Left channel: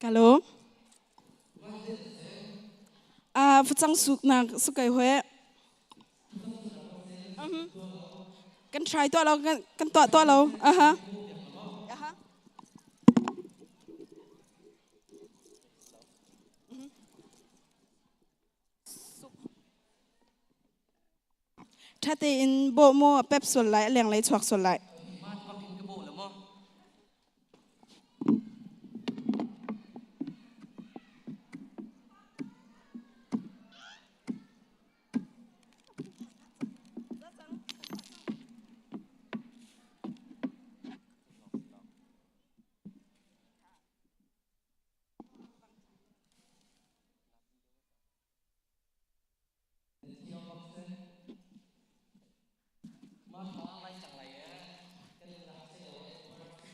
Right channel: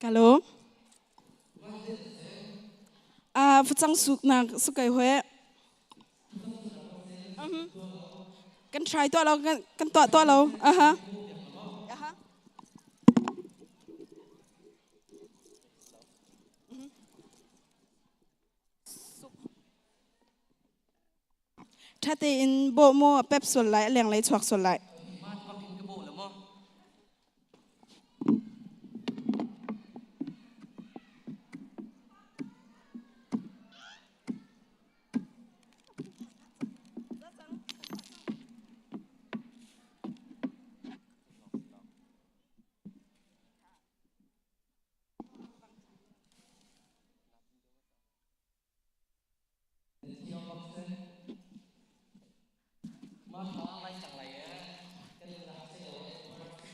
Hello. Phụ trang suk na sukai hoe. Kan try to lo kan to lo. Aha. Aha. Thate in bo mo pep sol lai leng lai chwak sol lai.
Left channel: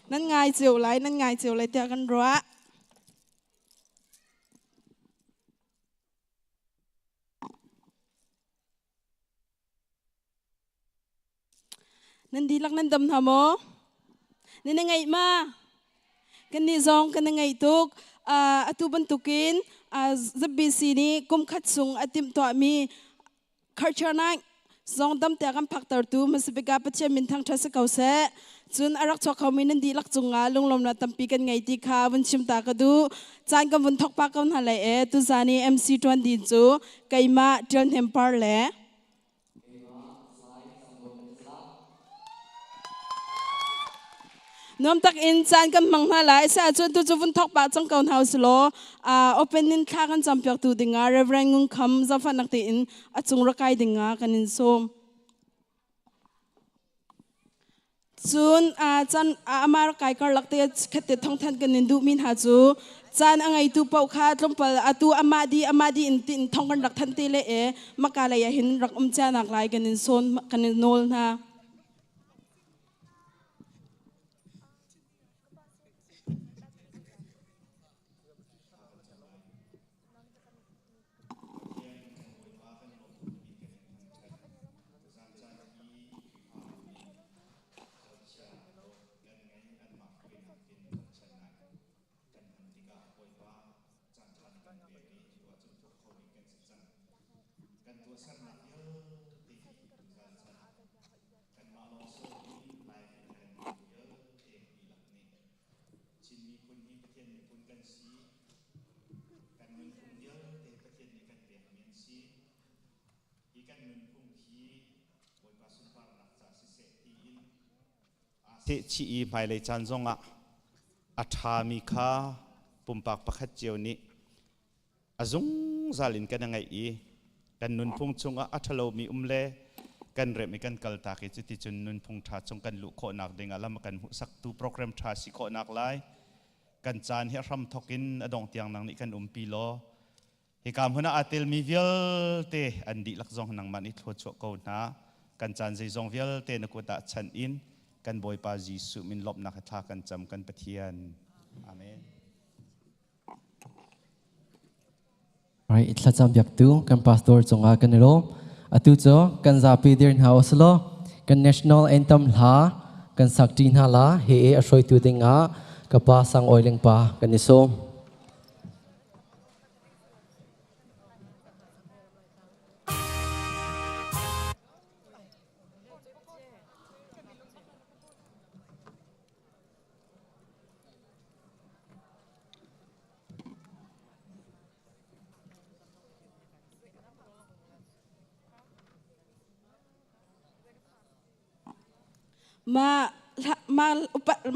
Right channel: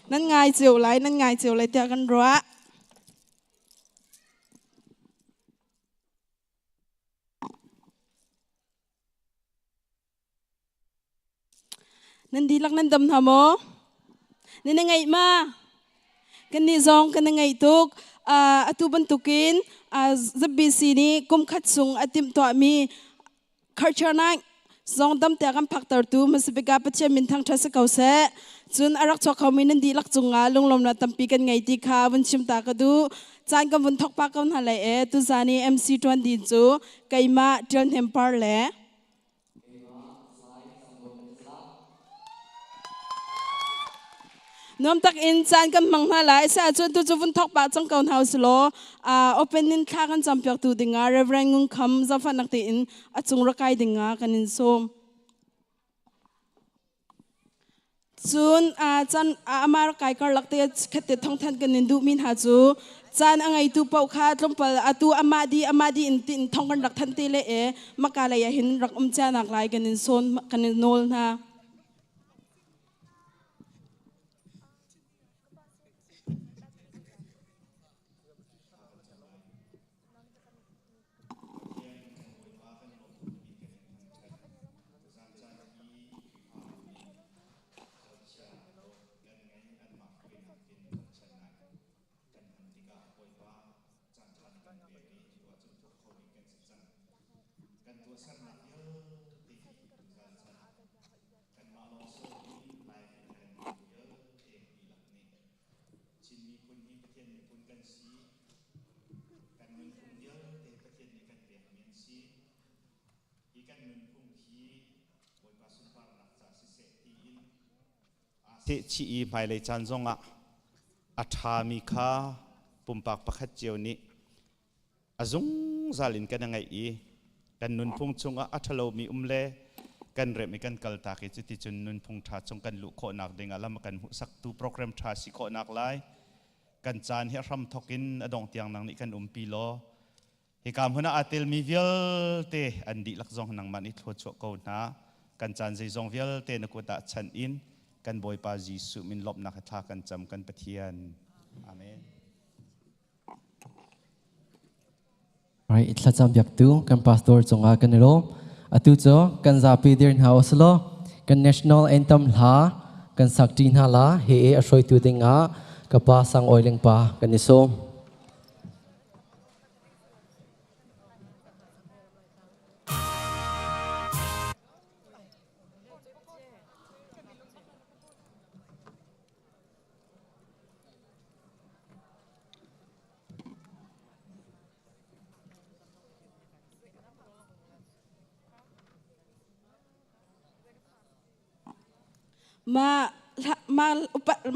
Nan ngai chiều lai tia kan roa. Nan di lak nan dam hamo. Nan ngai ma. Kan ni zong kan ngai tuk atu bentukin zabisi ni kum khatsung atim to mi kharchana zong dam te kan phaktar tu masibika pache min thang thasa kause chun arak chok khami nan di lak chunga lunglom na tampi kan ngai ti kha bun chim ta ka du chan kan bun thok pa kan halai e tu zani mc 20 chu kaima tel hempar le nom tak in chan kan mang na lai sa chun tu chu bun thok pa chang kaun house lo open in kha kan champion tu dinga reverend ngung kham za fa nak ti in achung ra kai dinga kan in som chun chan amar kai kar lakte khate thong than kan in du min ha chu chan angai tu pau kha tlompal atu amadi in tin thong kan rak than te le e makala ya hin rak cha nak lai kan in son kan in nol na te chi mai le chan zonga atha mi kha pumpak pakhat chiu ni azung zalin kan ngai I kan nun phung chunga athalo mi umle kan re mi kan kal ta ki chuti chun nun phung tha chung kan lu kho nak ding alam kan hu sak tu program tha si kho nak lai kan chan he ram thokin adong tiang nang ni kan pi lo he kam huna atil mi vial te andi lak zong nang mani thlo cho ko na kan chan zai zong vial te na ko ta chan in kan boy pa Jisu min lop na khatha kan cham kan pathian amen right itla cham yak tu kan pastor chonga kan ro atu cho kan za pi dir house lo kan national anthem la kan sakti na la he a soi tu tinga ka pa sang oileng pa kan ni som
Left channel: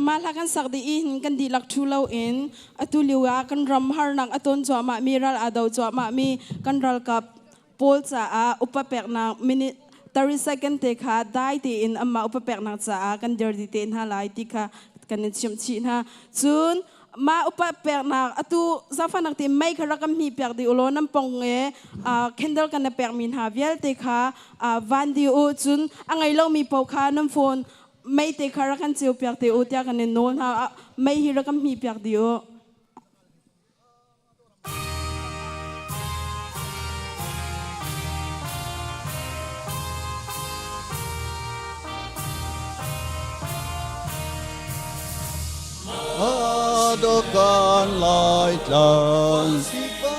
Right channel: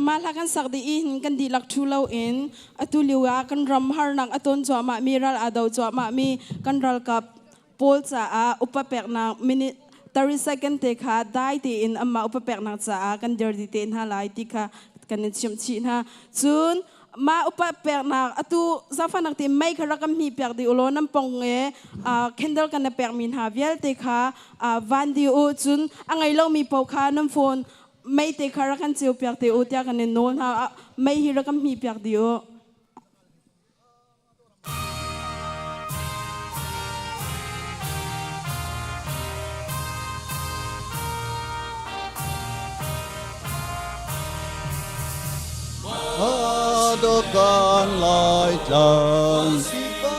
ma lakan sakdi in kan di lak thulo in atu liwa kan ram har nang aton cho ma miral adaw cho ma mi kan ral kap pol cha a upapek na minute 30 second te kha dai ti in amma upapek na cha a kan der di ten ha lai ti kha kan chim chi na chun ma upapek na atu zafa nak ti mai khara kam mi pek di ulo nam pong e candle kan na pek min ha vial te kha van di u chun angai lo mi pau kha nam phone mấy tế khá kan chiu piak te u tia kan non ha mấy hi ra kam hi piak dio đô con lại chân si ba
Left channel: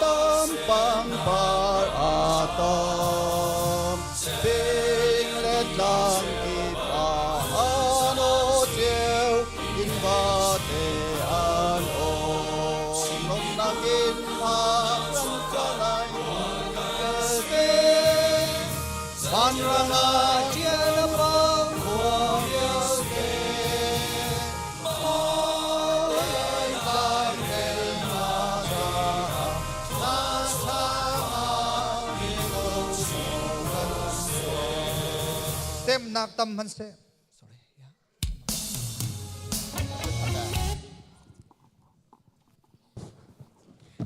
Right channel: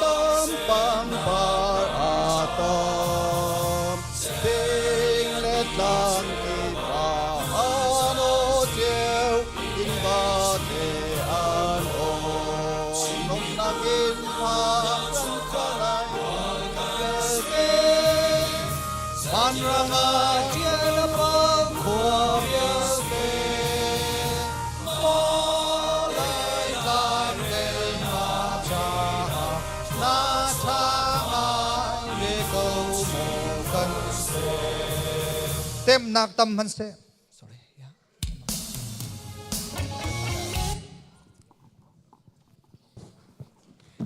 tâm bang ba tâm bình lên lang kỳ ba ano chiều in ba te an ôm nông nang in hoa râm sa lai ban ranga chia bang khua yêu te mo lai lang te ma cha na cha ma ye ko mo kan se tem nak tam han se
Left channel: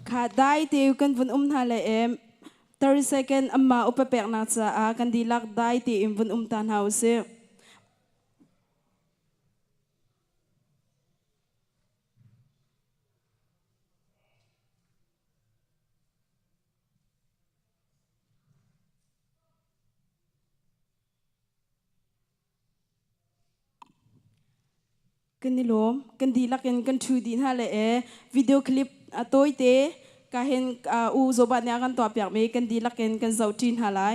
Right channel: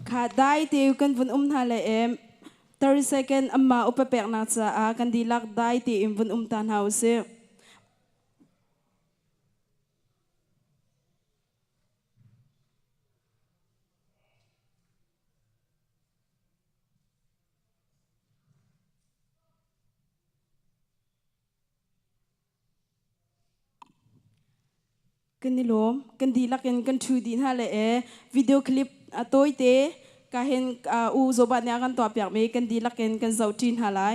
khá đại tiêu kan vun hà lệ em 30 second amma upapek na cha a kan dilak dai ti im vun tan hause kan nilom kan dilak en kan thu din ha le e video clip atoi te ka hen u zobat nya kan to pyak me kan dilak en kan zautin halai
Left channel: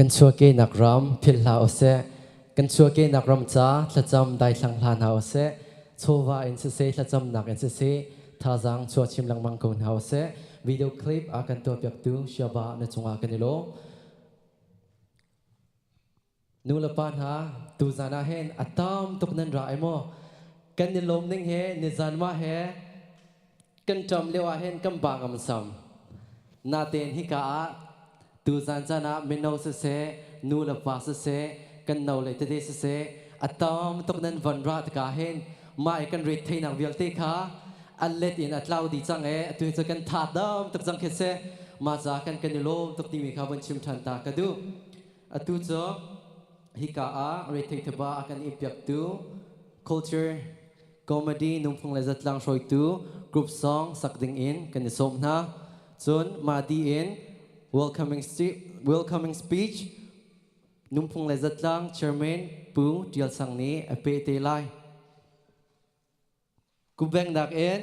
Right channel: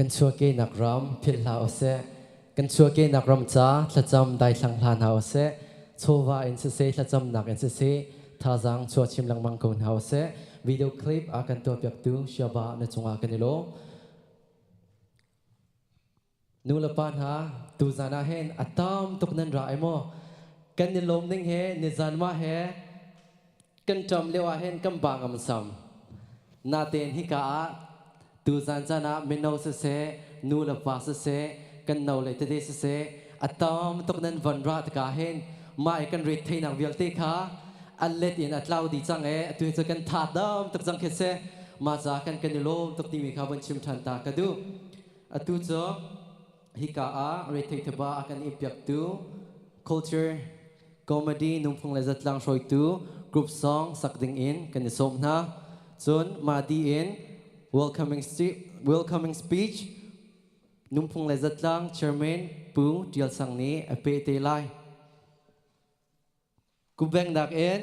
กันชัวเกนักรำพิลลาโอเซกันชัวเกนักรำจ้าละจำได้สังหานฮาโอเซโชวาอินเซเซละจำนักอินเซเซท่าจังชัวชิมลังมังกุนฮาโอเซวิดีโอคลิปอากันตัวเปียกตูเชียบะในจงอากันนิโลนูละปานฮะตูจานาเฮนอัตตามตุกนันรายโมกันนิลมนิ่งเฮนิจานมาเฮกันจำเลียวเฮนกันบางอมซัมนาเตนฮิกาตูจานจานะเมนเอาเซนูละปาเซกันนาเลยตเดเซอัตตามตุกนันวันรัตกาเฮนมาไอกันริดเทนักเวียลเตคาอันเล็ดอินอัตลาวดีจังตัวจะกันทัดดามตุกจังเคเซมาจากกันนิโลตุกนิมิคาบันชิมทันตากระดูตัวจะฮิกาเรทเทบาอากันอิปยักตู culture comedy นุ่มพงเลจัดลังช่วยตู group song สักดิ่งอินกันนิสมนะจนมาดีอิน welcoming speech นุ่มพงเลจัดลัง chairman ปูเดียลสังนี้อเปเตไลกูแบ่งดักอิน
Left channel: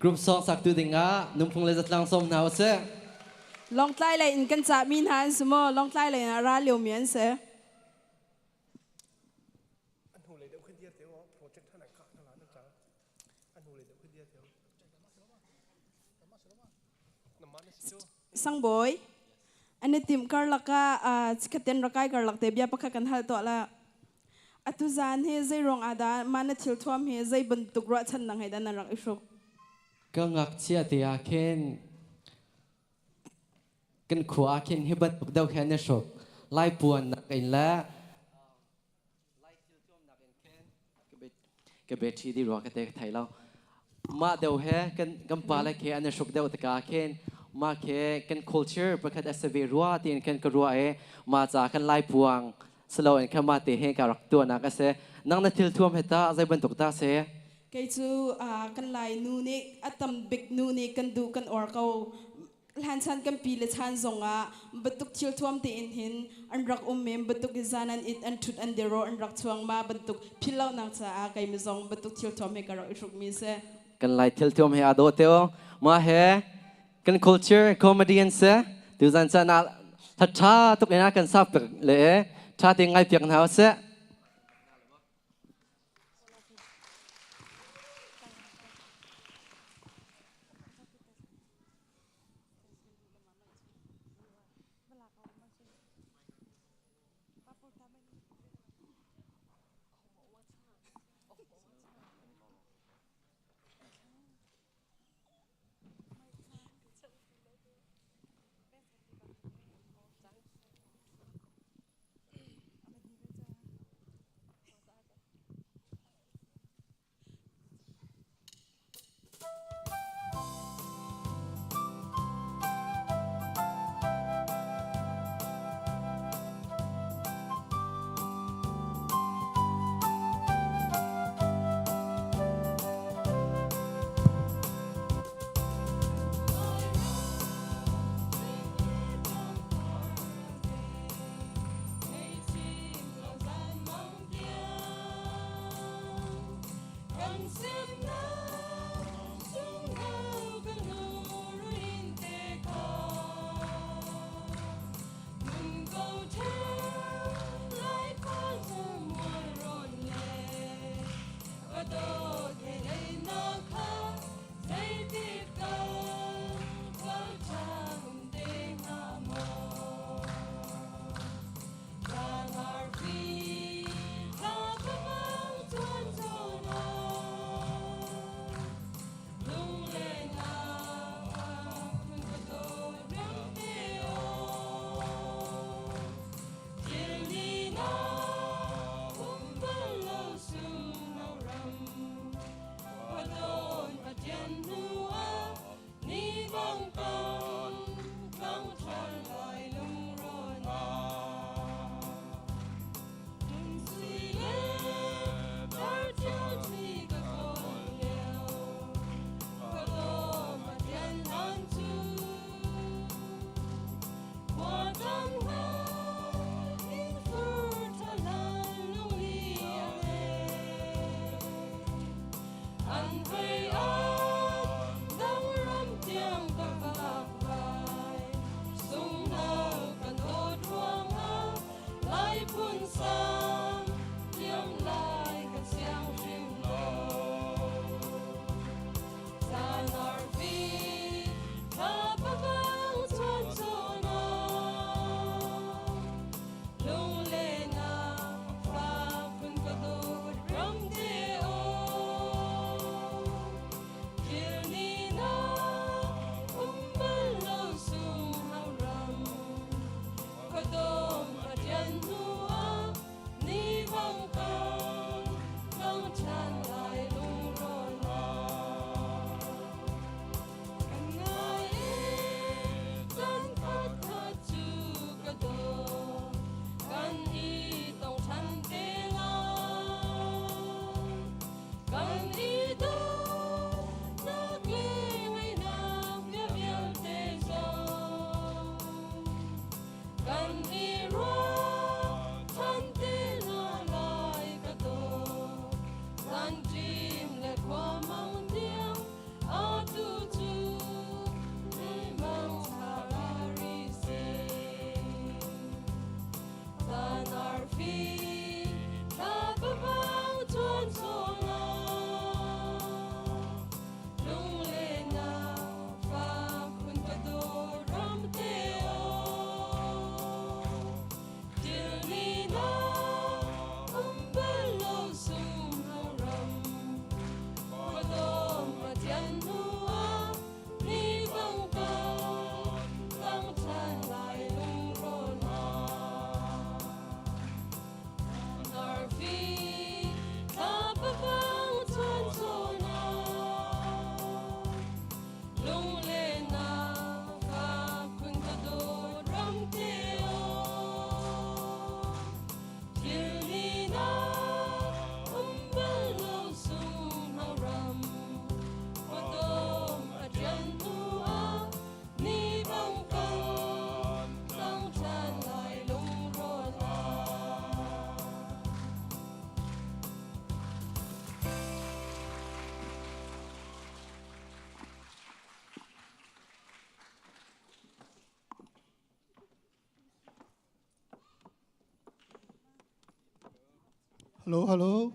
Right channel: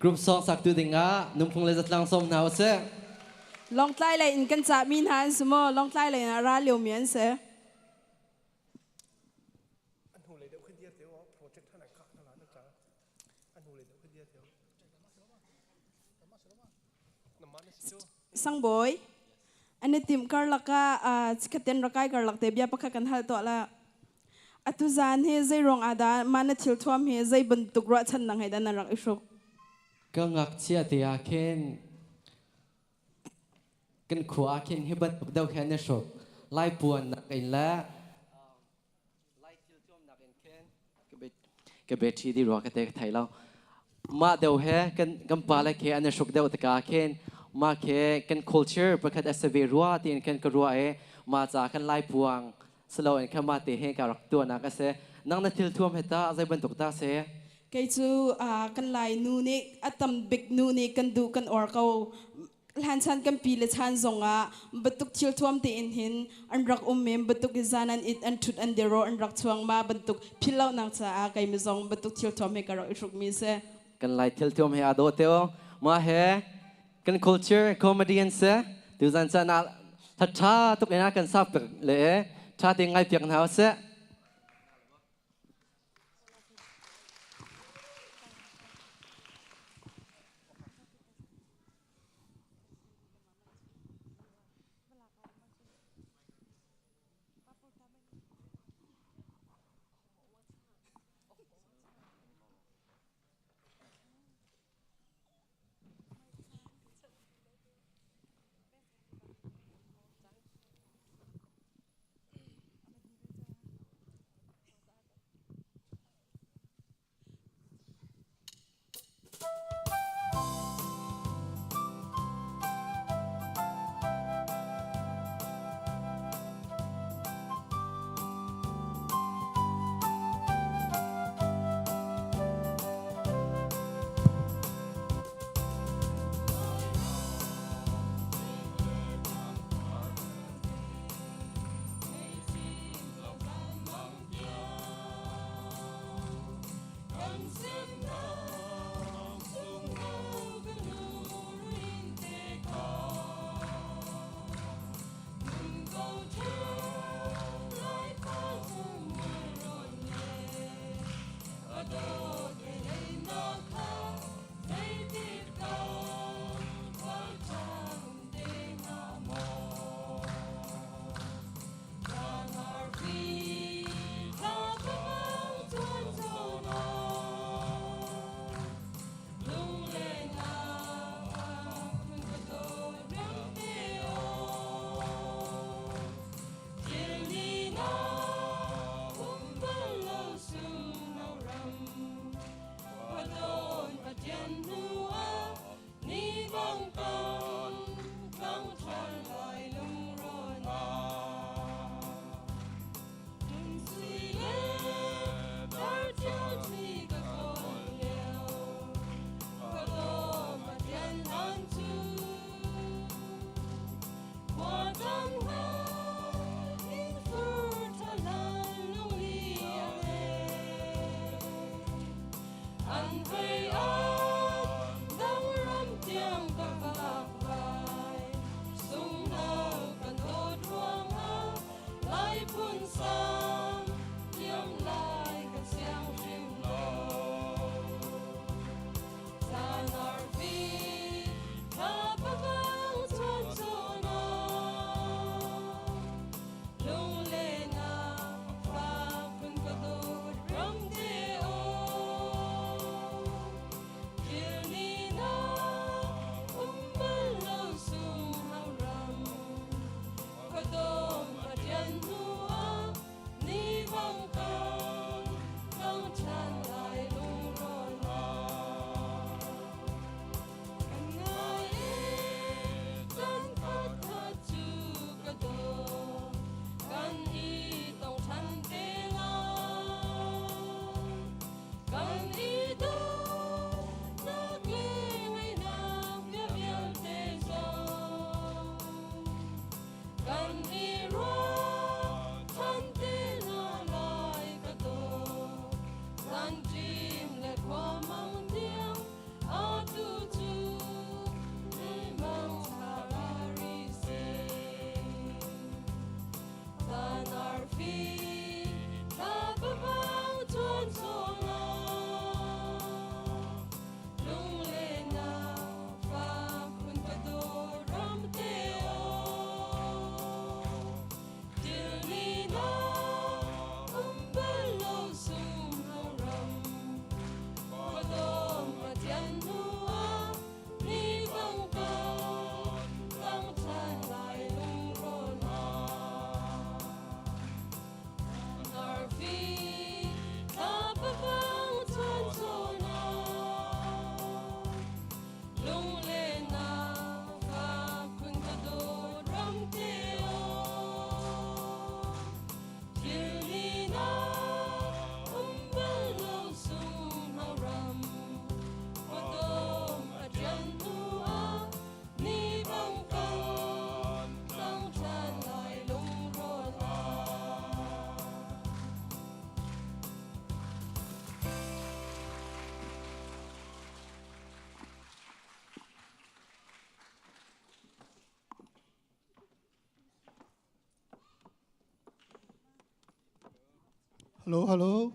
group song สักตูดิ่งนุ่มพงเลจัดลังสมนะว่าเซลองใต้เลยอินกันจะมีหันสมอลองใต้เลยนะราเลียวเมียนเสสังบอยอันนี้ทีมการลักกะสกัดเต็นรักไก่การลักเตียบปักกันหัลตัวละอัตุจานเฮใจรองอาดามันทิลทวมเฮใจบรรทุกรถชันนังให้ดันรักอิชุกก็งักเชียตีอาเคนกันขวาเคนให้บัดปุกเดาแค่เนชกไล่ปวนนักอินละไล่ทิลทวมนักอินเคนก็เบ็ดที่ดีรัวกันเตะไทยแล้วมาเดาเฮกันปาเลเคอันเนชกเดาตะกาเคนมาเคกัน culture ประคัดเอสเวรัวตีนกันกรัวมาจากกันไล่พวงสโลว์กันมาเตะให้การรักตัวนักเสนังนัดทิลท่วมเหตุใจบรรทุกตาเสไกจูกันไล่นูนิกอัตมบิกนูนิกันดูกันออร์เขาหันชันกันปีเลชันซงบรรทุกทิลท่วมตีอินหินอันรักเมมบรรทุกจานันอิดอันชุดอันเดโรอันรักช่วงมาบรรทุกพิลเลานักษาไกมิซงบรรทุกทิลท่วมให้การรักอิชุกมีเสกันไล่ทิลท่วมให้อาโดเตโอมาเฮกัน culture comedian เสดูจันทร์น่ะทัดท้าตุกเอ็นกันซับเลยชาติไงเพียงเท้าเส hello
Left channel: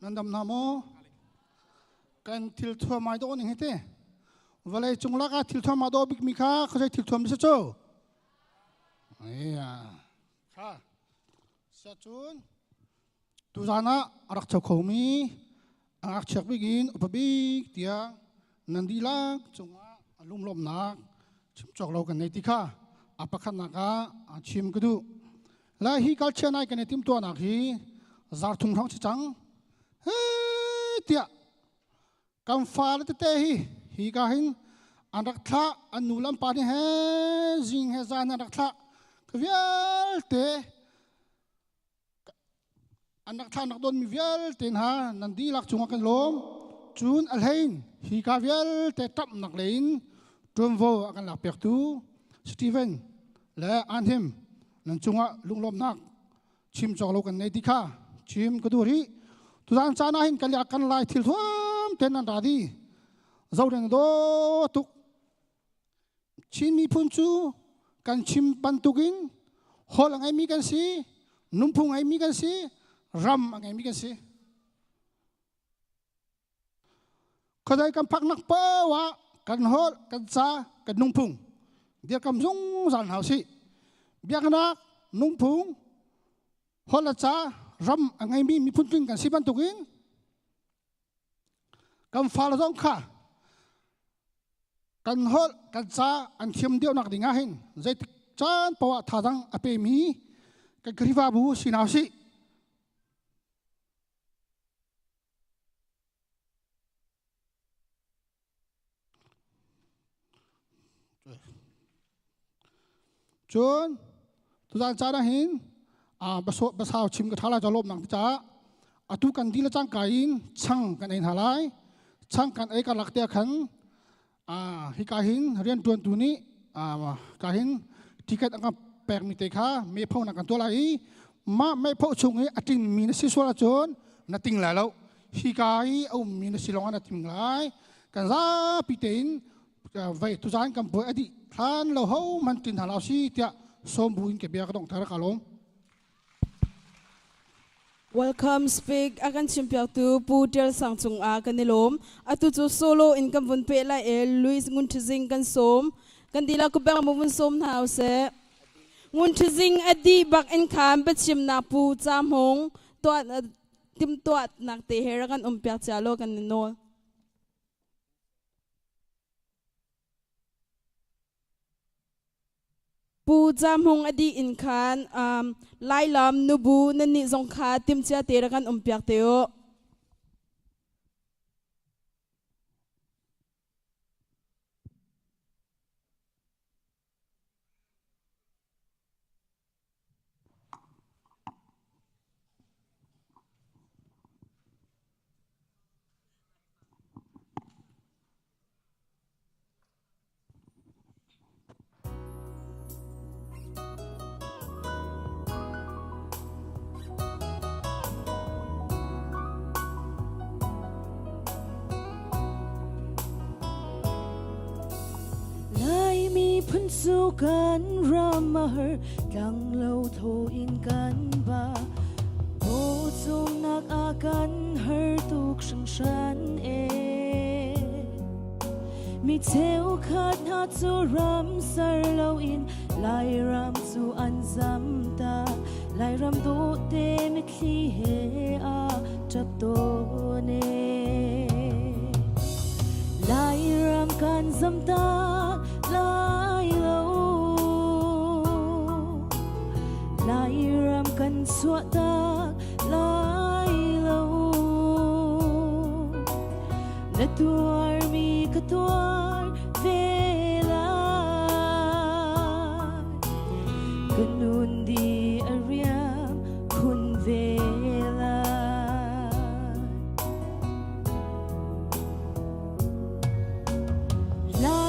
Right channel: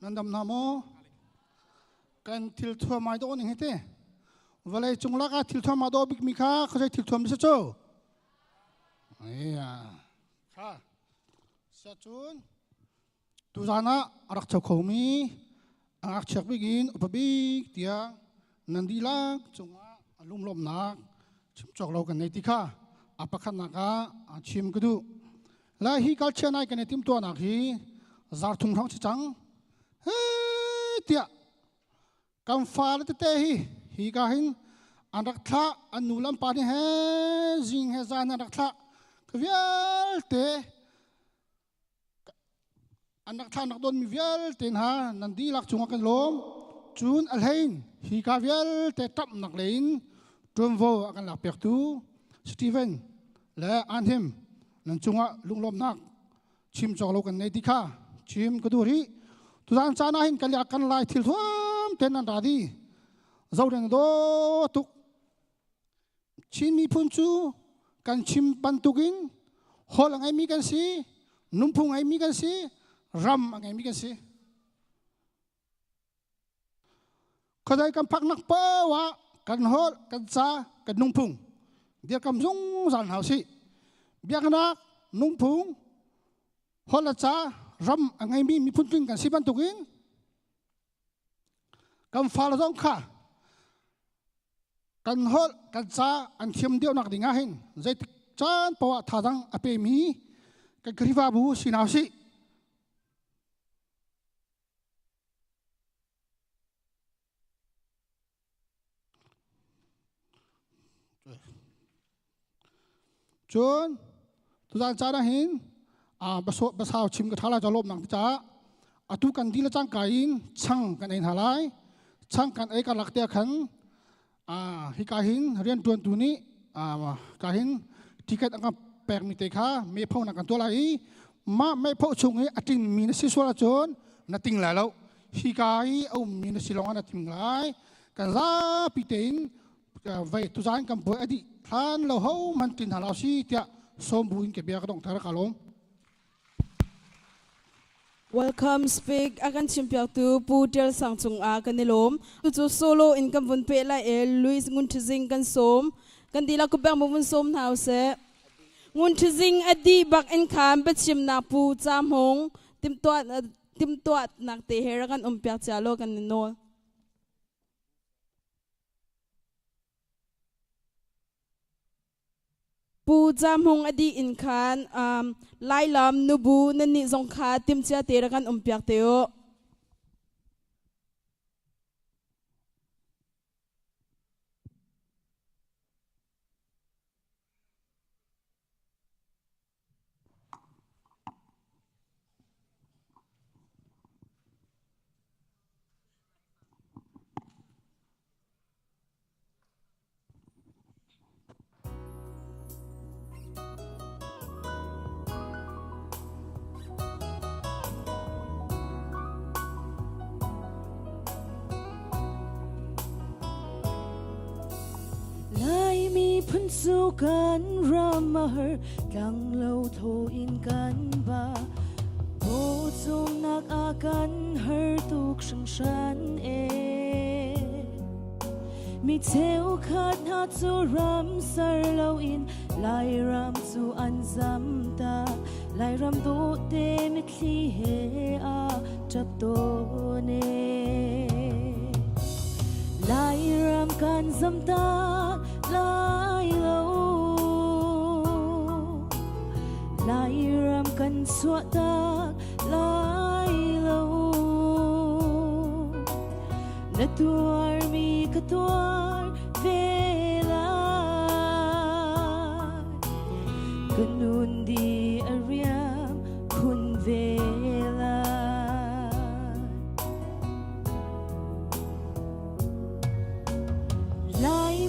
nandam namo kan til thua mai do ni hete vale chungla ka til thua ma do bik mi kha khajai til thua mi se cho ya kha sa chun tu zana arak chau khomi arak chak bigin upabik tia nandilak chunga alum lom nak chim chok lo kan nei ti kha apakhan na ka chim kudu la hi kal chenai kan tim to nak hi zar thung thang chang he tia kam fa le te hi ka hin anak tha anulam pa ni he jing he zan anak tha kvial te anak tha nak don mi vial ten ha nandi lak chunga kan lom chun alhain hi ka vial te tap nak lein tum vo akan lak pek tu Steven le anhim nan chunga lunglom nak chim chok lo kan nei ti kha chim ka du ri tu dan chana hin kan ya kan lai thil thuam ten an radi zau den do tuk chin mi phun chu kan chim pan tukin hol angai mi kan si numpung ai mi kan si ram angai mi kan si kadai kan phak nak pa wa kan hol kan cha kan numpung dia kam zung zan hau si biak nak numpung hol la cha ram angai mi phun tukin kan si pan tukin kam fa la dong kha kan hol kan cha an thiam deu nak dinga hin zai chan pawa thadang ape mi kan kriva bu sinau si chun tu dan cha na hin basau chim ka thala jalop nang cha atu kan dil chang kain chang kan ein halai chang kan ei ka lakte khan hi ka hin rian tuan tu ni ka hin ticket ang pek mi te kha me phau na kan to lai ma me phau chung hi ating mi na si so la chon na ting la lo hi kai au mi na si long na ting lai ka la pi tein vai tu zai kam bo adi han lo ho man tin na si tia so bu ke bia ka lo Welcome speak akan simpiao tu putir sang akan nilom atu chu solo in kam vun pe la Luis ngun thizing kan som kan dila ko bang mun som na se ngun thizing ati bak kham pachim na pu chamong tim to nak te her kan pya cha lo kan no pu chamong ati khan lai lam nu bu ni zong kha tin chia te kan pyak teo Hãy subscribe cho kênh Ghiền Mì Gõ để không bỏ lỡ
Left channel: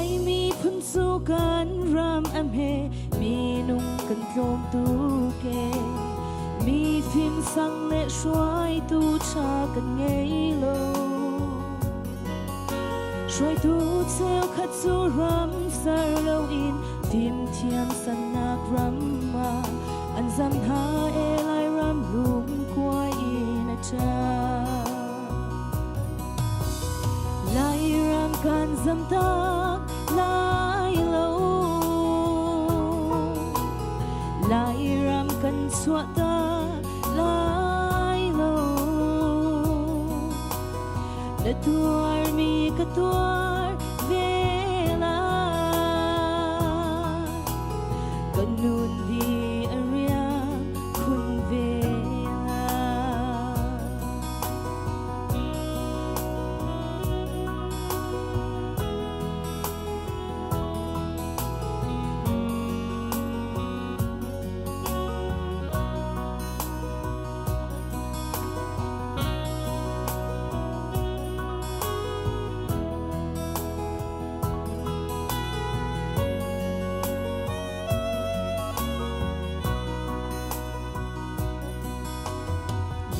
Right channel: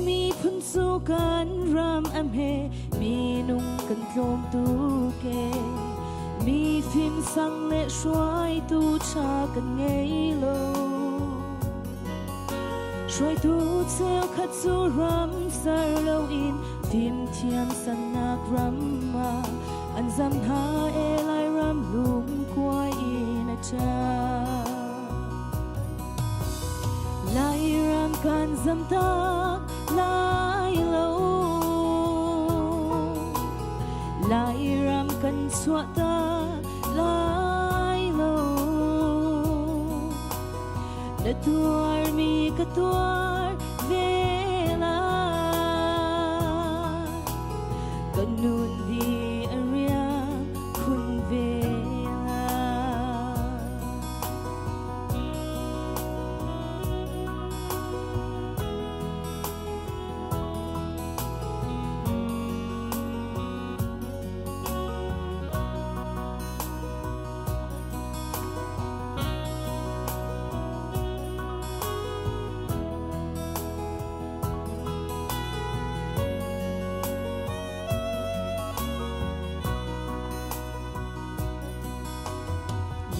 tuar mi ka tuar vela kanuri arya khuvela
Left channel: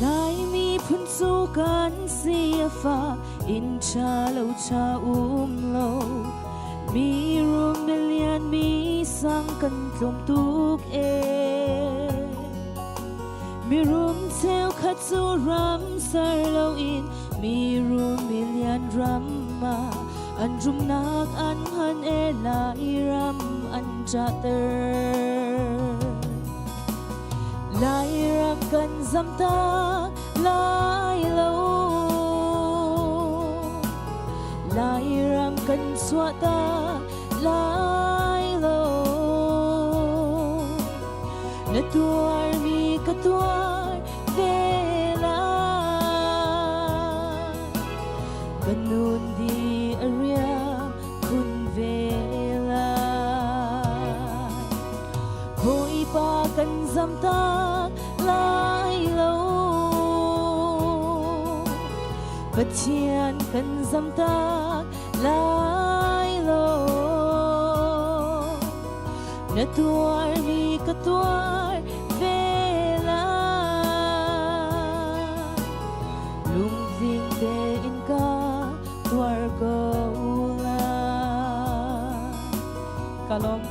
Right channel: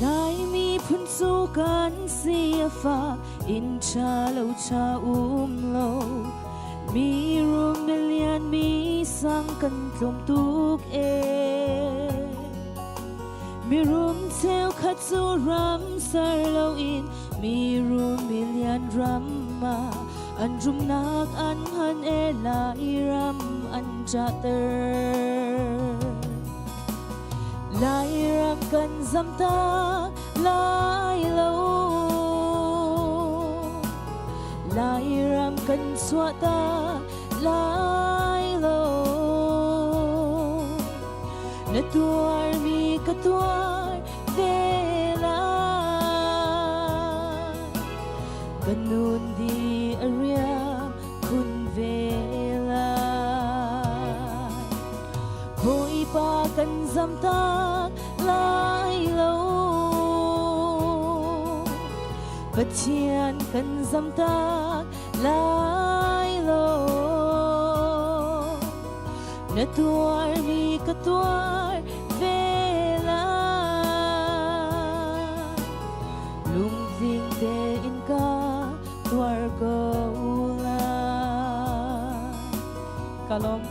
Lai mi phun su kan sia fa in cha lo lo mi rum na lian mi sang kan tlom tuk e mi rum theo khat su ram sar lo in mi rum mi lian ram ma an rum nak an han e lai ram an cha ter lai ram kan zam ta lai ram kan xóa ta lai lo na tuar mi ka tuar vela banun di arya kun vela hoi pa kan zam ta lai lo Katian kan zam ta lai lo na tuar ni ka tuar vela lung ving de in ka tuar gola kalom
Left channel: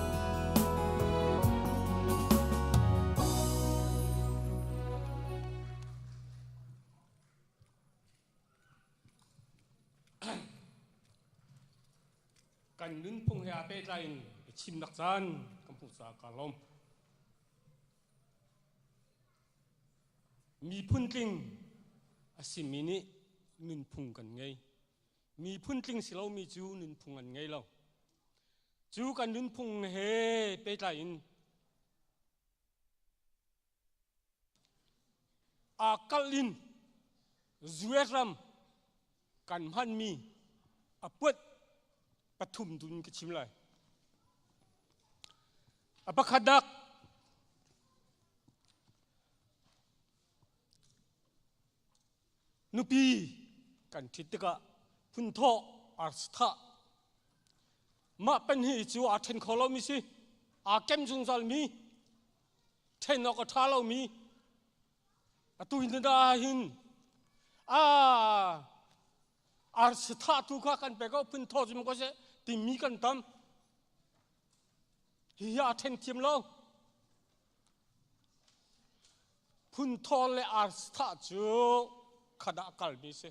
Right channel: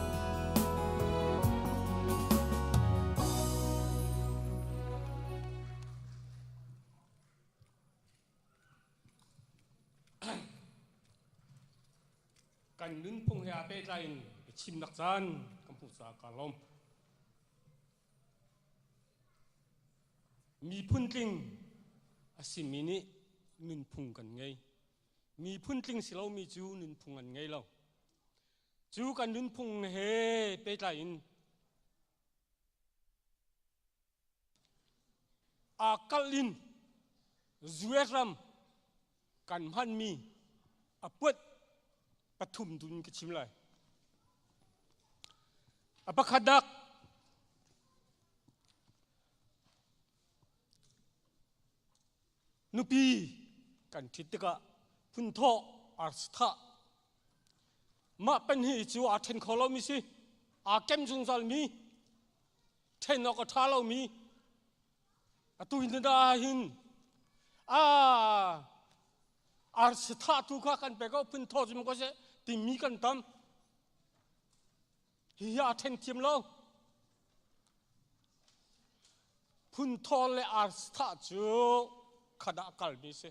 กันนึนพงเฮียเปใจชิมนักจันกัมพูชาคาลมมีพุ่นติงอาศิมินินึนพงกันไงมีพุ่นติงสิเรามีจูนึนพงกันไงเราจูกันนึนพงเฮเปใจอากาลินจูเอรัมกันพันมีอปวดปฐุมดุนกชิมเลยอปขดักนุปีกันทิตกะพุนโทอาสทะมาเป็นหิจูอาเทนคอลมีสิอาเกมจุงซัลมีเทนอกทาลมีอตุอินดาหินอาสทะตุกะกันเปก็พุนโทจิมก็เสติมีกันตามฮิยาเทนทีมเราพุนโทเลอาสทะจูขดากลบิเส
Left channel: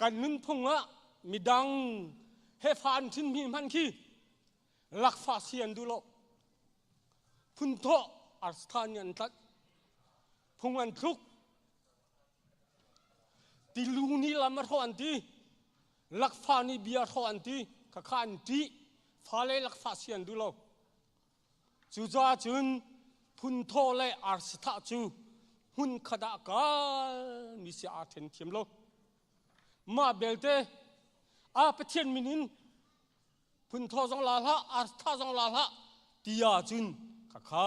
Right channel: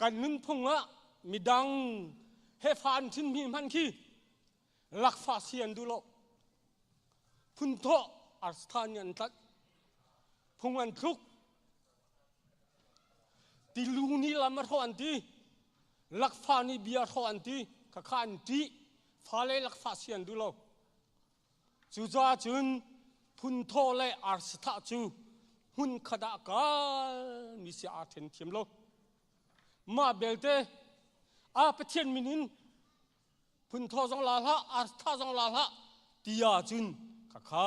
กันนึงพงะมีดังเฮฟานทินมีมันคีลักฟาเซียนดูโลพุนโทอาสทานันตัดพงอันทุกติลุงนี่ลำมาทอันตีลักฟานี่เบียทอันตีข้าขันตีฟาเลลักฟาเซียนดูโลจูจ้าจุนพุนโทเลอาสทะจูหุ่นขดากามีเสียอาเทนเทียมโลมาเบลเตอาเปเทียนมินินพุนโทจงลาละอาสทะจงลาละตียาจุนข้า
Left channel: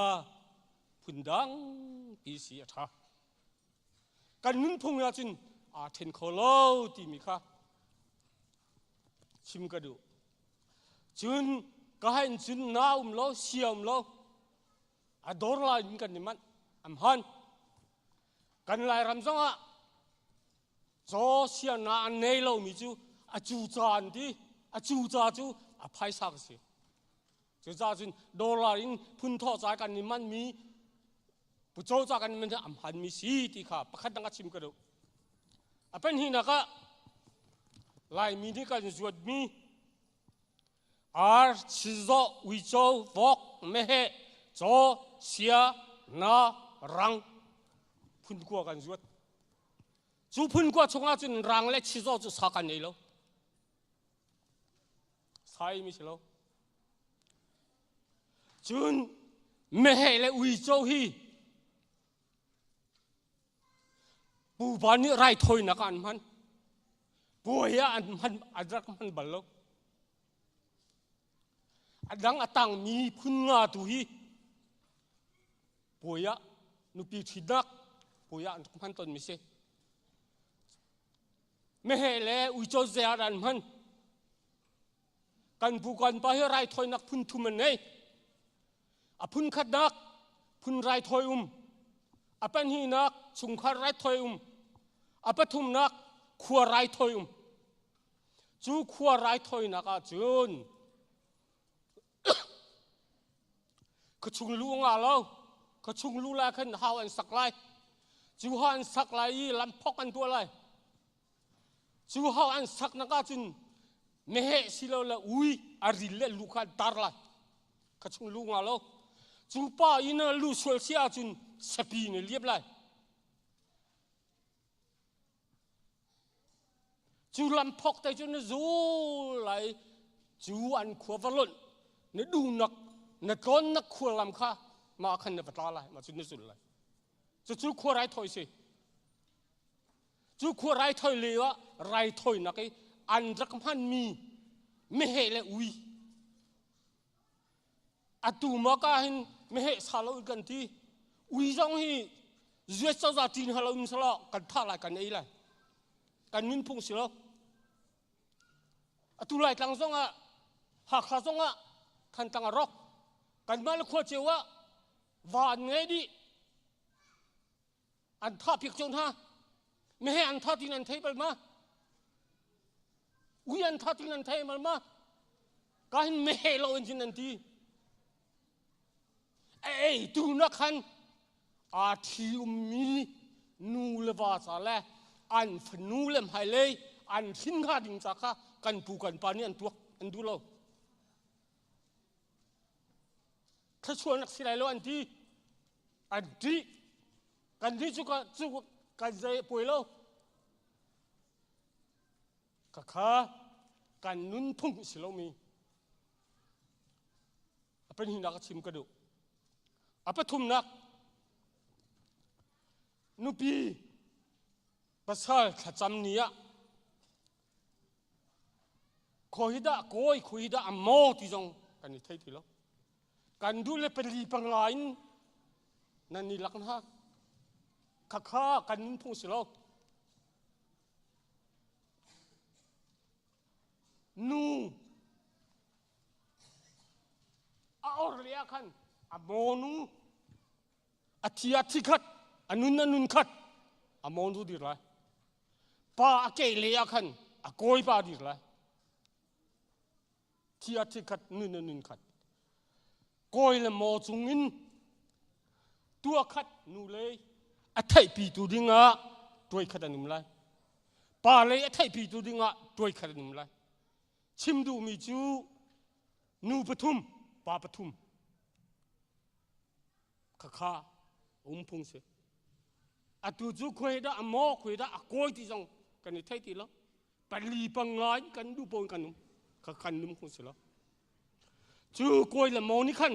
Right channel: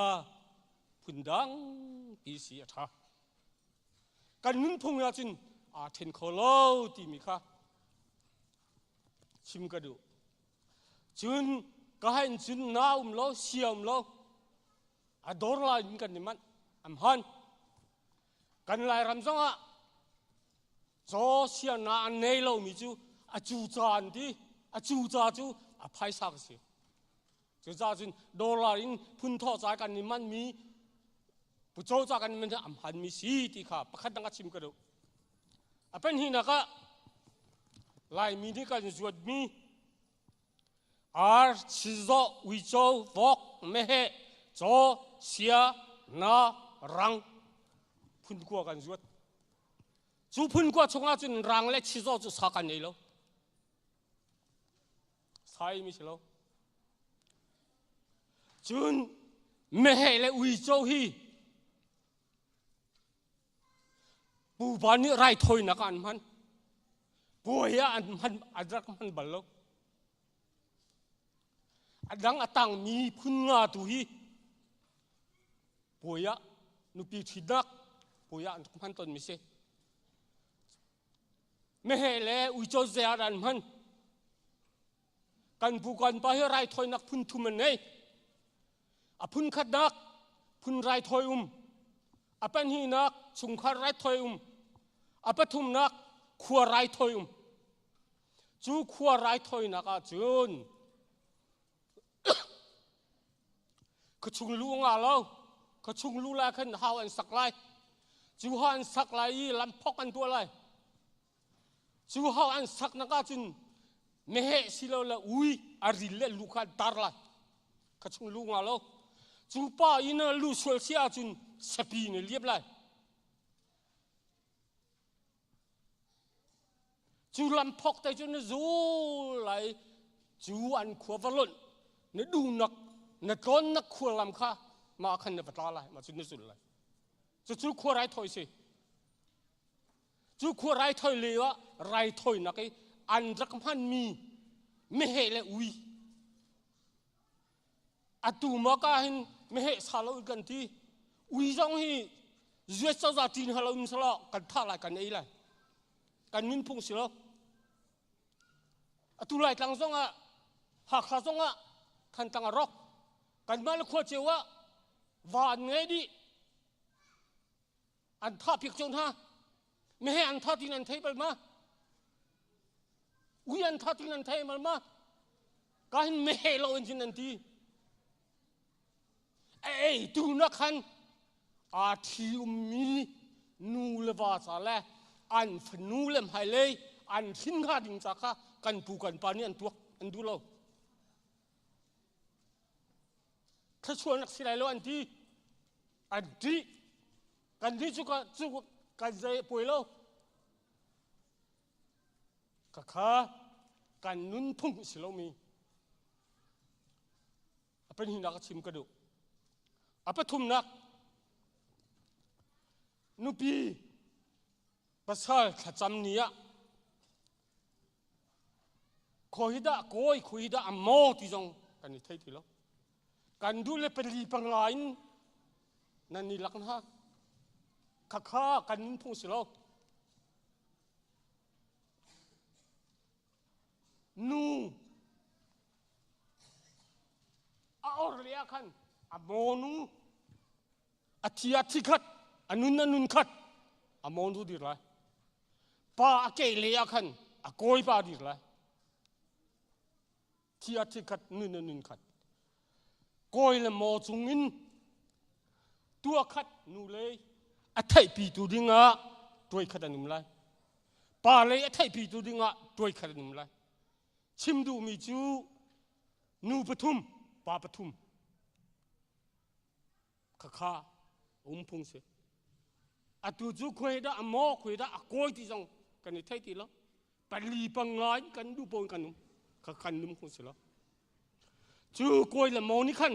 พุนดังปีเสียท่ากันนุนพุงยาจุนอาเทนโคโลตีมีค่ะชิมกระดูจุนก็ให้จุนน้าโลเสียโลอาดอร์ลายกันนี่มันอัมฮันกันลายรำซังอ่ะโจเสียนาเนโลมิจูอาจูจานดีอาจูจาจูอาไพสักเสียจูจาจุนดอร์ลายพุนทอใจกันนี่มันมีปุโจจากันมันจะอัมฮันมีสีที่ค่ะประคัดดังชิมกระดูอาเป็นหินักะลายมีที่กันจวดมีอาร์ชิโซวิโจวอกเมเฮโจเสียนารังพุนกัวกันจวด จูพุ่นกว่าชงอาจุนรังเล็กชิโซจุสักันนี่แล้วใช่ไม่ใช่แล้วจุนไม่ให้เลยวิโจฮีปูบานนี่ไรถอยนักอันมันป่วยอันมันอันรักมันบัลลกอันดังอัตังมีพุ่นงาตุฮีป่วยนุปีทิดักป่วยอันมันต้นมิเซไม่ให้เลยวิโจเซียอันมันกันผู้กันไปให้ไรถอยนักพุ่นทุมันเนี่ยอพุ่นขัดนักพุ่นไรถอยอเป็นหีนักชุงขัดไรถอยอปทุมนักขัวไรถอยจูขัวไรถอยนักจุนก็ชุงลูงาเราก็ชุงลูลาขันหาวันสักไรจูหาวันสักไรลำพกกันตัวไรจูหาวันสักนักจุนไม่ให้สิเราละอุ้ยอาริเลลูกขันตาร์ไรก็ชุงลูงาเราจูป้าอินลูสวลเสียจุนสปีนเรียบไรจูลำพกแต่จูนจูไหลจูอันขวบล้นนดูนักนก้อนนักขวบลำข้ามาขันเนปตาไหลมาจูนสุดเลยจูขวบไรถอยสิจูขวบไรถอยเลวะไรถอยนักอันรักพันมีไม่เหเลยอุ้ยอัตุมาก้าหินไม่เหสาลกันทีอุ้ยจังฮีเจ้าสาวจีนฮัลโหลมิสลากันท่าไรกันไอ้ไรกันนินพุ่งสิลตุลายตังซงะหักขาซงะทันตังรอกกันมาลขวดเจวะวานไงดิอันท่าพิกจงท่าไม่ให้อันท่าที่นันเทไปมาอุ้ยอันท่าที่นันเทมากันไม่ให้เราเองที่นันทีเอ้ยดูนักขันอาทิวมีนูเลวาสาเลอันฝนูเลมไฮเลยอันทิ้งข้าดิ่งจากข้ากันปูกันปานี่อันตัวอันดูเราถ้าชวนนักสิไรแล้วอันที่กันที่จุกกันใจป่วยเราข้ากันนุ่นพุ่งสิเรามีเป็นหินักชิมกระดูปทุมนักนุปีภาษาขจำนี้คอยด่าโกยคอยด่าอโมที่จงกันนี่ไทยทีแล้วกันดูเลยเป็นรีปังไลน์นั่นนี่ลักนะข้ากันพุ่งสิเรานูเอาเรียกันอโมนูอธิอาธิขัดอนุนันขัดอโมนูดีไรป้าเกลียกันอโกยป้าดีไรที่อาทิตย์ขัดนุนขัดโกยละโมจุงินตัวขัดนูเลยอัฐไยปีตูดิงะตัวขัดนุมไลป่าเลยอัฐไยปีตูดิงะตัวขัดนุมไลชิมดูมีจูนูปทุมป่าปทุมข้าพุ่งเสียอัตุจูคุยด่าอโมคุยด่าอโกยที่จงกันนี่ไทยทีแล้วปลีปังไลกันดูปนกันนุมขันนุ่มคงสิละจูโกยละโมนี่ขัน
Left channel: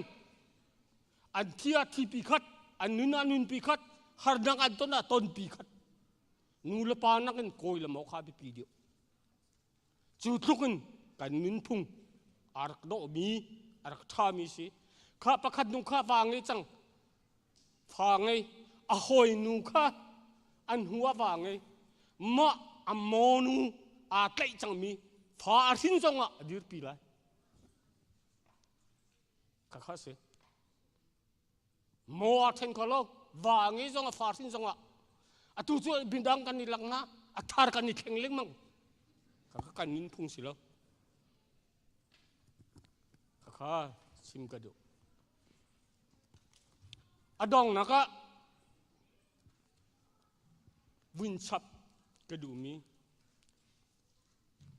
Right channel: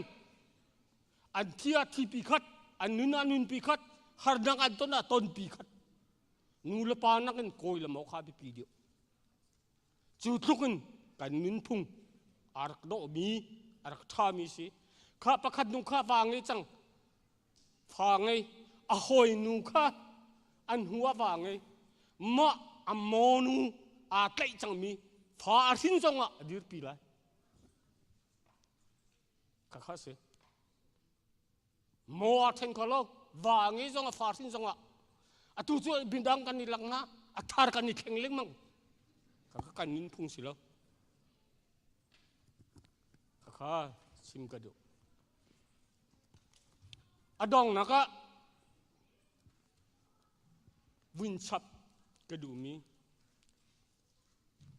อันที่อาทิปีขัดอันนุนปีขัดหาดังอันต้นปีขัดนูละปานักกันโกยละโมข้าปีเดียวจูทุกันกันนุนพุ่งอารักโดมีอารักท่ามีสิข้าประคัดนุ่งข้าวางเลยจังฟางเลยอหอยนุ่งข้าอันหัววางเลยมะอโมนูอาไกจังมีฟาสินจังอ่ะดีร์ปีไรข้าเสียมัวเทงก็แล้ววางงี้จังอ่ะฟาสินจังอ่ะตุจูบินดังกันนี่หลังนะทาร์กันนี่แข็งเล็กมั้งข้ากันนินพุ่งสิแล้วข้าชิมกระดูอดองนะก็วินชับกระดูมี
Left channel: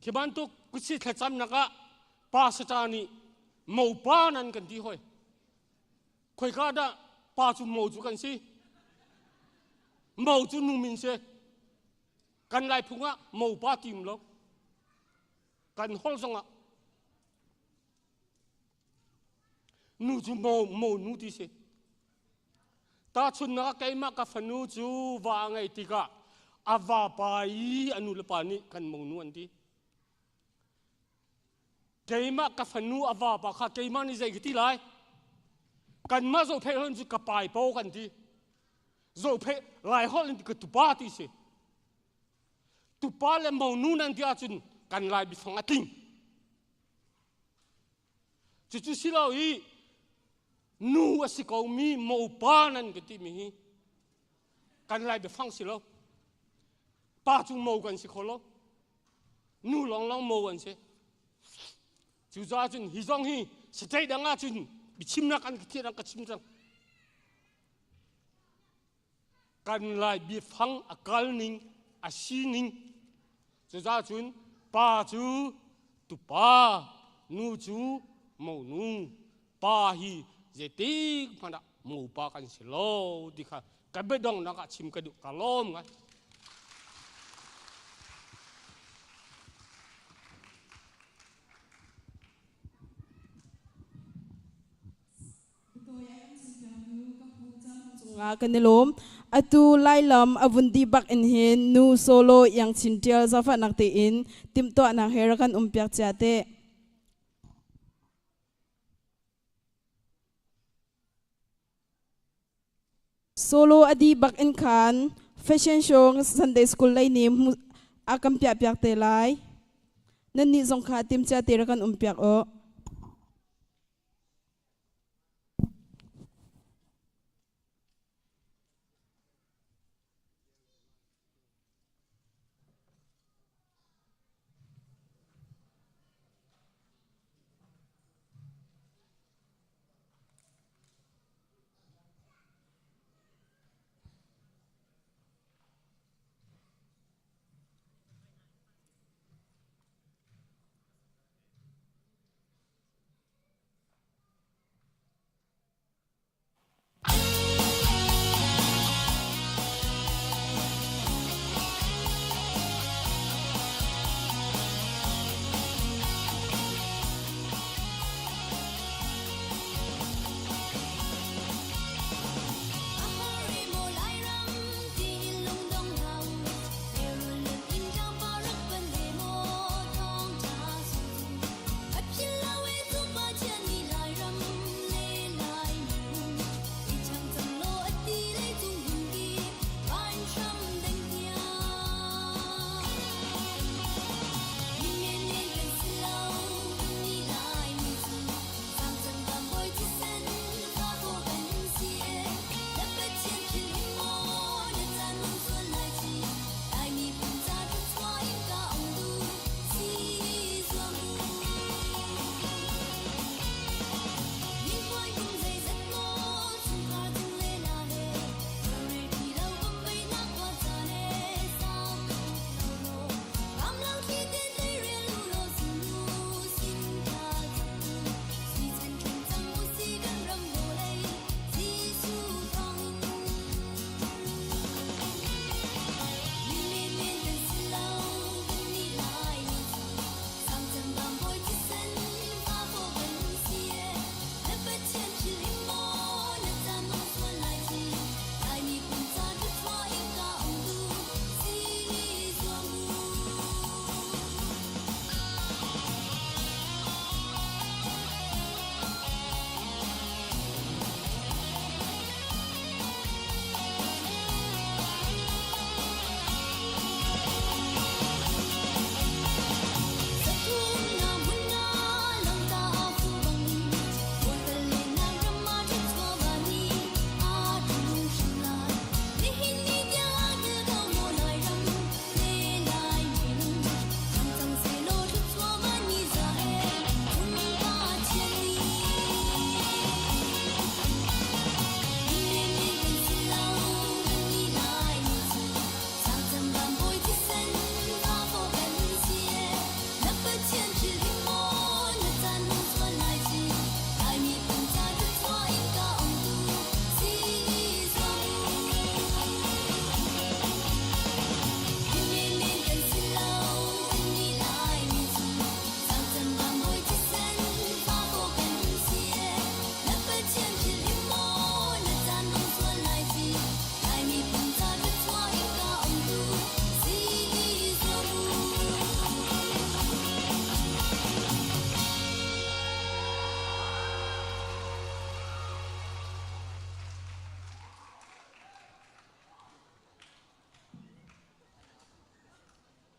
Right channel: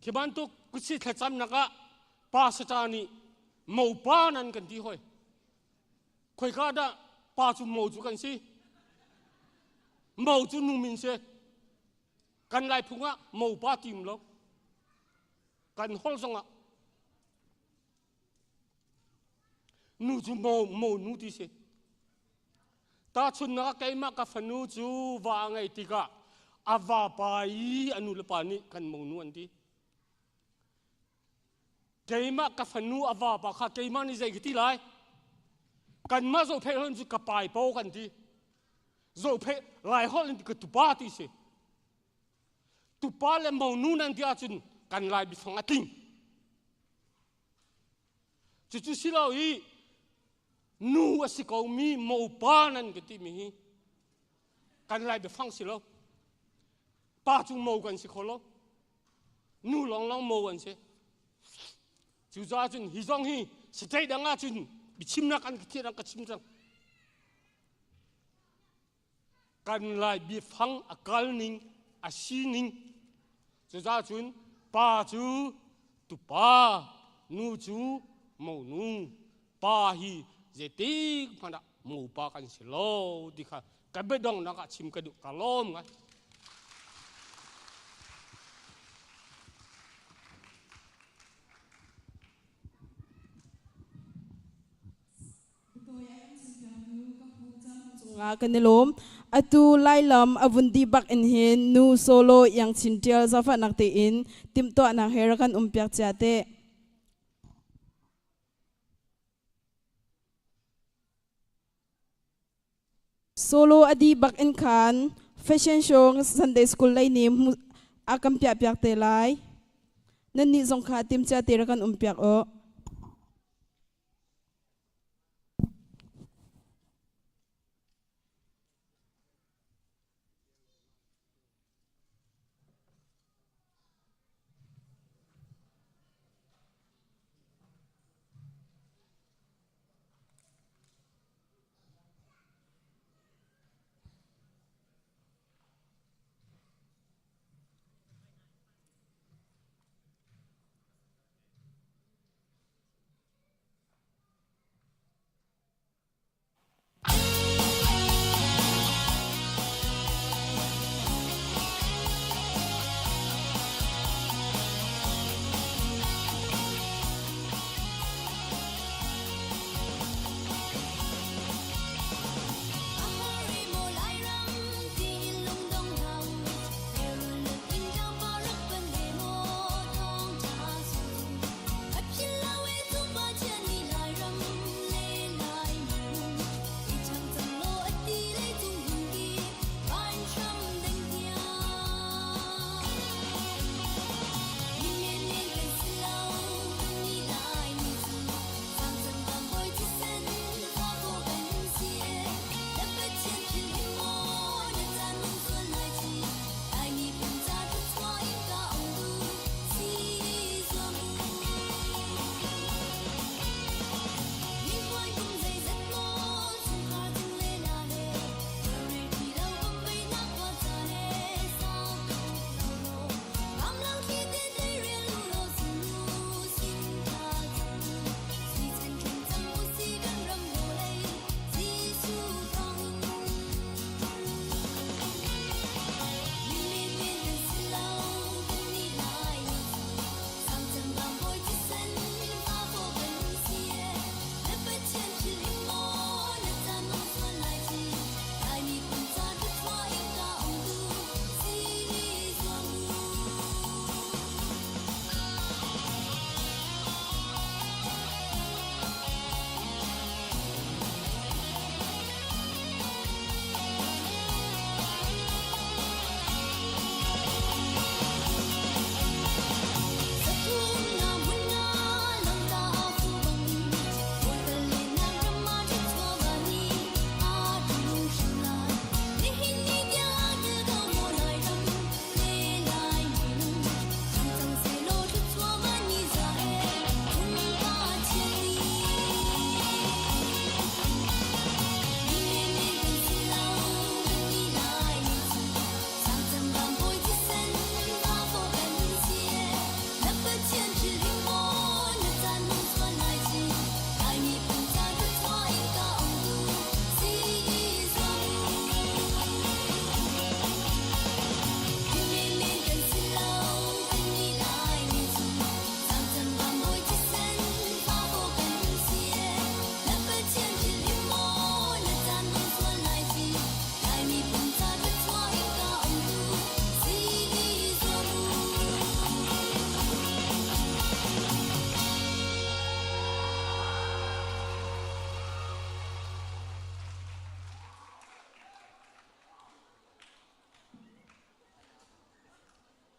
ที่บ้านตุกกุศิขจำนักะป้าสจานีหมู่ป้านั่นกันที่ห้อยคอยข้าได้ป้าจุหมู่จุกันสิหมู่จุนุ่มินเส กันไล่พุงอ่ะหมู่ป้าติมแล้วกันฮอลซงอ่ะนูจูหมู่นูที่เสตาชุนนักไก่มากกับฟันนูจูวางไงติกะอาวาไปอนุลปานิกันหมู่นูอันที่ไก่มากกับฟันนูอาวาปะค่ะไก่มานี่ใจกี่ที่ไรกันมาโจเพลนจูกับไปโปกันที่โจเพลไล่ฮอลนี่กับตุป้าที่เสตุป้าและหมู่นูนั่นที่อาจุนกันไล่บิฟังติ้งจู่ๆสิเราอีนูว่าสิเขามีหมู่ป้านั่นก็ที่มีกันไล่บิฟังสิเราป้าจุงหมู่กันสิเขาเรานูลองหมู่กันสิจู่ๆอาจุนฮิจงฮีสเตย์ดังอาจุนบิชิมนักกันที่รังกัชิมจังกันไล่บิฟังอากาศนิ่งอาชีนิ่งจู่ๆอาจุนป้าจูตุป้านูจูหมู่นูป้าฮีเจติกพันดะหมู่ป้ากันสิโลดิค่ะกันเบดองนักชิมกระดูกกะล้อมกันกันนิลมอตูไลลำอวุนดีบักอินเฮนนูโซโลยังชินเทียลซาฟันักเตอินติมตัวนักเฮรักันเปียกเจเตโซโลอดีบักอินคันแฟชั่นโชว์ซันเดย์สคูลไลนิมอากัมเปียกเตไลนั่นนี่สงขาติมเจเตรักันเปียก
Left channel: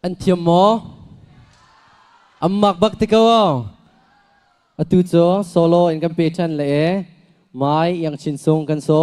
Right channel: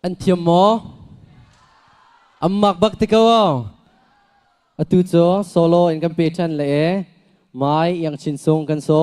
an thiam mo ammak bak tikawa atu cho solo in kan pe chan le mai yang chin sung kan so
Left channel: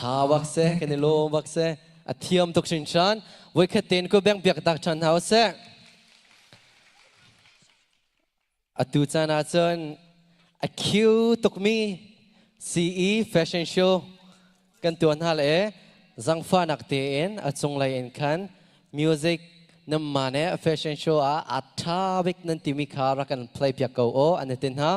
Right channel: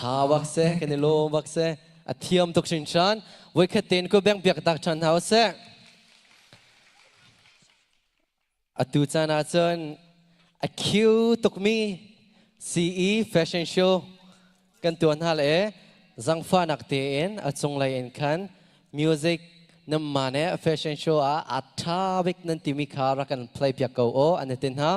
thà bác sẽ cái này lô bác sẽ thiam tục sinh sản với cái tên của bang việc đặc trần hảo sẽ tu cha na chân Q tục mi CE fashion show kan tuan hal zang fa nak te en chung lai en khan music nam mane fashion show a atha bik nan timi khara kan play pya ko o anatin ha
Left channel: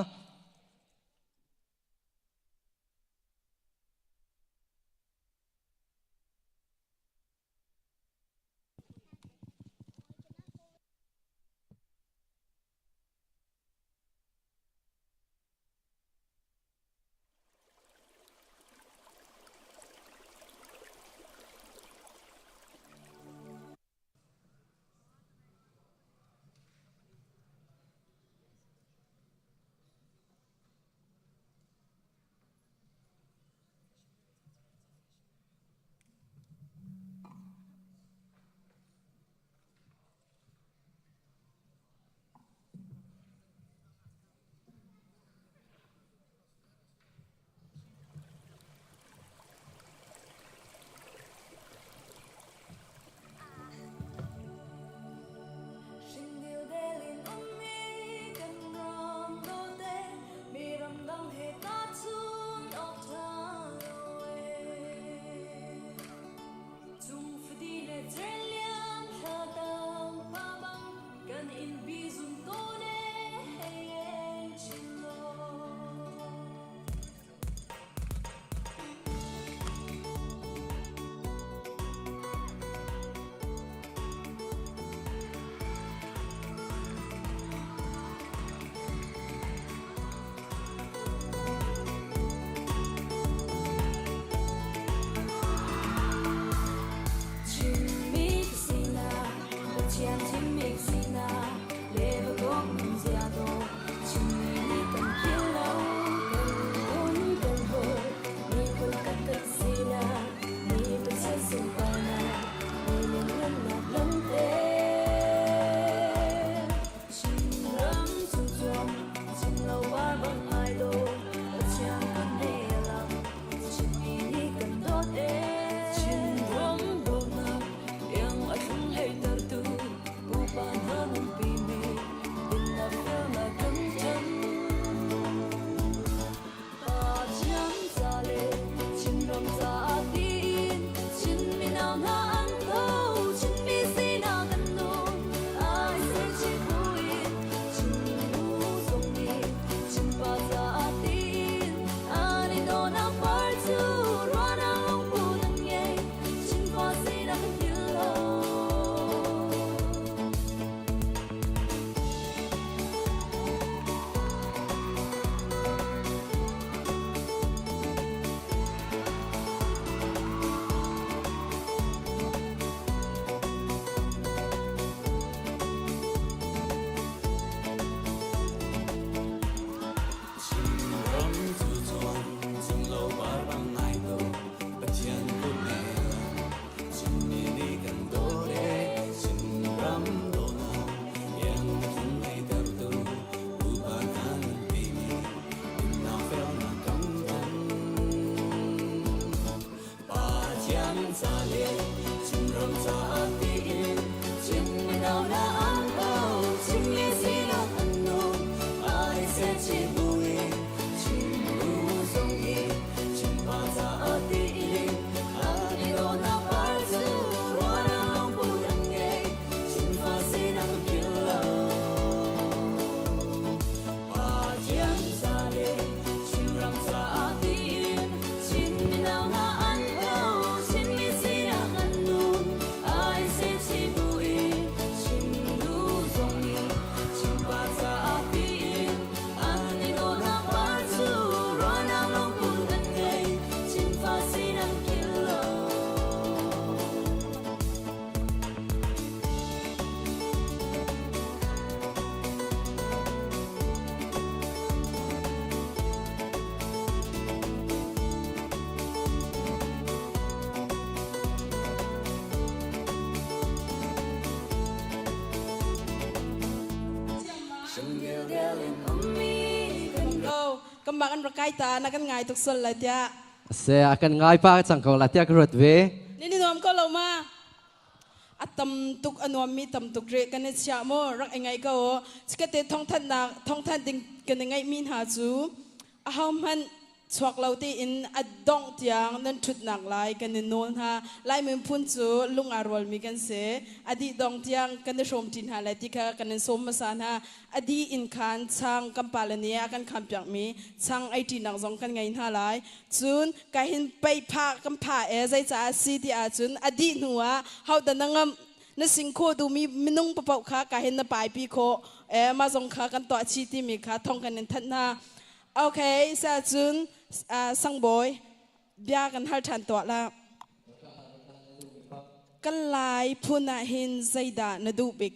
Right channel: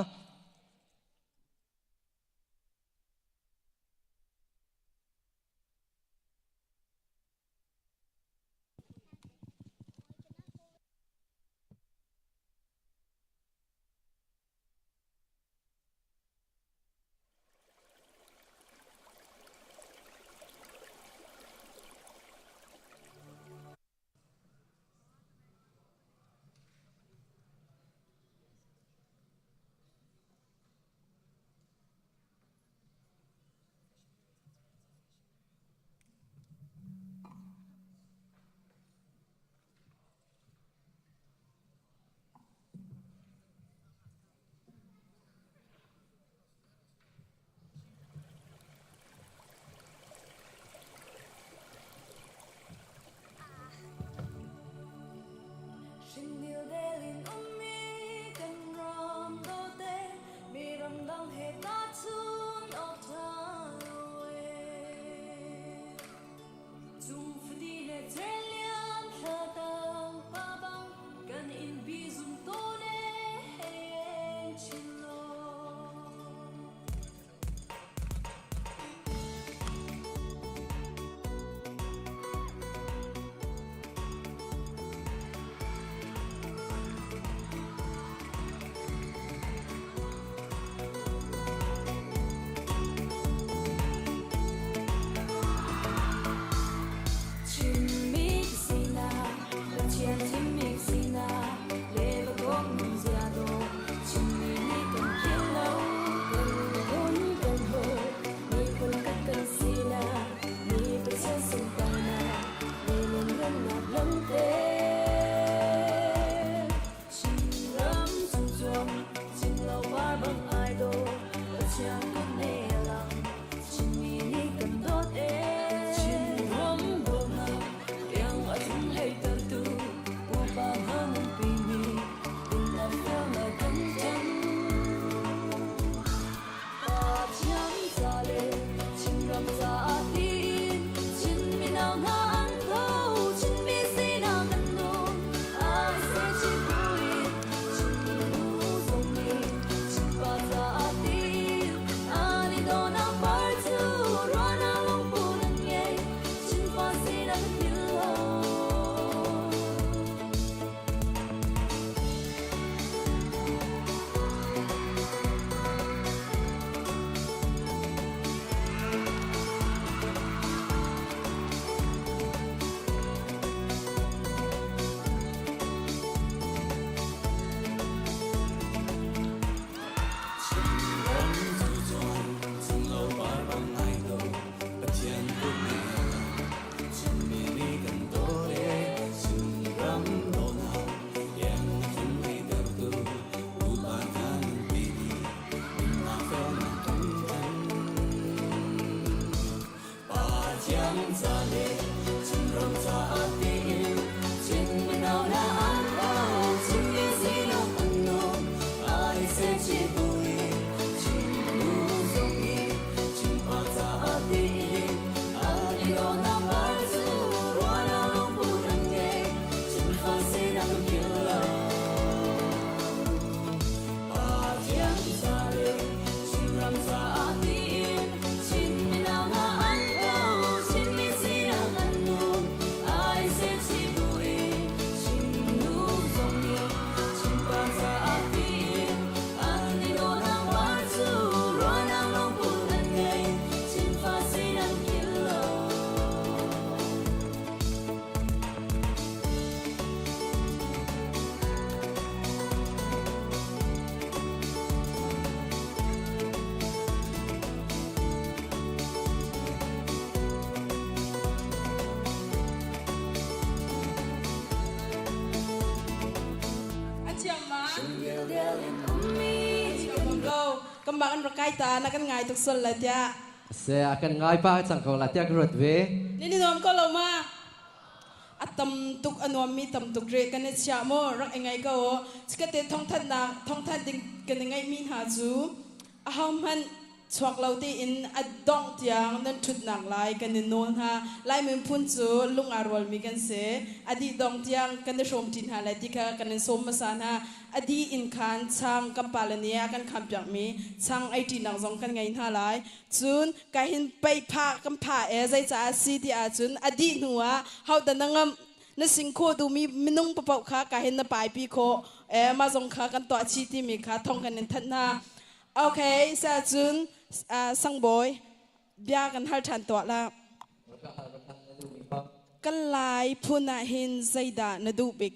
kai ta na kan ngai tuk sol la tia เสียกันง่ายป้าจังของลัทธิกรดเว นี่น้องก็ลงมาอัตำตุกอนวมีตำตุกเรกันเนี่ยเชียโมรักยังไงก็สกัดเตท่องทันนักท่องทันดึงกันยังไงมีหาจูอาหารมันชวกเราที่อินอดองเตียงนั่นชุดหนักลายกันเนี่ยโน้นฮะลายมือพุ่นจูลุงอารวลมีกันเสอดีดองเตียงกันเนี่ยชมจินหาเลติกากันเนี่ยสมมาสานฮะอดีอินคันช่างกำปาลเนียกันคำจากมีช่างไอทีหนังสองกันไงฮะลายจูนการหินไปพากำพาใจจ้าซีที่อาจูนอดีหัวเขาแต่นังนั่นสิ่งโคดูมีนุ่งปะเปาขาการหินน่ะปลายปีโคมาส่งขากันต่อชีที่มีขาท่องกันเนี่ยทันฮะโอเคซาจูนสังบอยเบียกันหัลทันตัวละกันลายพูน่าเห็นใจดานดูบิก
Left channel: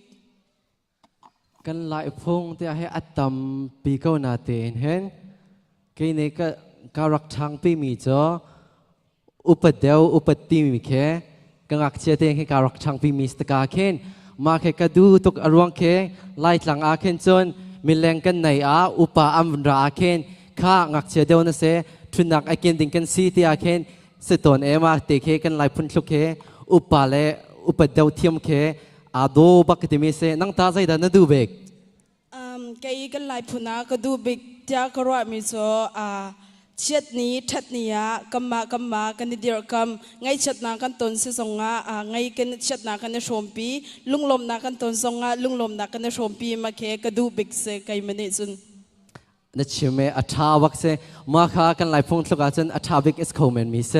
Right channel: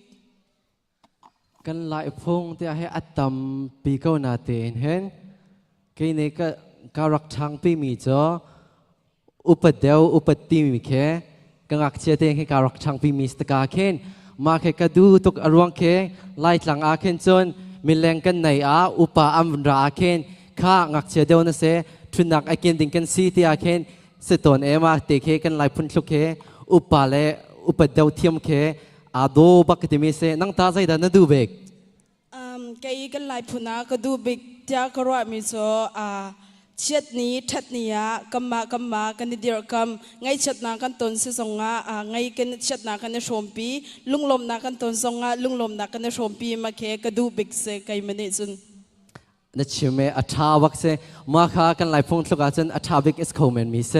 กันลายพงที่ให้อัตตมปีเก้านาเตนเห็นกี่นี่ก็การรักทางปีมีจ้ออุปเดียวอุปติมีแค่กังอักเชเตงให้การรักทางปีมีสตกาเข็นมาแค่กระดูตุกอรวงแค่ไล่หลังอาเข็นจนมีแรงกันในอุปอัมราอาเข็นข้างักเชเดียวนั่นเสทุนนักไอเกนดิ่งกันซีที่อาเคนสตอนมาเตะเคกันไล่พุ่นชุกเคอุปาเลอุปเดียวเทียมเคอาดูบักติมีเสนังตาใจดันดูเบกแกกันลายพูน่าก็ดูบิกเจ้ากระว่ามีโซเช็ดนี้ทัดนี้กัมมากันเดียร์กัมไงเช็ดนากันตนสิสงไงกันเช็ดนากันในชมปีลุงลมนากันตนสงลุงลมนากันในชมปีมาเคก็ดูบิกเสไกมันเนี่ยจุนนั่นเชื่อไหมอัฐาวักเสมาข้ากันไล่พงสุกาจันอัฐาบิกอิสโคเมนมีเส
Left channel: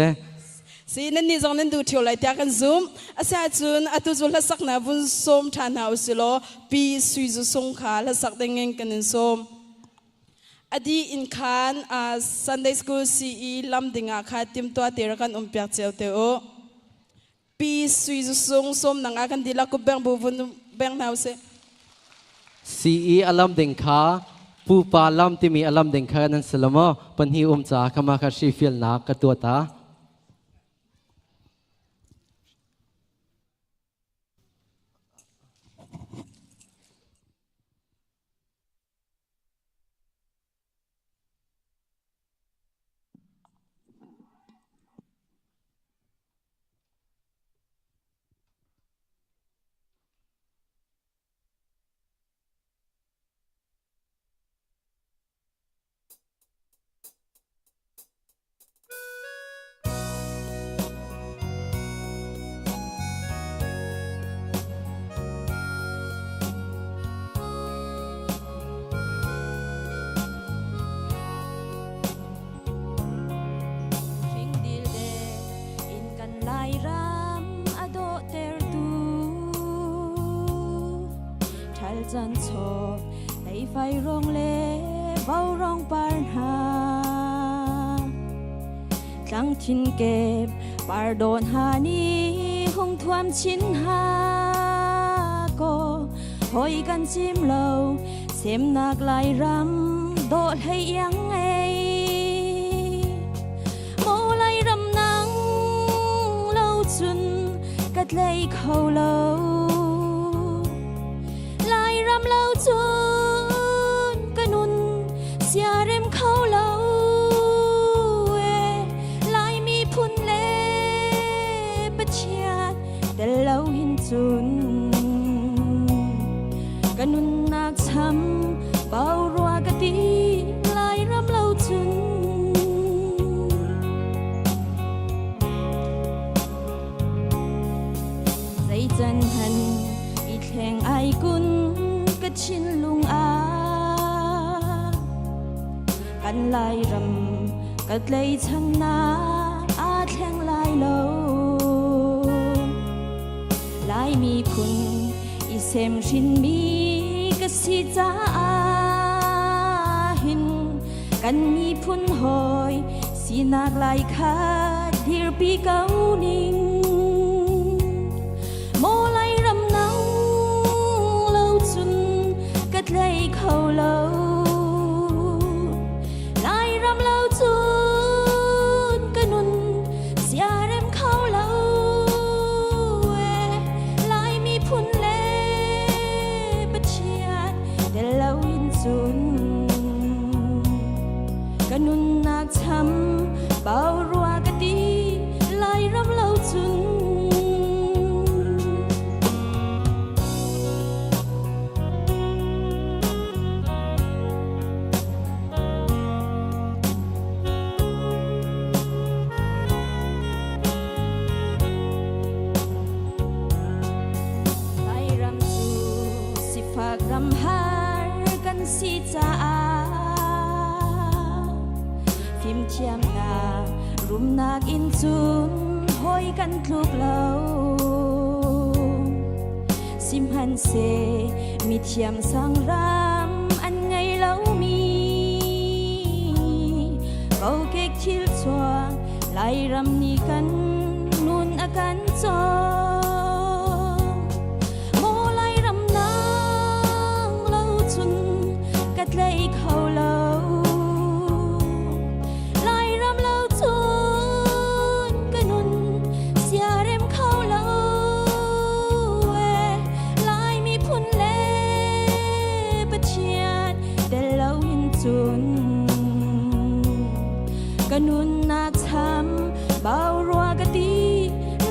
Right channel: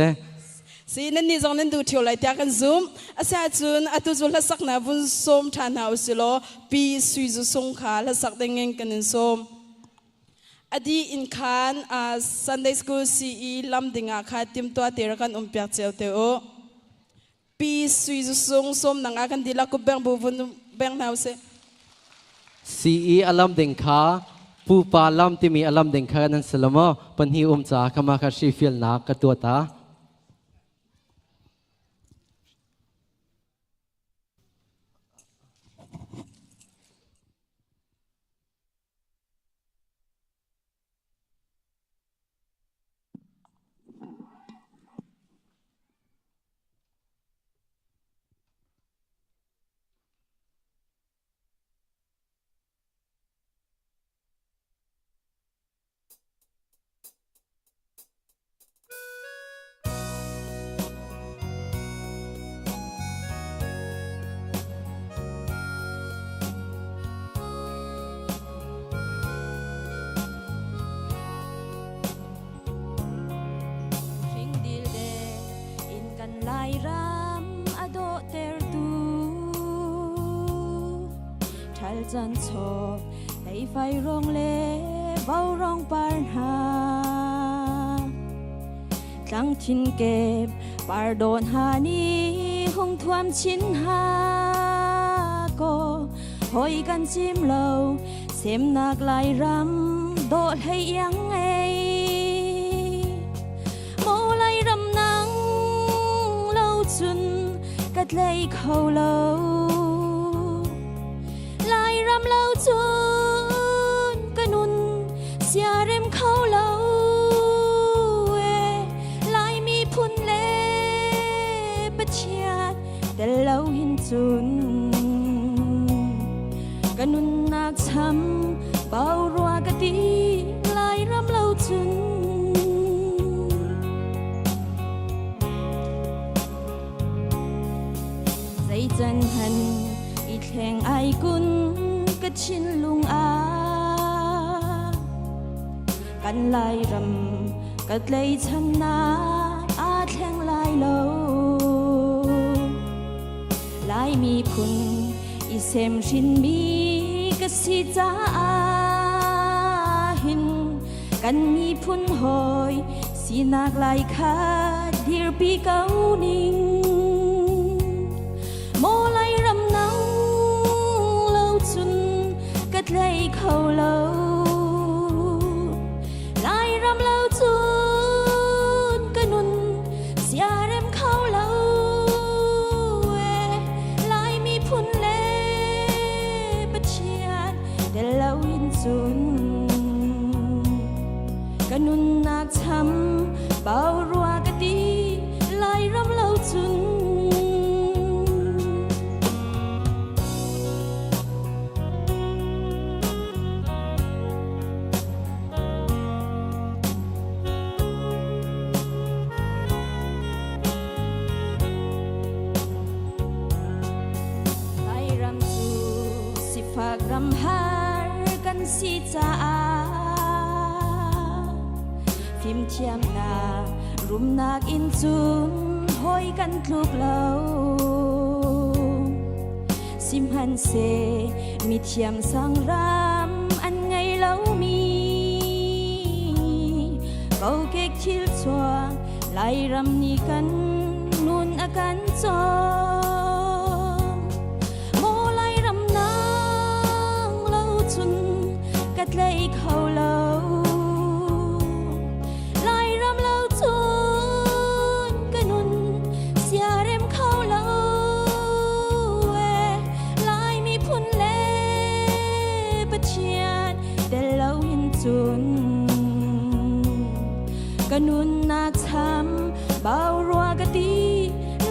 สินั่นนี่จงนั่นดูเที่ยวไล่แต่กันซูมอาศัยจุนอัตุจุลสักนาบุญสมทานหาสิโลปีสุยจุสงขาละสักเด้งเงินกันสมอดีอินคานSunday School CE ลำดิ่งอาคาติมตัวเตระกันเปียกเจ้าเตโอปีสุยจุสงสมนังอากันดีละกุแบงบุญแบงนาเส CE อลัมดิ่งขาผู้ปาลำที่มีอลัมเด้งแค่นั้นสลมอปัญหาจ่าขมาคาชีฟิลนักกตัวตาจันทร์ให้ไฟร้องเล่เบาร้องปัญหาครั้งทินเก็บปาโดนหานี้คงความชินหาก็หอยกันจิ้มเราเสียมหนักไหลรำโดดให้ยังไงโมไหลรำนังเล่าจุนกัดเลยเขาเล่าจุนกนุนเสียเร็มเขาเล่าลายมีพุ่นเล่ปะเชียดแต่เล่าหินจุนกนุนนักช้ำเบารัวกะตีลายรำเล่าจุนใจจันหันอีแทงไอกุนชินลุงอากันลายรำกัดเลยชนะอาแทงลายโลลายมีพุ่นอีเซมชินมีกะสิจ้าหินกันมีพุ่นหอยสีนักลายคาเดียร์ปีเก้านิ่งโมไลรำนังเลยเขาเล่าลายรำเล่าจุนกนุนเสียเร็มเขาเล่าลายมีพุ่นเล่ปะเชียดแต่เล่าอินจุนกนุนนักช้ำเบารัว in chun hoi kan thluk lo sim han se mi thiam sang ram an ngai lo mi kau kek thil chua lai ram ni kan nun akan cho mo lai ram nang lo chun kat lei khau lo lai ram lo chun kanun sia rem khau lo lai mi phun le pachian de lo in chun kanun na cham bao rua ka ti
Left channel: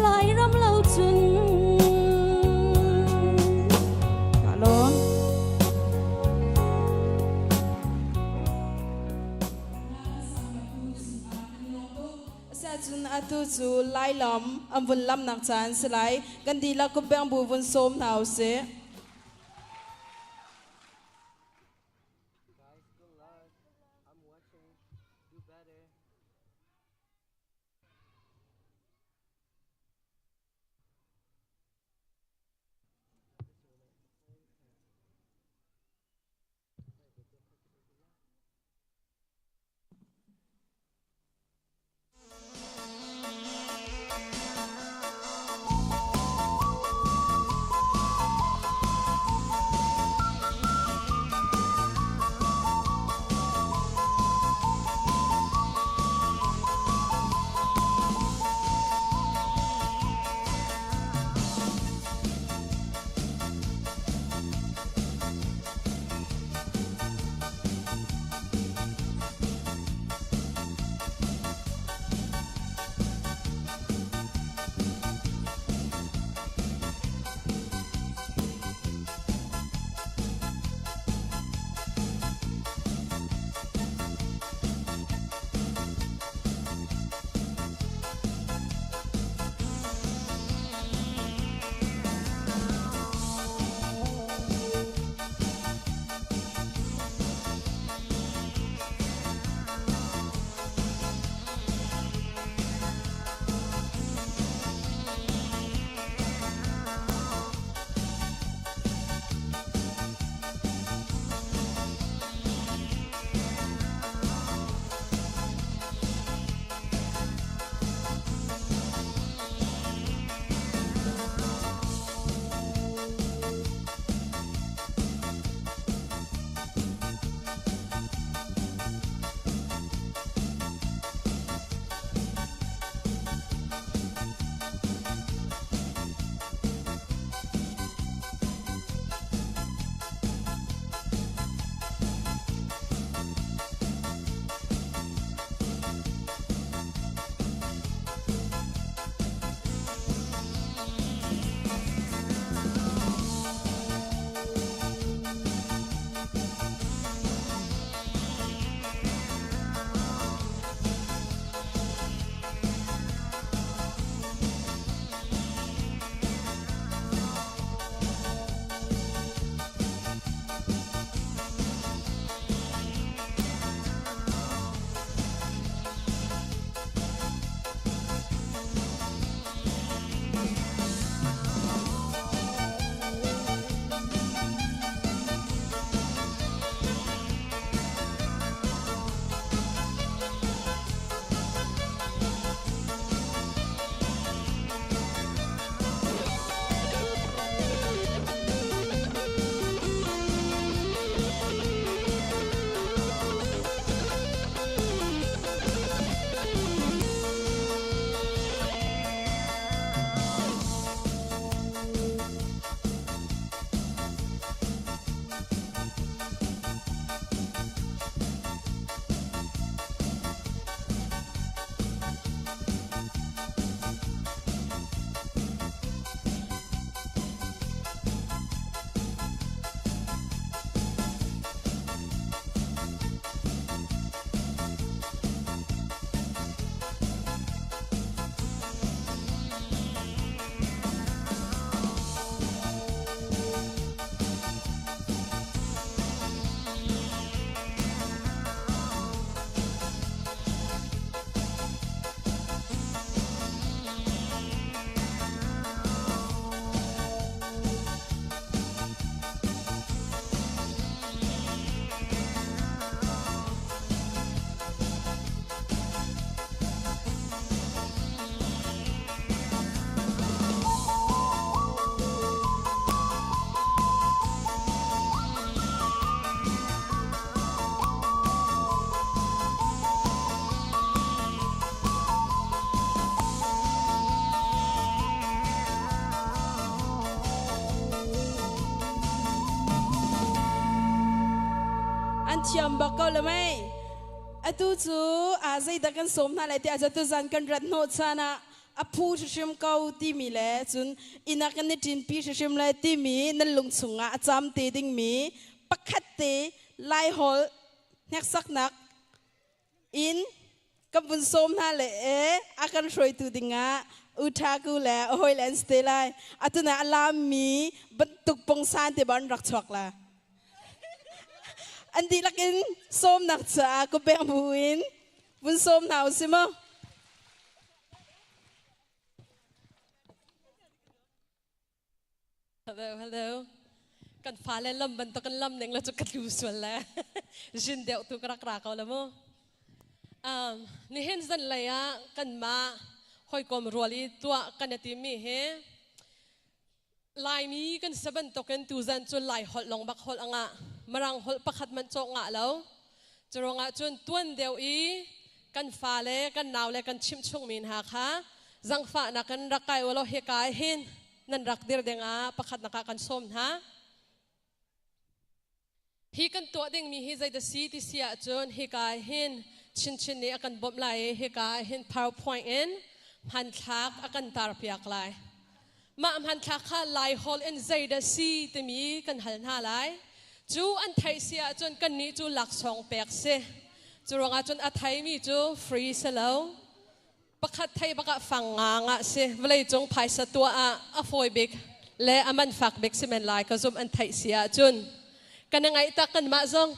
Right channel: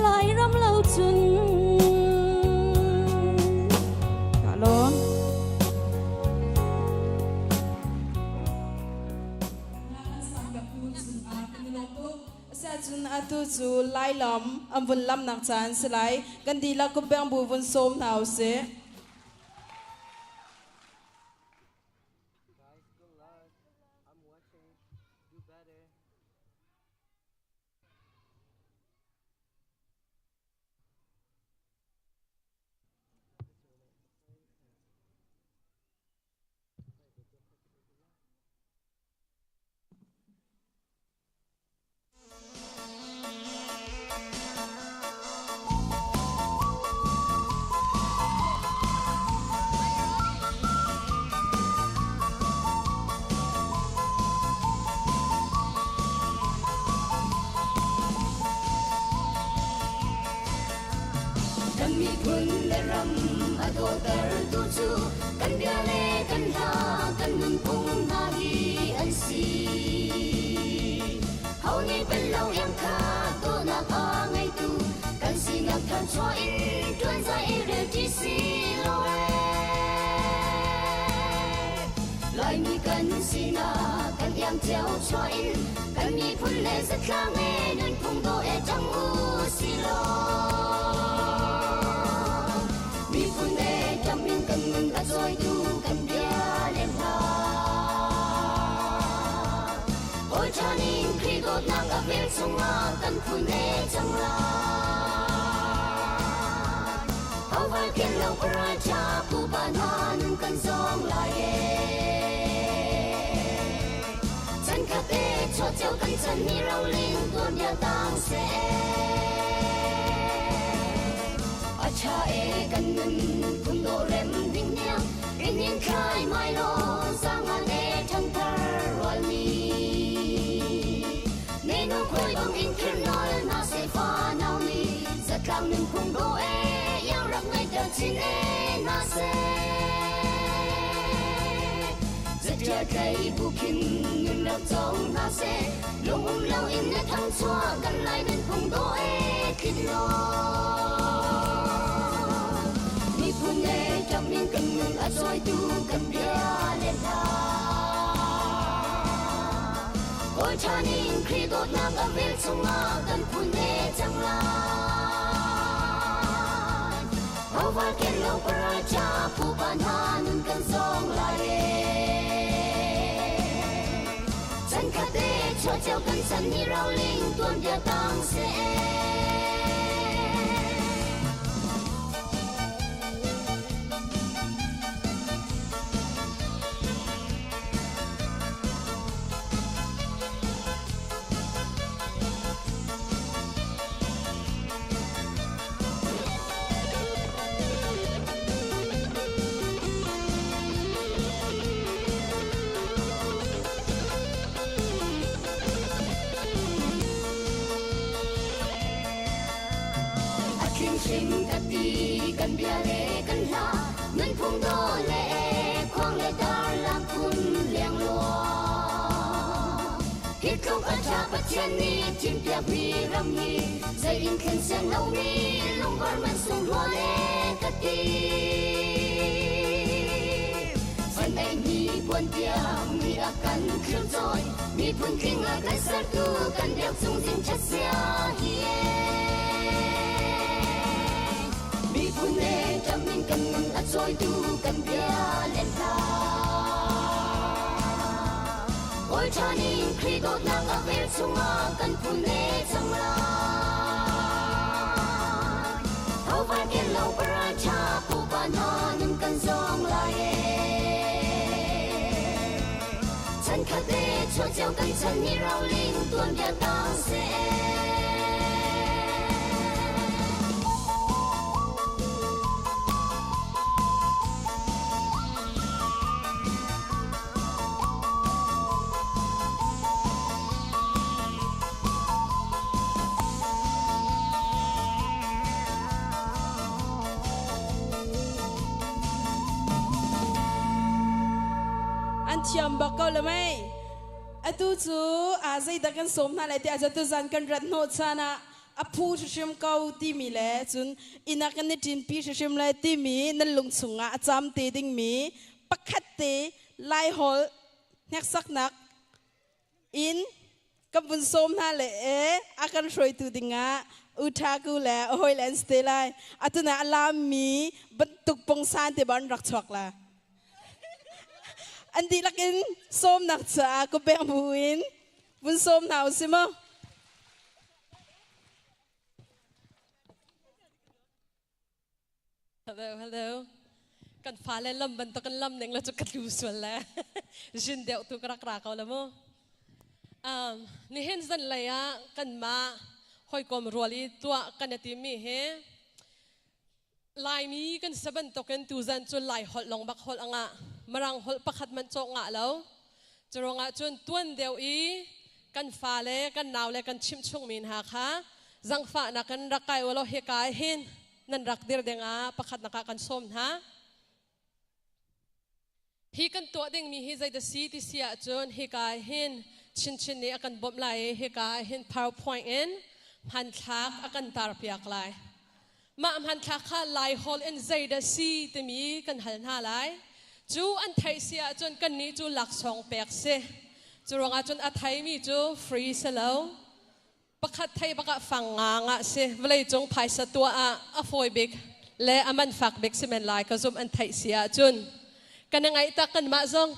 lai ram lo chun alon sa chun atu chu lai lam am vun lam nak chan slai kan di la ku bang bu vun som nau se Ôi cho nên khi đốt nắng ấm bên sông kan phun nè chẳng mi rau ling tuan dia tang se an thiam bakal le mai atu chu a zai da kan som na le te a tu zan kan rat no chana a phu shim kau ti mi le chun ina kan ni tin pi shim le ti mi nan lung chunga a cham te ding mi pakhat te lai hol nek sak nak in kabun som na le akan roi tu dinga uthaku le hoi len ste lai atuna alam mi bantuk pong san te ban rak chok la Andi lakin som nak cha ko beng buin bun som nào si mo Hello กันฟ้าและลำบันตะกันลำหนึ่งแล้วจะกันดูส่วนแล้วชินเดียวตัวกระกราเขาแล้วมั้งนี่เห็นสันเลยอะกันมาหอยกลมรัวลีตัวกันตีมีเฮลายมีกันสะบันตะกันตูจันจนลายหดลงบักหดอ่ะมรังหดประคัดมันโจงะแล้วจะรองะจนต้นเดียวอีกันฟ้าและกันหนาวและกันชิมช่วงมีนหาค่ะจังฟ้านักกันรักไก่วะเราเฮกายหินนั่นรักเดียร์เดงะประคัดนักกันส้มฮะฮีกันตัวเด้งมีฮีใจจะซีที่เสียจนฮีกายหินชินนี้อากันบ่มไหลฮีกายหิน PowerPoint เอ็นหันทักอากันตาเปียกไหลมาหันทักข้าไหลฮอลเอ็นใจจะซีที่มีกันหันหาไหลจูอันไทยเสียจนกันนี้จูหลักสองเปียกเสจูรองจนอัไทยมีจูฟรีเสแล้วประคัดไทยประกาฟังงางะเสเวลาจงภายสตัวอะฟอยเบกและอามันฝักเบกสิเมนไลก็ซุมอันไทยเสียจนกันยังไงตากันมาซอง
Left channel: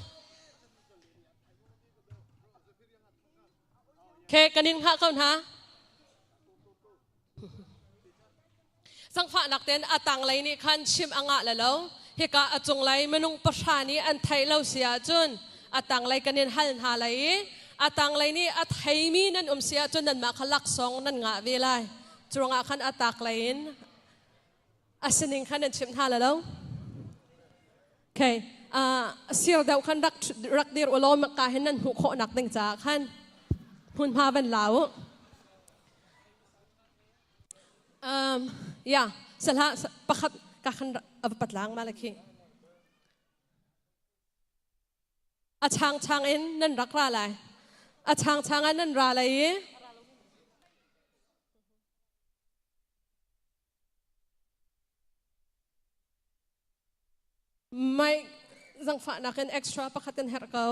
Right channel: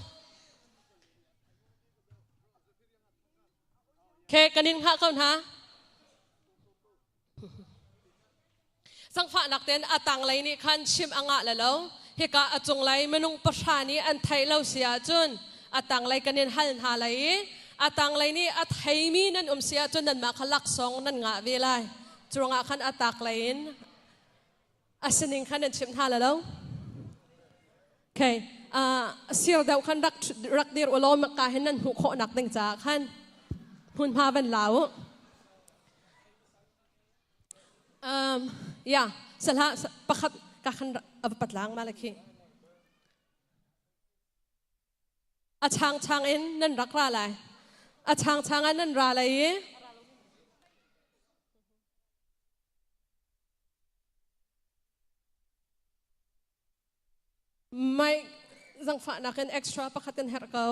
แค่กันนินพะกันฮะสังฝานักเต้นอาตังไรนี่คันชิมอ่างะแล้วฮิกาอจงไรมนุงประชานี้อันไทยเราเสียจนอาตังไรกันนินหันหาไรอาตังไรนี่อาไทยมีนั่นเสียจนนั่นมาขลักสองนั่นงะเวลาจงอาคันอาตักไรนอาสินิงคันนั่นชิมหาแล้วโอเคเสียดาวขันรักเดียร์วลอมกาเห็นนั่นหุกหนักดังจากขันหุ่นพาบันเหลายาสละประคับกาขันปัดล้างมาเลยคีอาช่างเอ็นนั่นรักราอะไรอาช่างอันนั่นราอะไรไม่จังฝานักกันเอ็กซ์ตร้าประคัดกันเฮร์เกา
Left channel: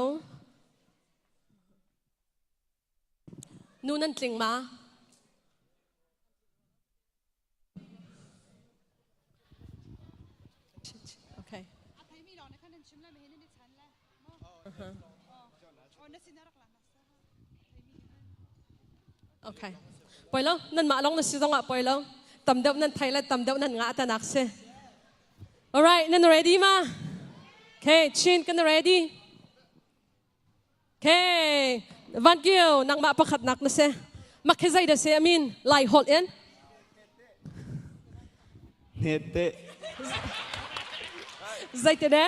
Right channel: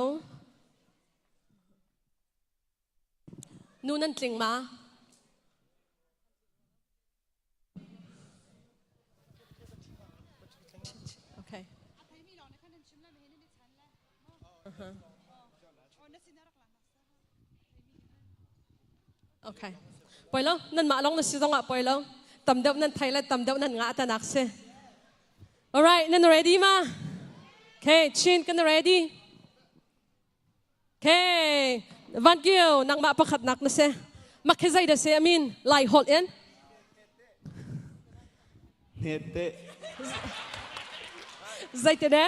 นูนั่นจริงมาโอเคโอเคปล่อยแล้วนั่นมาลองนั่นสิต้องอ่ะปล่อยแล้วตำเดียวนั่นไทยและตำเดียวนั่นงาตานักเสีย alright นั่น ready มาOkay, chin kan ready. Okay, Van Giel nang mapakat nak na se. Makizay na se amin lai hol yan. Hete. Zay te de?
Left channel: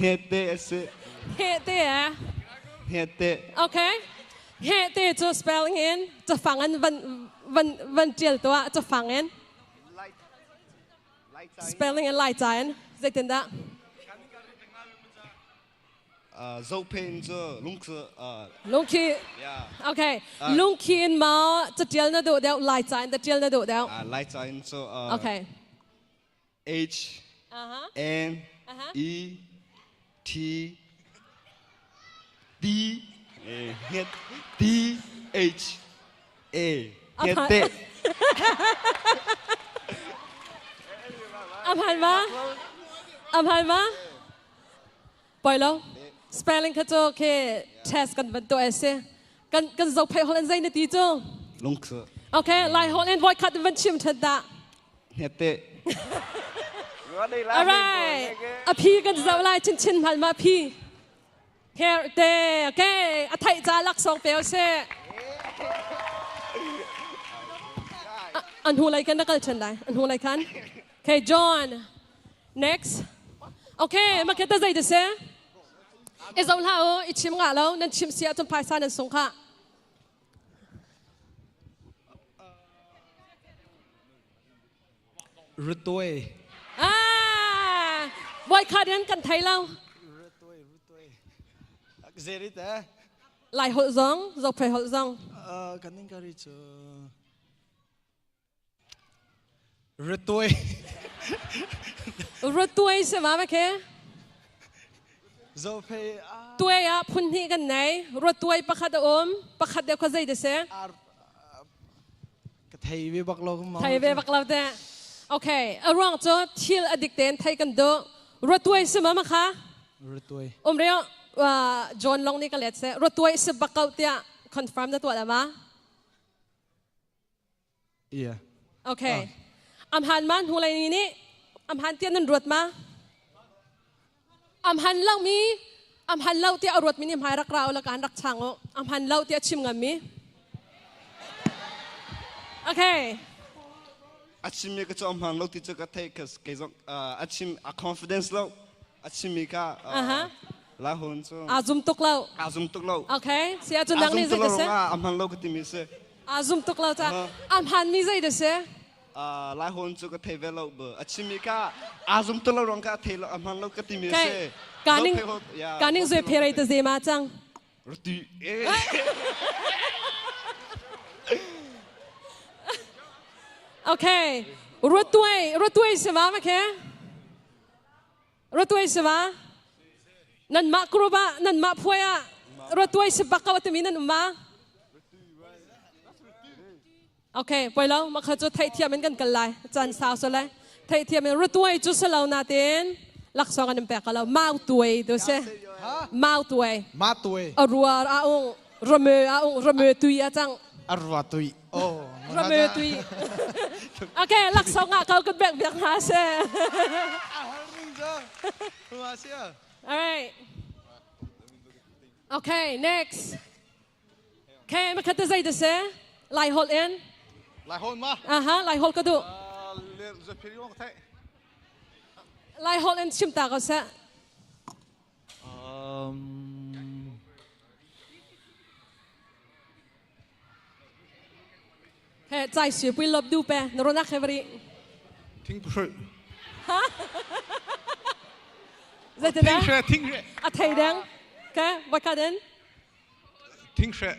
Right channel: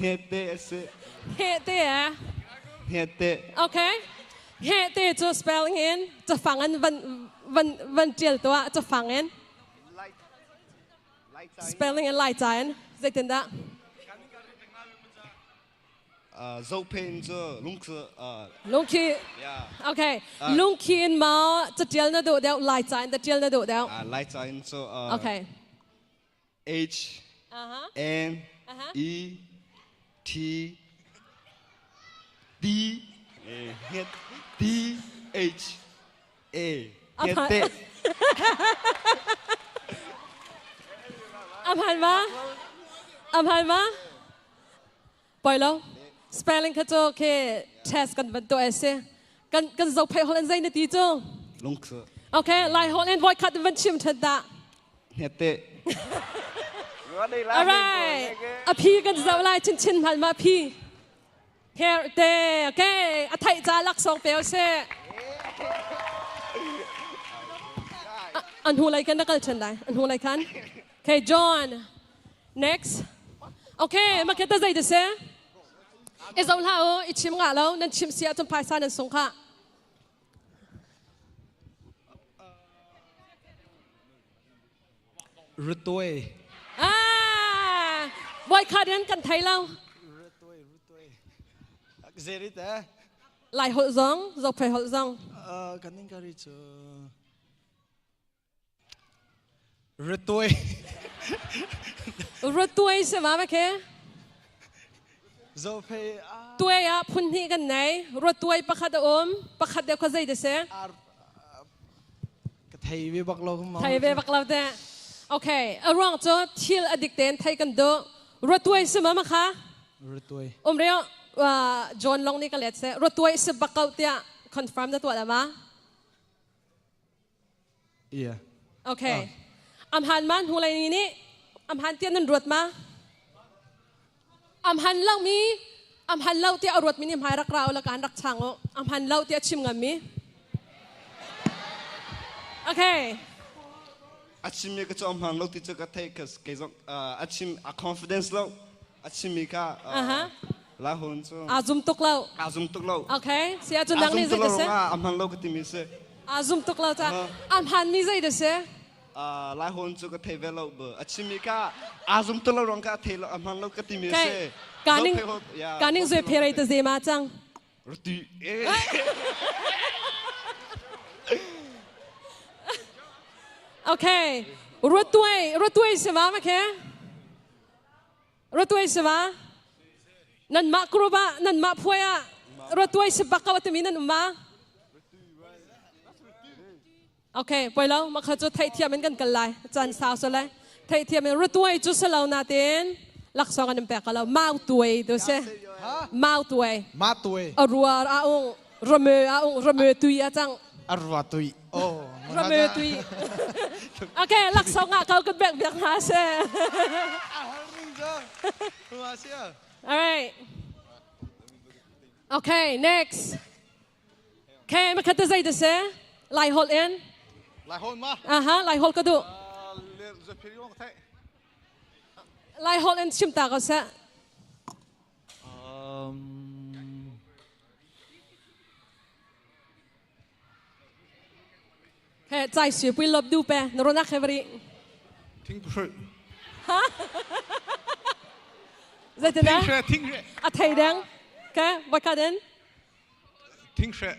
Hete se. Hete Hete. Okay. Hete to spelling in. To fangan van Giel to to fangan. Spelling in light sign. Zay te da. Zopen zo lungke Lungki. yeah Okay. Lungki in ma to Giel na do del light sign. The Giel na do del. light sign so Okay. H N E T D D H A Hete. อภัยมาปล่อยแล้ว spelling เขาจะโอเค test กันเป็นตัวเอเซกันจะเพย์ฮอลแลนด์ใจในตีจ้ Lungke โอเคไลน์ฮอลแลนด์ไว้คัดเป็นชิมทัดดะ Hete. alright อพี่กันจะไล่ชินผ่านมาพี่ here there okay อาไทยจ้าลักสองเปียวเช่อันหูอะไรกันนักการเชิญได้อันหูอะไรกัน okay John next okay มาเก็ตได้ดิเซ่ไอ้สองท่าอีชิมงาแล้วนั่นชิมเสียจนภายซานั่นสงค่ะรุตวยบอยคาเดียนกันไทยเรารุตวยเซริตะหลายหัวซองจบไปหัวซองกันนิ่งการิจรุตวยใช่ไหมเมื่อกี้จบไปตัวพุ่นที่กันไหนรถตัวประคัดประคัดเดียวก็ใจดิเซ่ไทยเวบักเราไทยเวบักเราเด้โอเครองจ้าทิลอดิกเตนไทยกันดูรถตัวใช่ไหมมั้งคะรถตัวเรียกว่าจอห์นลองนี่กันเลยเซ่รถตัวสิบักเอาเตียคอนเฟิร์มตัวแล้วมั้ยโอเคอัมฮันมันหูอะไรนี่อัมฮันเตียนั่นรถมาอัมฮันเล่ามีอัมฮันเล่าเตียเอารถมินิมหายรักเราและการรักช่างอัมฮันเล่าเตียชิมงามีโอเคอาชิมิก็จะอัมฮันเล่าที่จะกระเทยก็เกี่ยวกับอาชิมconfidence เล่าอาชิมิก็ลาหุ่นซูอาซุมตุกเล่าโอเคเสียจนดังนี่สิเซ่อัมฮันเล่าก็ที่มีเซ่อาซุมตุกเล่าจ้ะอัมฮันมีใจดิเซ่ลาหุ่นซูก็เทเวลเบอร์อาชิมิก็อาซุมตุกเล่ารงก็เทลอัมฮันเล่าก็ที่มีเซ่การนิ่งจะเพลย์ตัวเซมาจังรถตีโอเครถตัวใช่ไหมโอเครถตัวใช่ไหมนั่นมากรูบะนั่นมาพวยอะรถตัวใช่บักเอาตัวมีนั่นมาโอเคไปแล้วมาขจุดไทยเทียมกันกันเลยจันสาวสุดเลยไทยเทียมรถตัวจุดสลาวนาเต้นลักษณะกันเป็นกันแล้วมาตัวดูสิมาตัวรัวระเมตุยจังรัวตุยโอ้ระเมตุยโอเคลักษณะเขาก็แบ่งหาเซ่ alright okay next okay มาคัดใจดูสิไล่ฮอลเอ็นไล่ฮอลมาไล่ฮอลก็ดูไล่ฮอลเอ็นชิมตาก็เซ่เฮ้ใจเสียไปลบดูไปนรนักเฮฟรีทิ้งพูดฮะทิ้งเชื่ออะไทยดังแกวัดกันเด่นทิ้งเชื่อ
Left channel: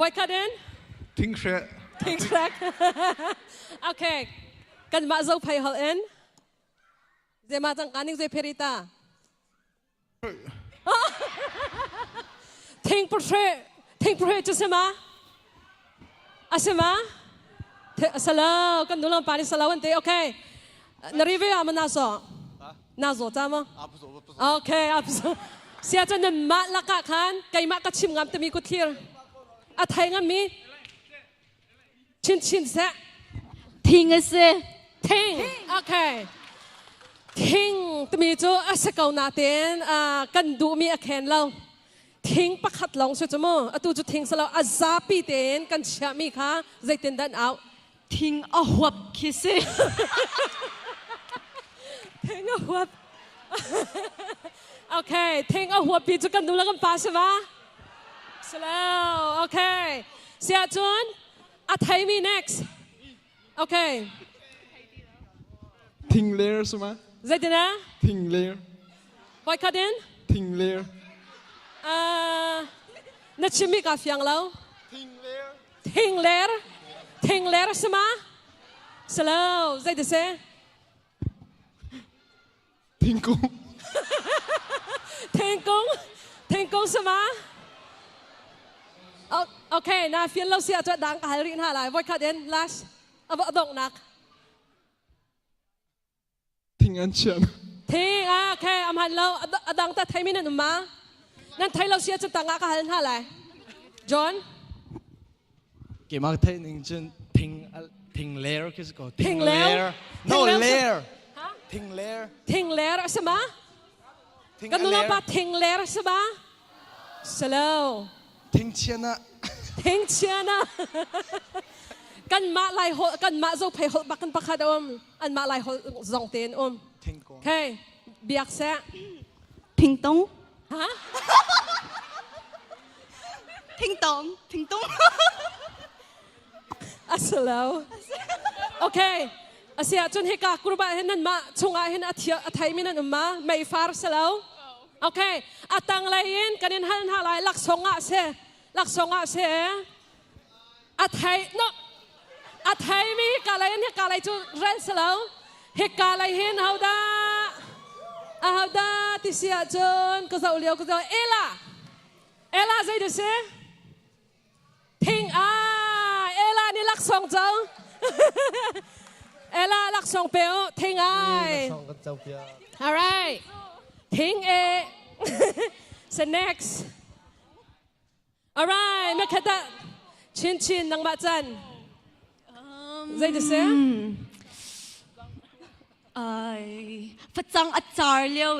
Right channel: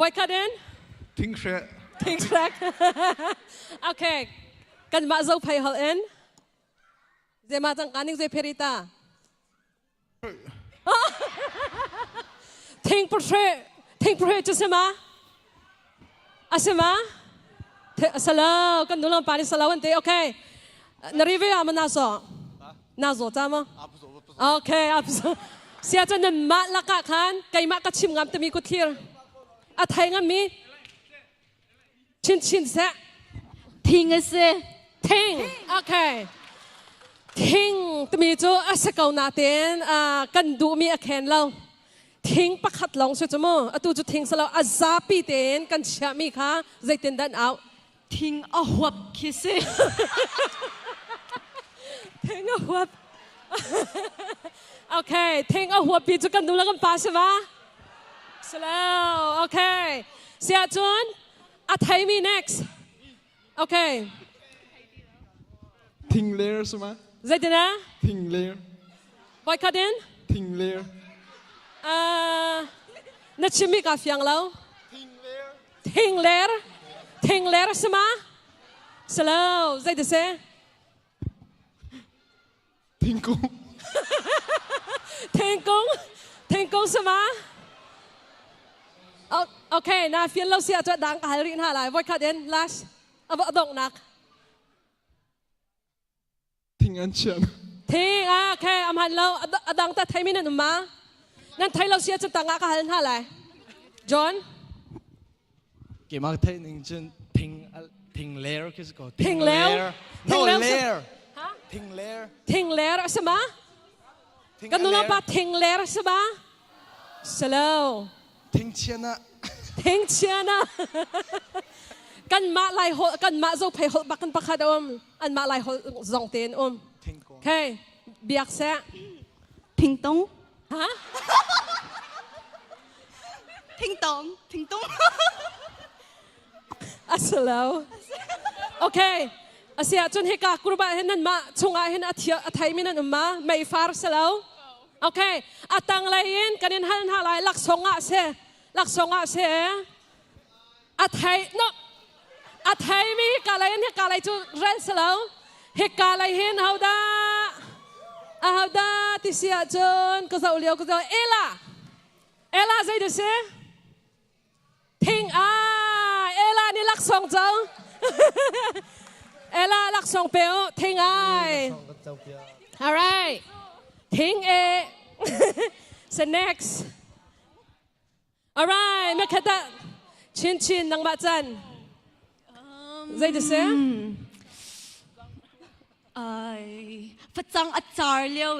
วัดกันเด่นทิ้งเชื่อโอเคกันมาจะไปฮอลเอ็นเจมาจังการนิ่งเจเพริตาทิ้งโปรเทจะเสมาอาเสมาสลาวกันดูลำปานิสลาวันที่โอเคนารีเวียมันน่าโซจ้ามั้งโอเคเสียจนนั้นมาละกะขันไก่มาก็ชิมงามแต่มีกุฏิร์อะไทยงามมีชินเสะทิ้งเสะทิ้งโอเคทิ้งแต่มีจูอาศัยเก่านาเตียนกันดูมีอาแคนเราทิ้งประคัดลงสุดจมูกตูจะทิ้งสลาวอาซาปีเตนกันเชื่อมีค่ะใจเต้นดันเอาทิ้งเอาหัวคิดสิทิ้งเอาหัวโอเคทิ้งเอาหัวปีจุกันดูแล้วกันป้าใช่ไหมสลาวโอเคเสียจวนอาไทยมี next โอเคทิ้งเลอร์ใช่ไหมใจเต้นนะทิ้งเลอร์ไว้คัดเด่นทิ้งเลอร์นัดชิมิกาฟยังแล้วทิ้งเลอร์ใช่ไหมสลาวใจดิเซ่ทิ้งกุ้งใช่ไหมโอเคน่าฟินเราเสียจะดังหายรินหาอะไรไว้คัดเด่นลัชเอาดอกนักทิ้งอันเชียนทิ้งโอเคอำหันเราดังแต่ไทยไม่นั่นมางั้นไทยเราเสียจะต่างกันหาอะไรจอห์นเกี่ยวกับไทยหนึ่งจนทิ้งเลอร์คือสิ่งทิ้งเลอร์no layer ท停leer什么？跟侬老爸停leer什么 ？slow。停钱呢？停钱呢？กันมาไล่หกันมาจะไปหบักกันปักขัดอันมาไล่หสองเต็นโอเคเบียกแซะพิงตงฮะพิงตงอัสลาวโอเคอาเซียจนให้กากรุบะเห็นนั่นมาชงอาเห็นอาเทียอาไทยมินันมาไม่ฟาร์สลาวโอเคอาตังไลเอ็นกันเห็นหันหาไลลักสงอาเซอาไทยเนาะอาไทยมีกาไลเห็นกาไลจูเรนสลาวเฮกาไลเห็นเอาดาติเสียจนก็จะเลี้ยวก็จะเอล่าใจดูสิทิ้งเอล่านี่ลักสงเจ้าเอล่าลักสงเปียวทิ้งalright ทิ้งso next alright ไม่แค่แต่ชินนังบะจันใจดูสิพระจังอาจารย์เลี้ยว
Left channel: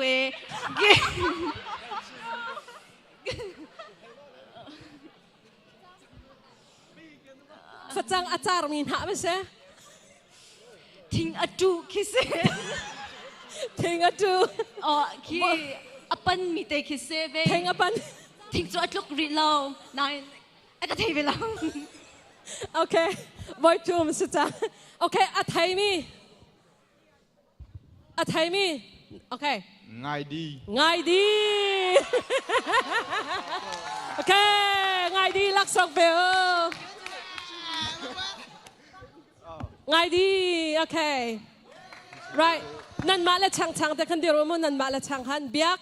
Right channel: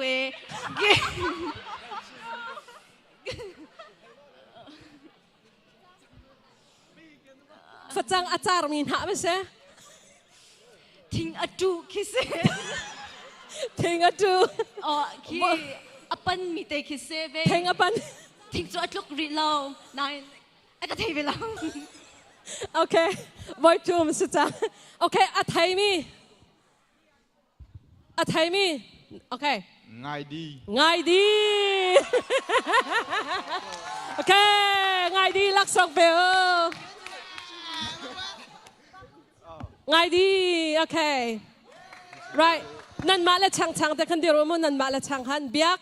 ฝรั่งอาจารย์มีหน้าไม่ใช่ทิ้งอดูคิดเซ่ทิ้งอดูอ๋อคิดอปันมีแต่คิดเซ่เว้ทิ้งอปันทิ้งจุดลูกรีเรานายไอ้กระเทยไปแล้วโอเคไว้จูมสุดจ้าโอเคอาไทยมีโอเคง่ายดีโอเคง่ายดีลักษณ์เบลง่ายดีโอเค right นั่นมาและช่างแต่คนเดียวมันนั่นมาและช่างหันเบียก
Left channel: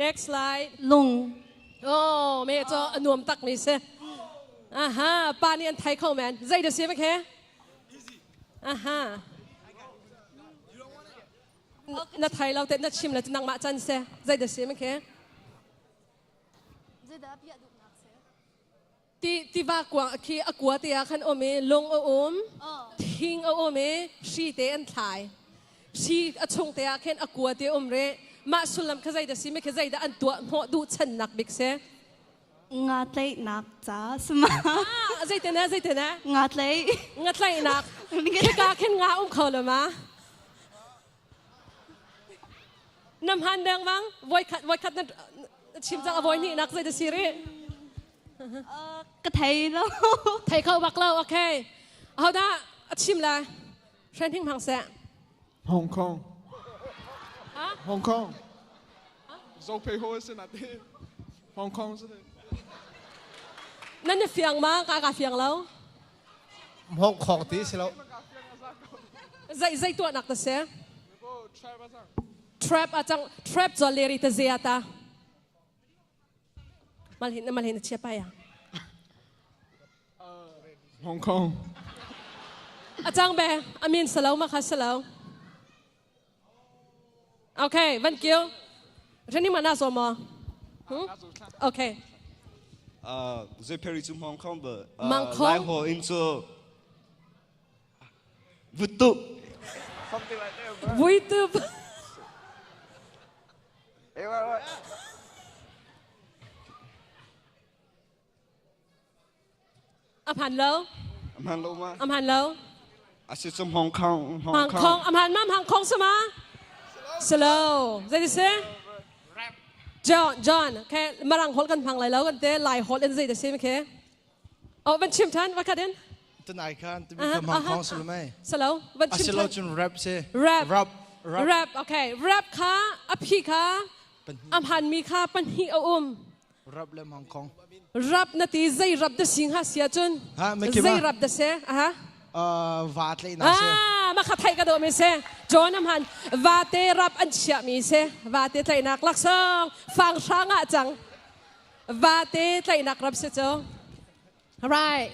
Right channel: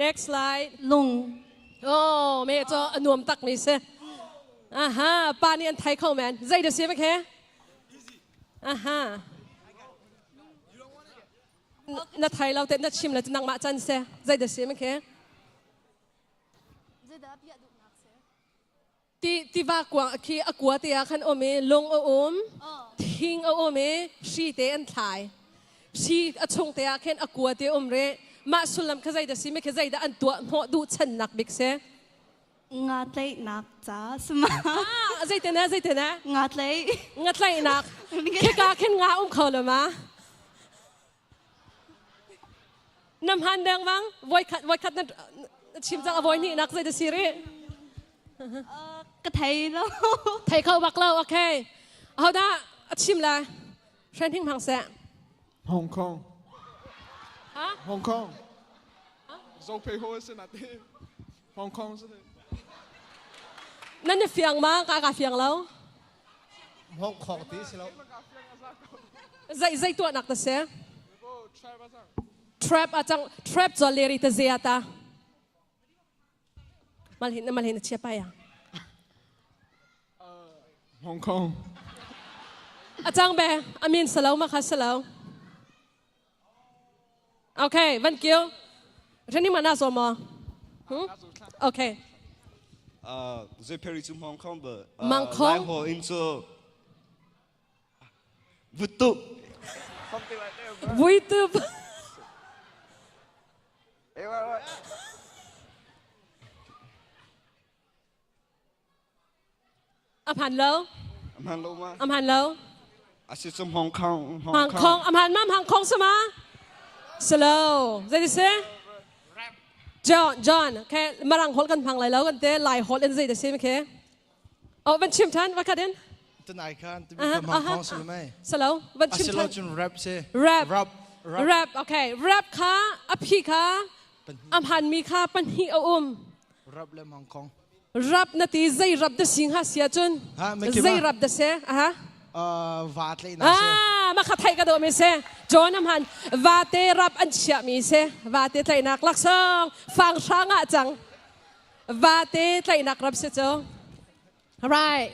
next slide ลุงโอ้เมย์จะอนวมตักนี่เซ่ฮะปานี่อันไทยเข้าแมนใจดูสิไหมแค่ฮะนัดไทยเราเต็มนัดชิมเลยจะนั่งมาจันเซ่ใจดูสิไหมแค่ที่ว่ากว่าคีอกัวเตียขันโอเมลงทิ้งโอเมชีเตอันไทยชีอชงเตียขันอกัวเตียเรมาสุลัมขใจดูสิไหมขใจอันตัวหัวดูฉันนักบิ๊กเซ่งาเตยนักจ้าสมาใจเต้นนะงาเตยนักแค่กาแค่งาเขาเลยมะน้ำฮันแดงวังไว้คัดนั่นชิมจังอวัยนี่นักใจดูสิริกระเทยแล้วไทยเข้าบักเล่าโอเคเอาได้ชิมเลยเทรนทิ้งพังเสียฮ่องกงโซเพโฮสนาทีฮ่องกงสินั่นจะเฟียงมั้งกาเฟียงแล้วฮ่องกงที่สิแล้วใจตัวหนักแต่เสีย trap อาจัง trap จะเลียริตเซียตามันเห็นเชียไปอ่ะฮ่องกงอาจารย์เบอามินสลาวมาค่ะสลาวโอเควันเกียวฉันนี่มาหน้าสมอโอเคจะไปที่ฮ่องกงเบอร์ไล่หัวอินโซวุตุอภันแล้วอาศิษย์ฮ่องกงอภันมั่มฮ่องกงสมาสโลว์จะดิเซ่จอห์นแค่มารังฮอลกันพังไหลแล้วกันเต้ไล่ฮอลเอ็นซีเดซี่ไหมแค่เอาเป็นชิมทันว่ากันเด่นตัวไหนกันตัวมีคำฮ่องกงสโลว์ไหมสโลว์เป็นชิมทันจุนแรปเซ่แรปโอเคแรปค่ะอภิค่ะอภันมีค่ะปัญหีเอาแรปเล่มฮ่องกงรับนาทีใจรับเดสิงหาเสียจนใจรับเดเสียวาดเลยนะเซ่มาขัดไทยกันตัวมีเซ่จอน้ำหันวาเตรับอันเชียมีเซ่วาเตไทยนักลักษณ์ฟังช้างอ่ะจังวาเตไทยนักรับเสียจ้า right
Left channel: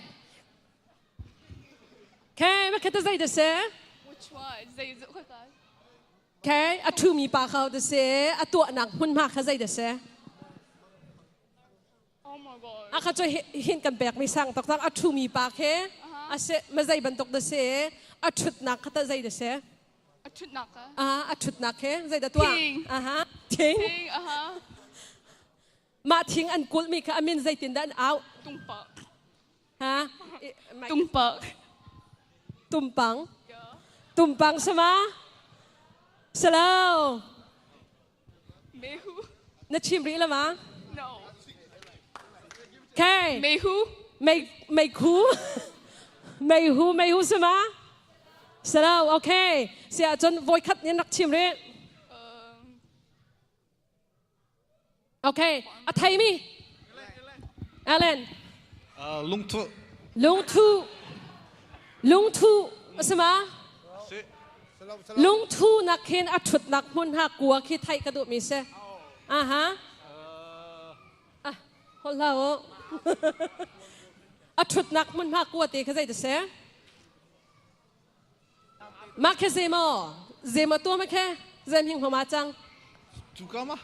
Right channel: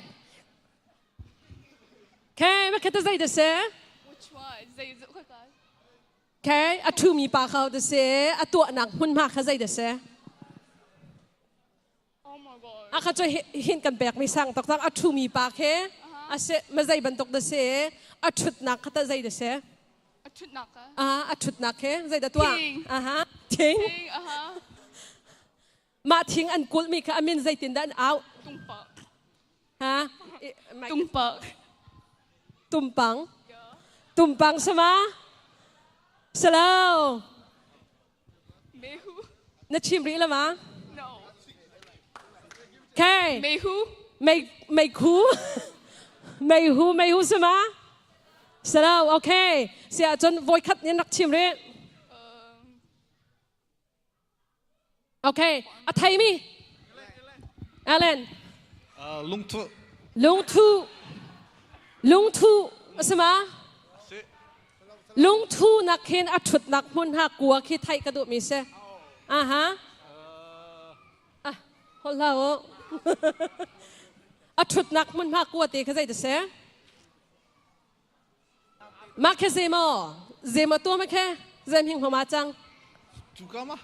แค่ไม่คิดจะใจเดเซ่แค่อัตุมีปากเขาเดเซ่อัตัวหนักหุ่นมากเขาใจเดเซ่อาเขาจะเห็นกันแบกไม่สั่งตอกตั้งอัตุมีปากแค่อาเสมาใจบรรทุกเดเซ่อัตุหนักเขาใจเดเซ่ ชุดหนักอะชุดหนักแค่ใจเด็ดตัวทิ้งมาทิ้งอันกุลมีค่ะอามินใจตินด้านเอาตุ้มปักตุ้มปังตุ้มปังใช่ไหมสลาวไม่ฮู้นัดชิมรีแล้วมั้ง no แค่ไม่ฮู้ไม่ฮู้ใช่ไหมสลาวโอเคเสียจนโวยคัดนี่นักชิมรีโอเคอะไทยมีอาเลนลุงทูใช่ไหมลุงทูนักเขียนอัดชุดนักมุนหักกัวคิดไทยกระดูกมีเสฮะคนเราอัดชุดนักมุนหักกัวตีเขาใจจะเสมาแค่เซมาตัวไม่แค่เซมหิงหัวมาจังจูก้ามา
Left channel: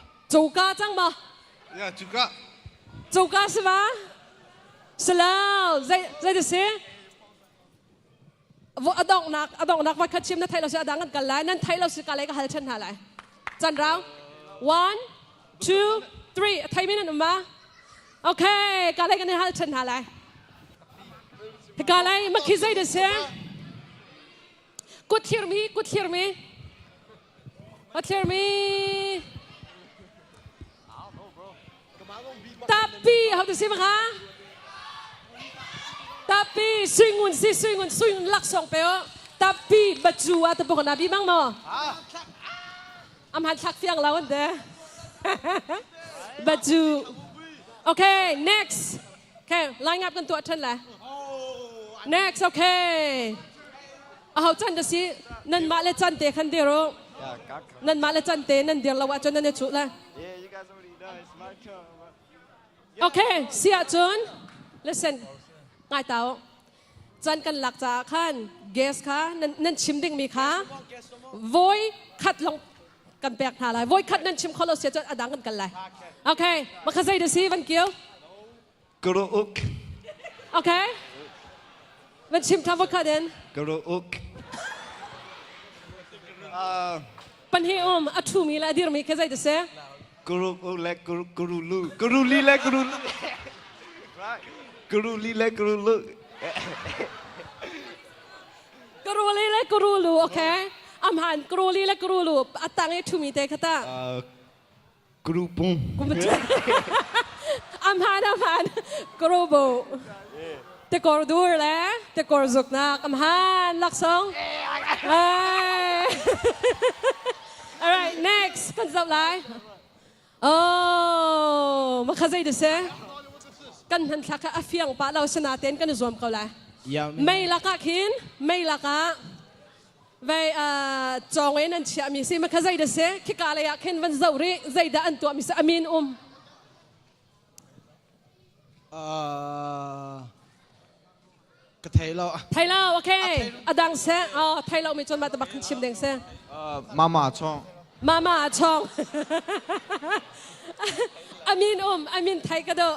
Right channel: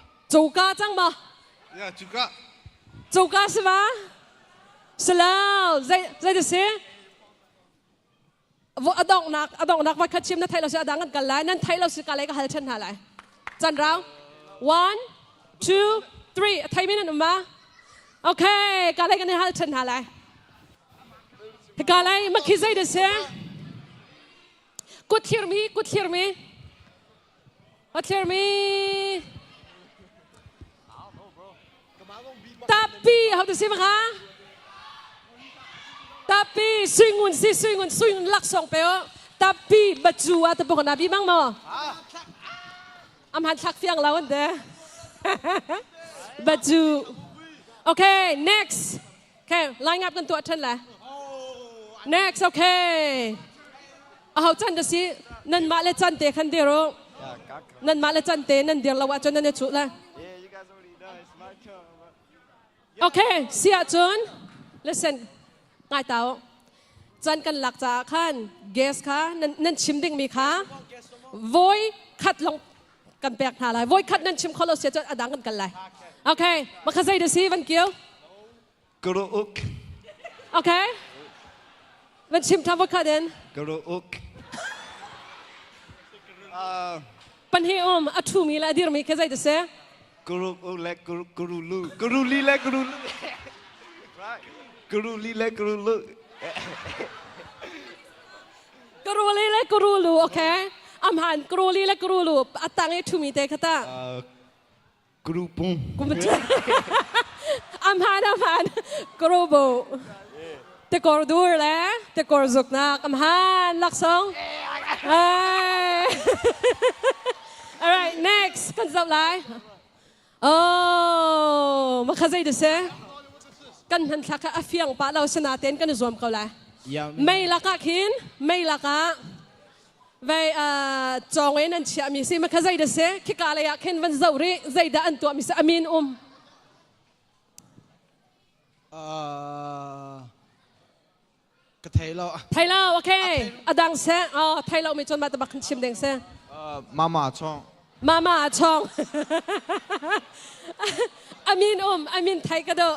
จังบ่จูก้าใช่ไหมสลาวใจจะเสอดองนักวัดคัดชิมนั่นไทยเราจะดังกันไล่นั่นไทยเราสิกันไล่ก็หาชันหาไล่จันเรา one two three ไทยไม่นั่นมาโอเคกันไล่กันในหาชันหาไล่กันไล่มาคิดใจเดือดเสียกุดเทียร์มีtapi how to say maka tapi swingun lak song peo tapi baju atau bukan nabi bang mo amhan thak fiang lawan de baju okay next okay line up กันตัวท่านละ next okay เอาจันเดสินั่นมาเลจันเตคันเดียวนั่นมาเลจันเตนั่นเดียวเราว่าจนนั่นเนี่ยชุดละโอเคเสียจน listen ง่ายเต่าจันกันหลักจากขั้น guess ค่ะนั่นชิมดิ้งมีค่ะ voice คัดลงกันแปลกหาอะไร voice คัดนั่นชิมเขาเราเสียจนอดังกันเลยโอเคมาขยันดูสิวันเกี่ยวกรูอุกโอเคมันชิมทำว่าคัดเด่นกรูอุกปัญหาอัตถุมีละดีรมีขยันดูสิกรูอุเล็กกรูลูกรูลีเล็กกรูลีเล็กกรูลูกรูลูโอเคอำหันกรูลีเล็กกรูลูอัตตังไอทุมีเตคตากรูปุงอำหันกรูบูเตกอร์ดูร์แล้วเตกอร์ซุกนักอำหันลักซอง alright next กันจับไลมาขยันดูสิกันหันทักอาเฟียงป้าเราสนาเต้นกันรวมกันเลยไม่ละกะขินไม่ละกะไปจองไว้นั่นเชียมีสิมาขยันดูสิคิกอะไรอะขินวันเสาร์รีใจด่านตัวมีสิอามินก็ไทยเราโอเคอดังเสไทยเรามีจนมาตะบักชิมเด้งเสมาช่องอามินไทยก็ได้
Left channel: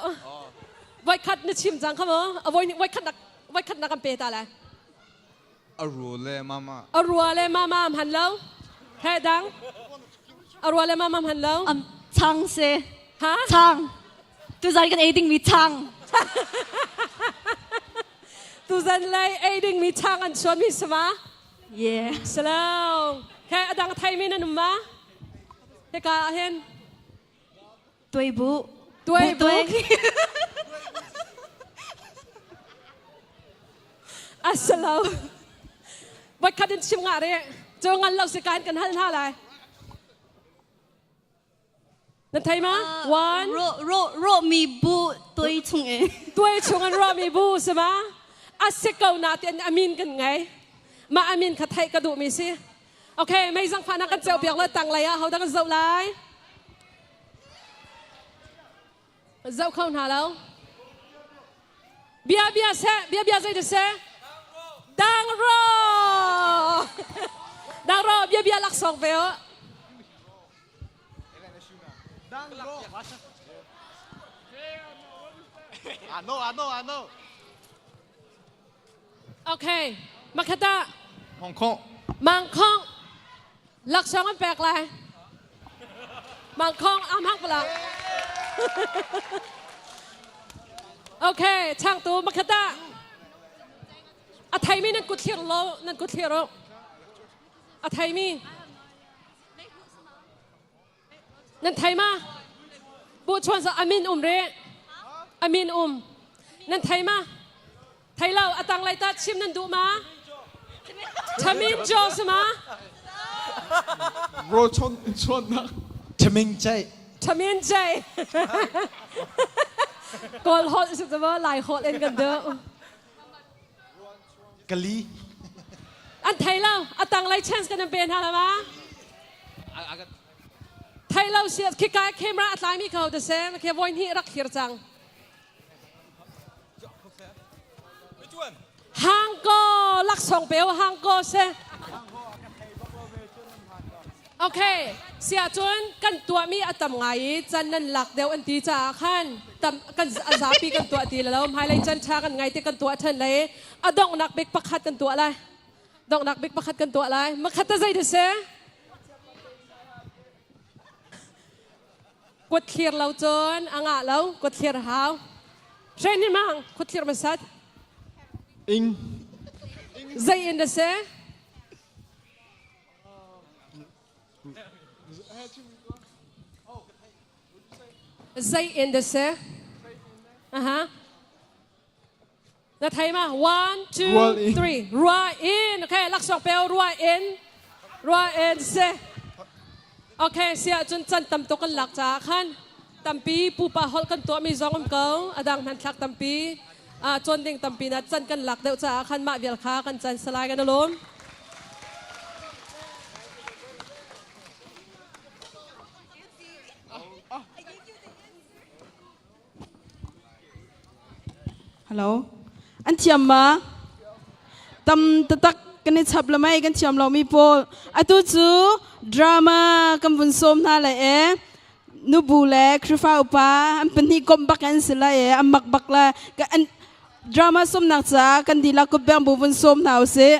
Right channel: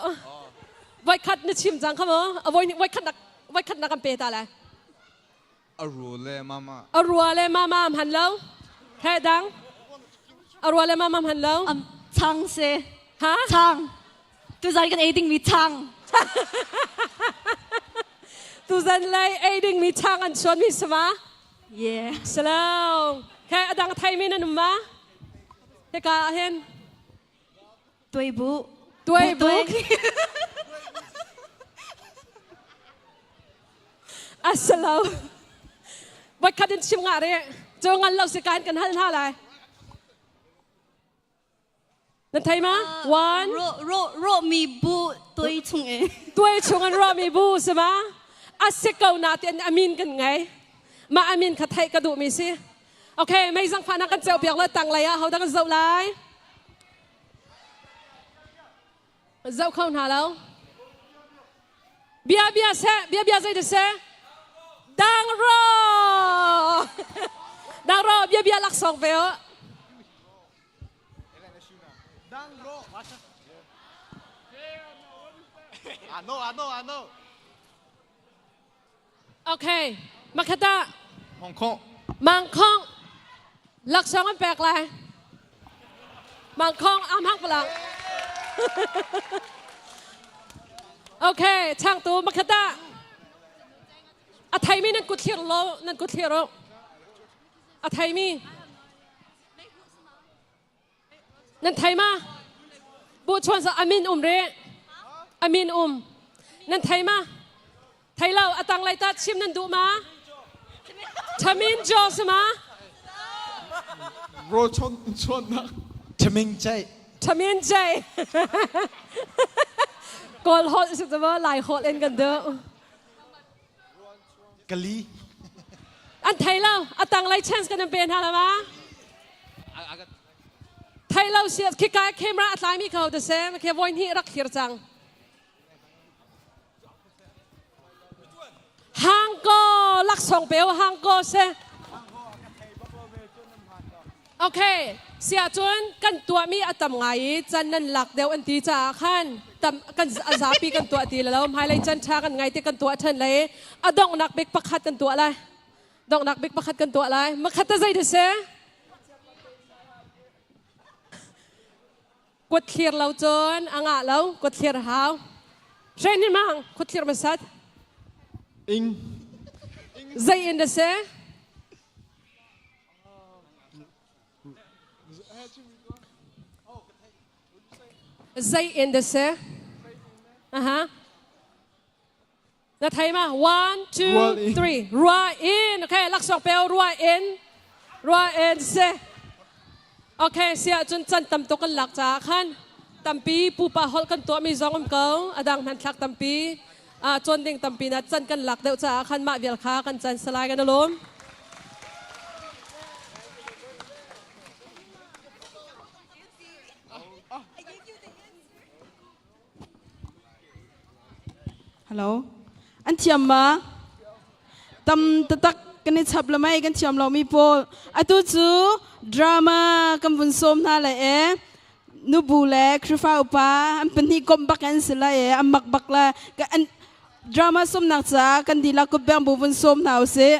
ไว้คัดนึกชิมจังเขามั้งไว้คัดนักกันเปตาเลยรัวเลยมาหันแล้วแค่ดังรัวเลยมาหันแล้วช่างเสฮะช่างตัวใจกันเอดิ้งมีช่างตัวใจเลยเอดิ้งมีช่างอันชวนมีสมาเย่สลาวแค่ดังไทยไม่นั่นมั้งเฮ้กาเห็นตัวบุ อัสลามวัดคัดดินชิมงาเรียเจองันเราสิการกันท่าอะไรนั่นไทยมั้ยวันโรมีบูตัวชุงอันโรมีบูใช่ไหมอัสเกานาเตียนอามินกันไงมาอามินขัดไทยกระดูกมีสิโอเคไม่สังพานักกันเจ้าเปียกเลยตังไรอะเขาดังกันเจ้าไรเจ้าเข้าหาแล้วเบียใจเดือดเสดังรอเบียลักสองเฟลโอเคมาคตาฮ่องกงมังคง ลักษณ์มันแปลกเลยมังคองอ้ำฮักปลักโอเคช่างตัวมาคตาอะไทยมีนั่นกุดเทียร์เรานั่นกุดเทียร์เราอะไทยมีนั่นไทยมาบูชวนสอามินเรอามินนั่นไทยมาไทยเราอะตังไรตัดชิมนั่นดูมาชามินโจสมาโรชนนะชมิงใจชามินใจก่อนฮอตสุดจะว่าหลายฮอตเล่นกันเด้อกะลีอันไทยเราอะตังไรเชนส์กันเป็นฮะละวะไทยเราเสียคิกายเคมราอัตไลมีเขาดูเซ่ไม่แค่วันนี้รักเขียจังฮังโกลักสองเปียวฮังโกเซ่โอเคเสียจวนกันตัวมีอัตมไงจันนันหลักเดียวอันตีจ่าขันตำกันอาซาปีกันตัวตีแล้วภายในจันชากันไงที่กันตัวทันเลยอะดองนักบิ๊กประคัดกันตัวอะไรดองนักบิ๊กประคัดกันตัวอะไรมาคัดตะใจดูเซ่กดเคลียร์เราจนอ่างเรากดเคลียร์หาวใช่นี่มั้งกดเคลียร์มาสัตอิงใจอินเดเซ่ใจอินเดเซ่ฮะนัดไทยมา one two three รัวอินโอเคลักษณ์เปลรัวอินเซ่โอเคเสียจนจันตำตัวกันหลักจากขันตำปีปูปะฮอลกันตัวมีซองอมเกาอดังหันทักตำปีจนดิ่งตำปีนัดจันกันหลักเดียวจากขันมาเดียลค้ากันจันสลายกันนะล้มฮัลโหลอันเทียมมาตำตะตักกันในฉับละไม่กันเทียมเรามีโพอตุจูดราม่ากันบุญสมท่าเลยนูบูเล่คริฟ้าอุปาอันเป็นที่กบบักกันสิละอันบักละกันดราม่าสมนักจ้ากันดีละก็แบ่งบุญสมท่าเสีย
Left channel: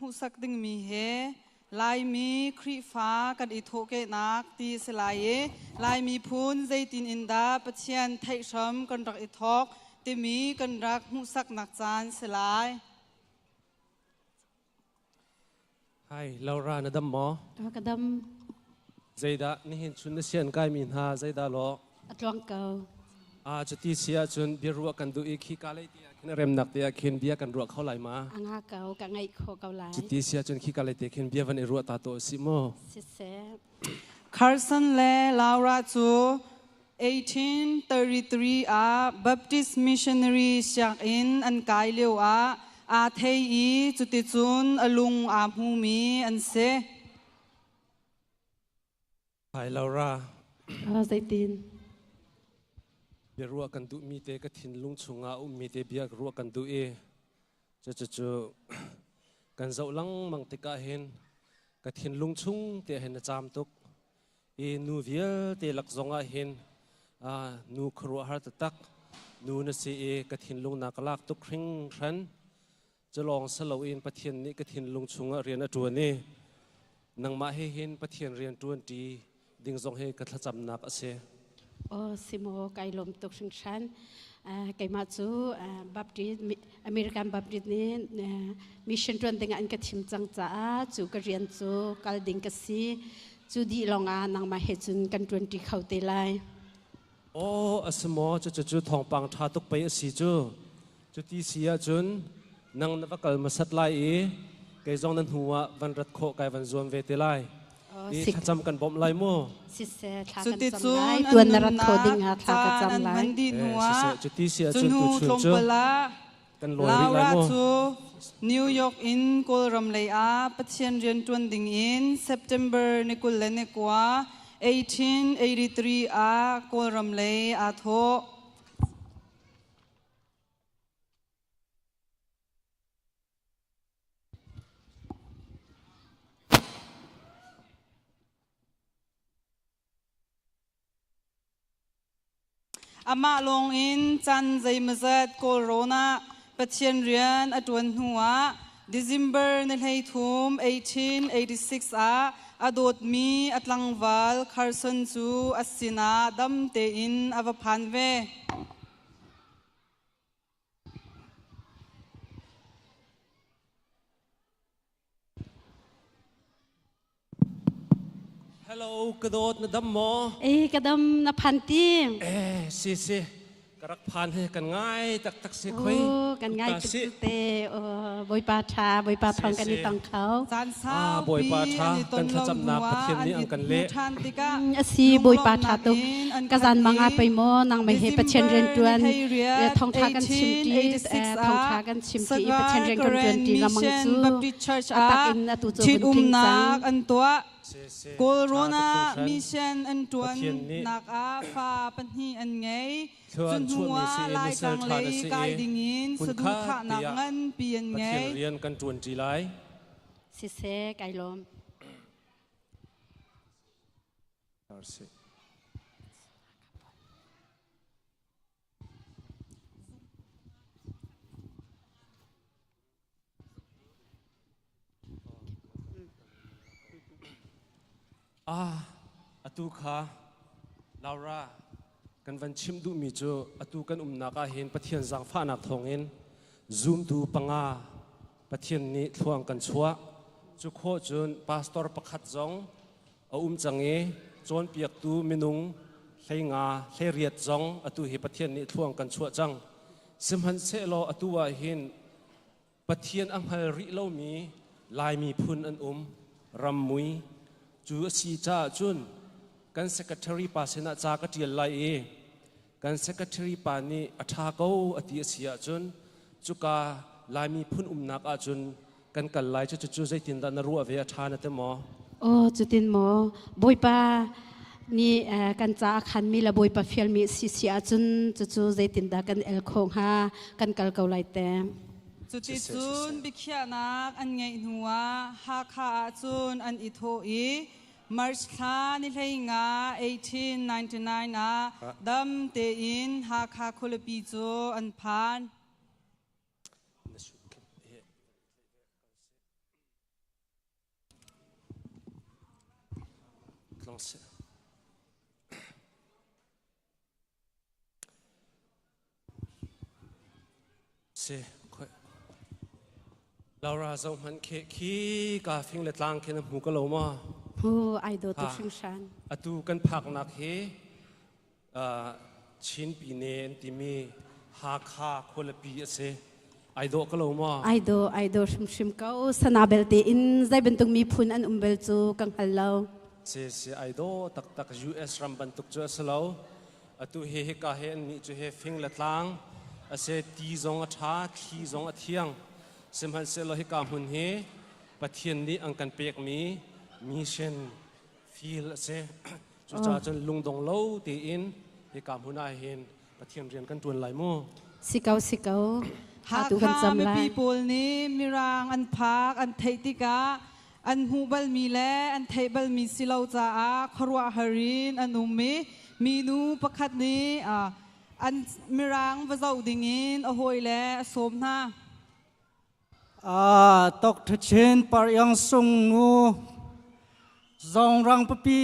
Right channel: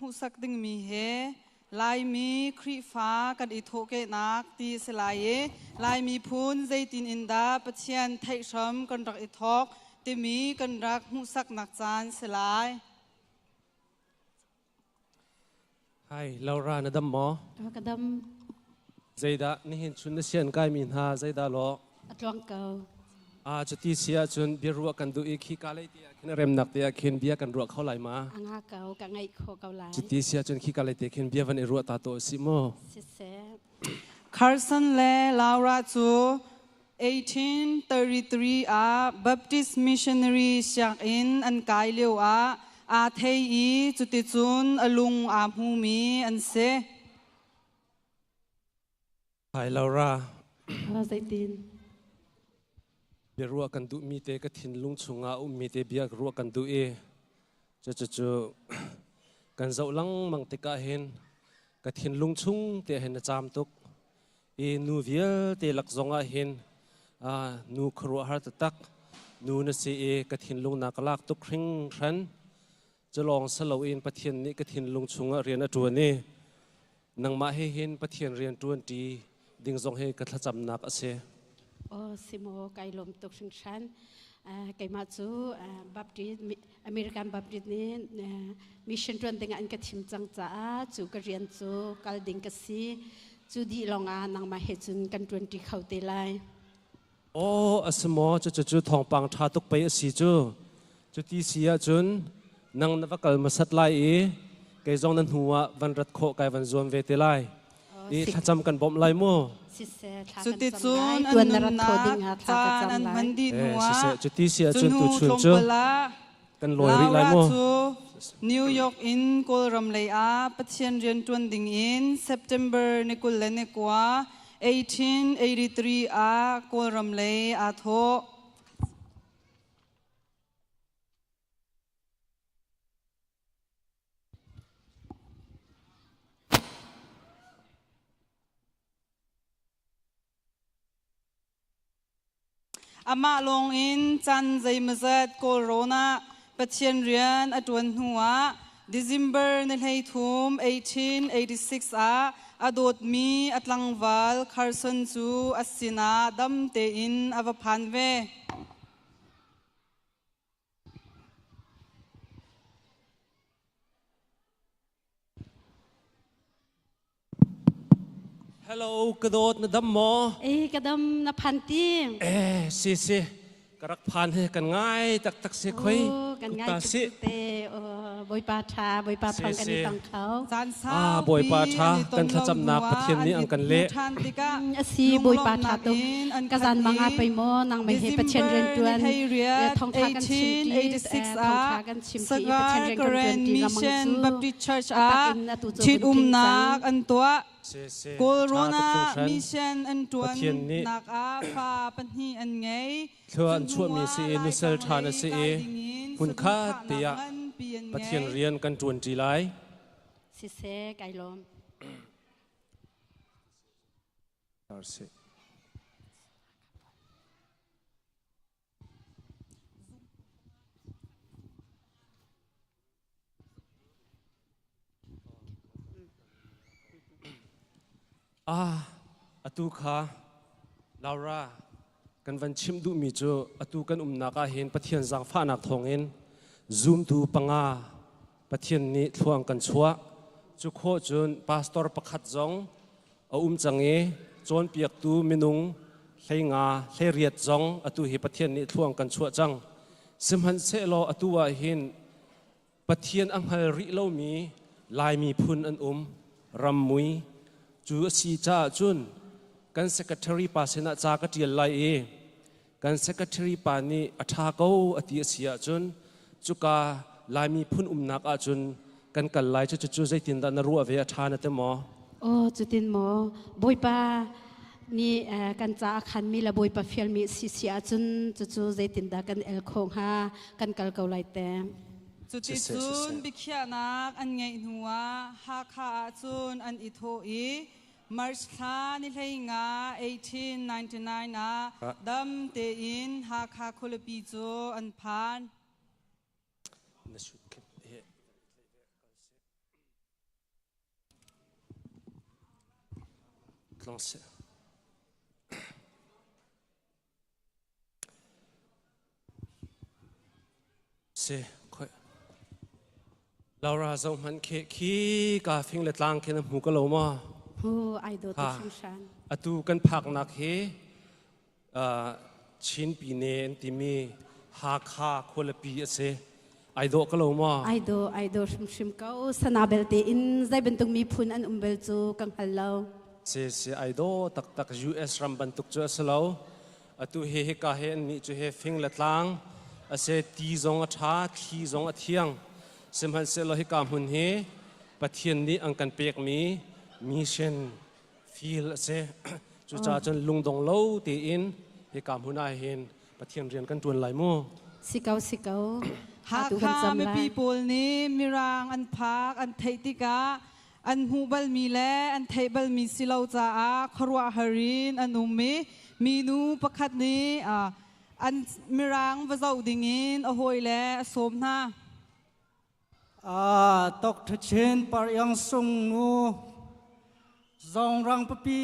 หูสักดึงมีเฮลายมีครีฟ้ากันอิโทเกนักตีสลายลายมีพูนใจตินอินดาปเชียนไทยชมกันรักอิทอกตีมีกันรักหูสักนักจานสลายให้เรารานะดำหมอกระดำใจดานี่เห็นชุนเชียนกายมีหาใจดาโลอัตลังเกาจุดที่เสียจนเบียรัวกันดูอีกขี้กาเลยเตียขึ้นเร็มหนักเตียขึ้นเบียกันรัวเข้าไหลมาอ่างเกากังไงโคเกาไหลจุดที่เสียจนขี้กาเลยเตียขึ้นเบียวันรัวตาโตสิโมคาร์สันเล่ลาวราจู1833Baptist missionary เสียงอินอันกายเลียวเทยีจุดที่จุนอลุงหูมีอันเสไปลาวราใจตินเบียรัวกันดูมีเตกถิ่นลุงชงมีเตเบียรัวกันดูจะกันเจ้าลังมังเตกะเห็นกถิ่นลุงชงเตเห็นจามตุกนูเวียเตลักจงเห็นนูครัวฮาร์ตตักนูนสีกถิ่นลุงนักลักตุกคริงรันจะลองสลาวินปะเทียนนี้กถิ่นลุงชงเรียนตัวนี้นังมาให้เห็นปะเทียนเรียนตัวดีดิ่งจงให้กระทำนับเสโอ้สิโมไก่ลมตกชิงชันไก่มาจูบัพติสอเมริกันบัพติสนี่มิชชั่นรวนติงอันกระทิมจังจ้าจูกระเรียนจูกัลดิงกสีจูดีลองนังมาเฮจุนกันรวนที่เขาเตลัยโอ้สมอจูทองปังทาตุกไปสิจูที่เสียจุนนังนวักลมาสัตไลไก่จงนั้นหัววันรัดโคไก่วันจวนเวเตไลนี่ถ้าจำกันบ่มไลมั่วจุดที่จุนตัวนรัตโคดิ้งทากจำไลจุดที่เสียจุนตุชุนเจอกันลอยริไลมั่วนิวยอร์กอินกุลรำเลยปัจเจียนเรียนจวนดิ้งอิน September นิกุลเลนกว่า1883กุลรำเลยโท อามาลงอินจันใจมาจัดโคโรนาปัจเจียนเรียนอดวนหัว December ในให้ทุ่ม1886อดดมีอัตลังวาลคาร์สันจูอัสินาดัมเตอินอวพันเวฮัลโหลกระโดดนะดัมหมอก ระดมนพันตีสิกระรักพันให้กันง่ายตักเสียคุยกันง่ายจุดเตบอยปาชาบอยปาทองกันนี่ต้องเขาบอยปาชากันถ้าจำนักประเทศนี้อังกันเละสีบอยปาชาตุกระจันมังอาไปโมนางไม่เห็นประเทศเรียนจวนทองทากันชิมตีทองทากันชิมตีประเทศเรียนกันจวนตีละมังจูตักอินตุจูบุญทิ้งจังโคโรนามิเชนอันตวนนักอาฟาปัญหีอันไงช่วงมีซีนิเซลทานซีคุณค่าเตียประเทศเรียนกันจวนจีไลสิเซไกลลมอตูค่ะลาวรากันวันชิมดูมีจูอตูกันนักเห็นประเทศสังฟ้านักทองเห็นซูมดูปังอาประเทศนี้ทวงกันชัวจุโคจุนพาสตอร์ประคัดจงจังเอจนเปียกตูมินุงเฮงาเฮเรียดจงอตูเห็นประเทศนี้ทวงกันชัวจังสิมหันเซโลอตูว่าเห็นประเทศอังฮัลริโลมีลายมีพุนอันรำมุยจูสีจ้าจุนกัน secretary ปาเสนาจาก็เดียลไลกัน secretary ปานีอัฐาเกาอติเสียจุนจุกาลายมีพุ่นนักอาจุนกันกันไลจุใจตินดานรัวเวียทานเตมอจุตินหมอบอยปานี่กันจ้าขันมีละบอยปาฟิลมีสิเสียจุนจุใจตินดากันเอลคงฮากันกัลเกาไลเตมจุดจุนบิขยานักอันไงหัวฮาคาจุนอันอิโทอีมาร์ชคานิเลงา1899นะดัมเตอินฮาคาคุลปีโจอันพานลองเสียเราราจงมันขี้กาฟิงเล็ดลางแค่น้ำหูก็โลมาผู้ไอดอลตัวชิงชันอตูกันผักนักเฮชินปีเนนติมีฮาคาคนละปีเสไอดอลก็โลมาไอดอลชิมเขาสนาเบลตีอินใจเป็นตุงมีพุนอันเบลจูกังฮัลโลเสไอดอลตัก US รัมบันตุกเจอสโลอตูเฮกาเฮนี่จูเฮฟิงเล็ดลางเสตีจงอัฐาทีจงอัเทียงสมัยเซลฮิกามุนเฮประเทศนี้อังกันเปียกมีเช่นฟีลเซจุจ่าจนลุงดงโลตีอินฮิกามุนอาเห็นประเทศเรียนกันตัวไหลมู่สิเกาหากข้ามีปีปูลนี้มีรางอันพักอันเทติกาอันหูบัลมีแลอันเทบัลมีสิลาวจ้าครัวฮารินอันอุมีนูประคัดนี้อันมีรางวะเจ้าดิ่งินอโหยแลสมนาตกทุเชนปายังทรงงูจองรังปปี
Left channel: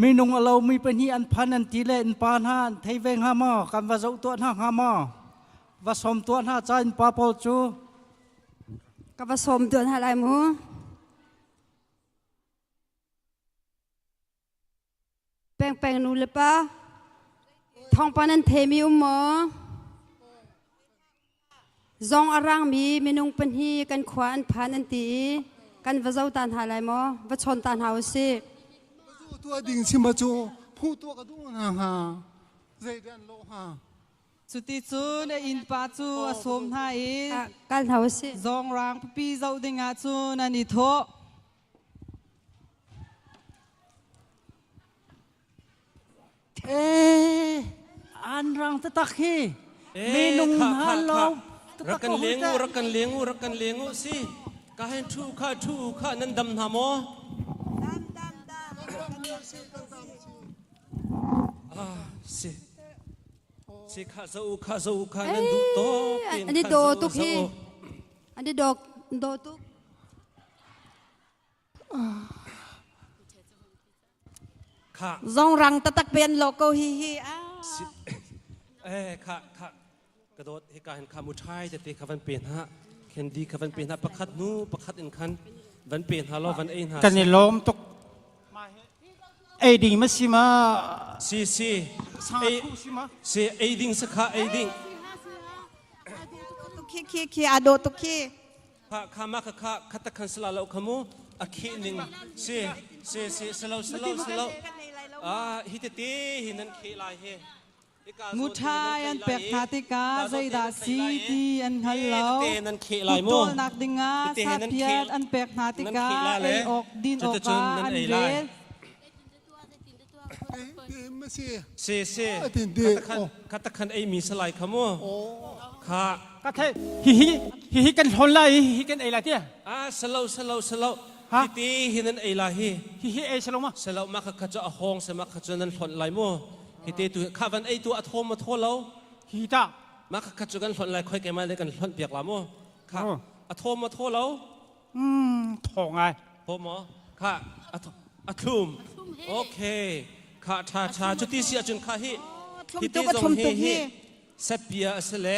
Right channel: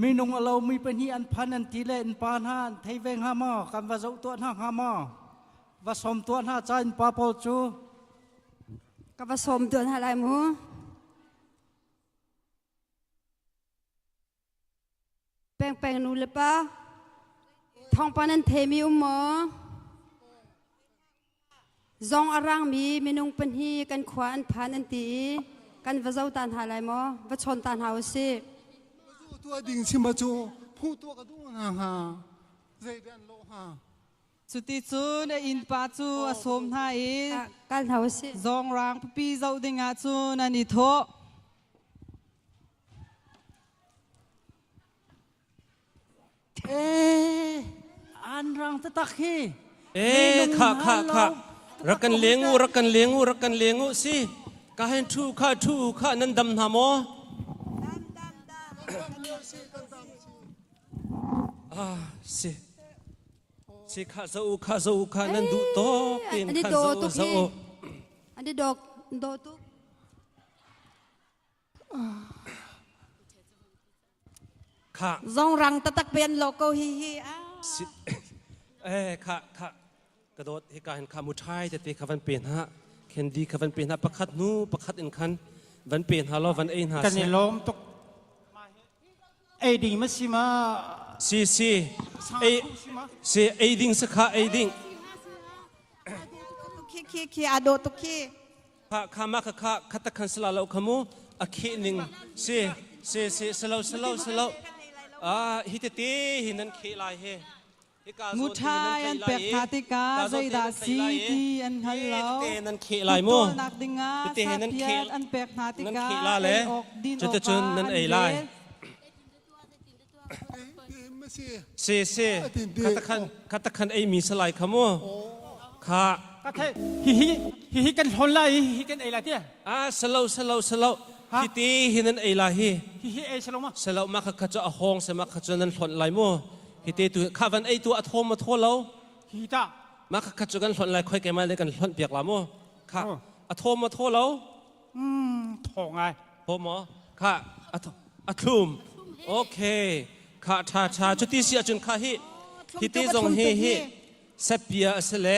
มีนงเรามีปัญหาอันพันอันทีเลนปานหาไทยเวงหามากันว่าจะตัวหามาว่าสมตัวหาใจปาปอจูกับว่าสมตัวอะไรมูแปลงนูเลยปะทองปานันเทมีอุโมจงอรังมีนุงเป็นฮีกันขวานผ่านอันตีกันว่าเจ้าตานหาอะไรมั้ว่าชนตานหาสิตัวดิ่งชิมาจูผู้ตัวกระดุมฮะใจเดินโลฮะจุดที่จูในอินปาจูอสมหาอีกันหาสิจงรังปีเจ้าดิ่งอาจูนันอิโทอันรังตะตักฮีค่ะรักกันเลี้ยงสิกาเห็นทูข้านั้นดำหามอ สิข้าเจ้าข้านั่นดูโตกิน อันนี้ ข้า โด เจ้า ตุกฮีอันนี้โดตุก ข้า ซองรังตะตักเปลี่ยนโลโก้ฮีข้ากระโดดให้การข้ามุชัยแต่ตีข้าวันเปลี่ยนฮะเคนดีข้าวันเปลี่ยนฮะประคัดนู้ประคัดอินคันวันเปลี่ยนฮะล้อวันเอ็นฮะกันนี่ล้มตกไอ้ดิ่งมาสิมาซีไอ้ดิ่งสักข้าไอ้ดิ่งคีอาโดตุกคีข้ามาข้าตะคันสลาเราขโมอาคีหนึ่งซีสลาวฮิตตีหินันเคลายเฮมุทายอันเปียกนาติกาใจดาซีทีอันฮัลโหลตัวนักดิงาสัตยาอันเปียกนาติกาไอออกดินออกมาอันเดข้าตะคันไอมีสลายขโมข้าก็ใช่ฮิกันทนไล่ฮิกันไอ้ละเตี้ยสลาวฮิตีหินันไอลาฮิไอ้สลาวมาข้าจะเอาห้องสมัครข้าจะนั่นทนไล่มั่วฮิตีตัวข้าวันไอตัวอัฐมมาทั่วเราฮิตามาข้าจะกันทนไล่ค่อยแกมาเลยกันทนเปียกละมั่วข้าอัฐมมาทั่วเราทองไงพอหมอข้าอัฐมโอเคข้าชาจุดที่เสียจนข้าฮิตีจงฮิเสปียสเล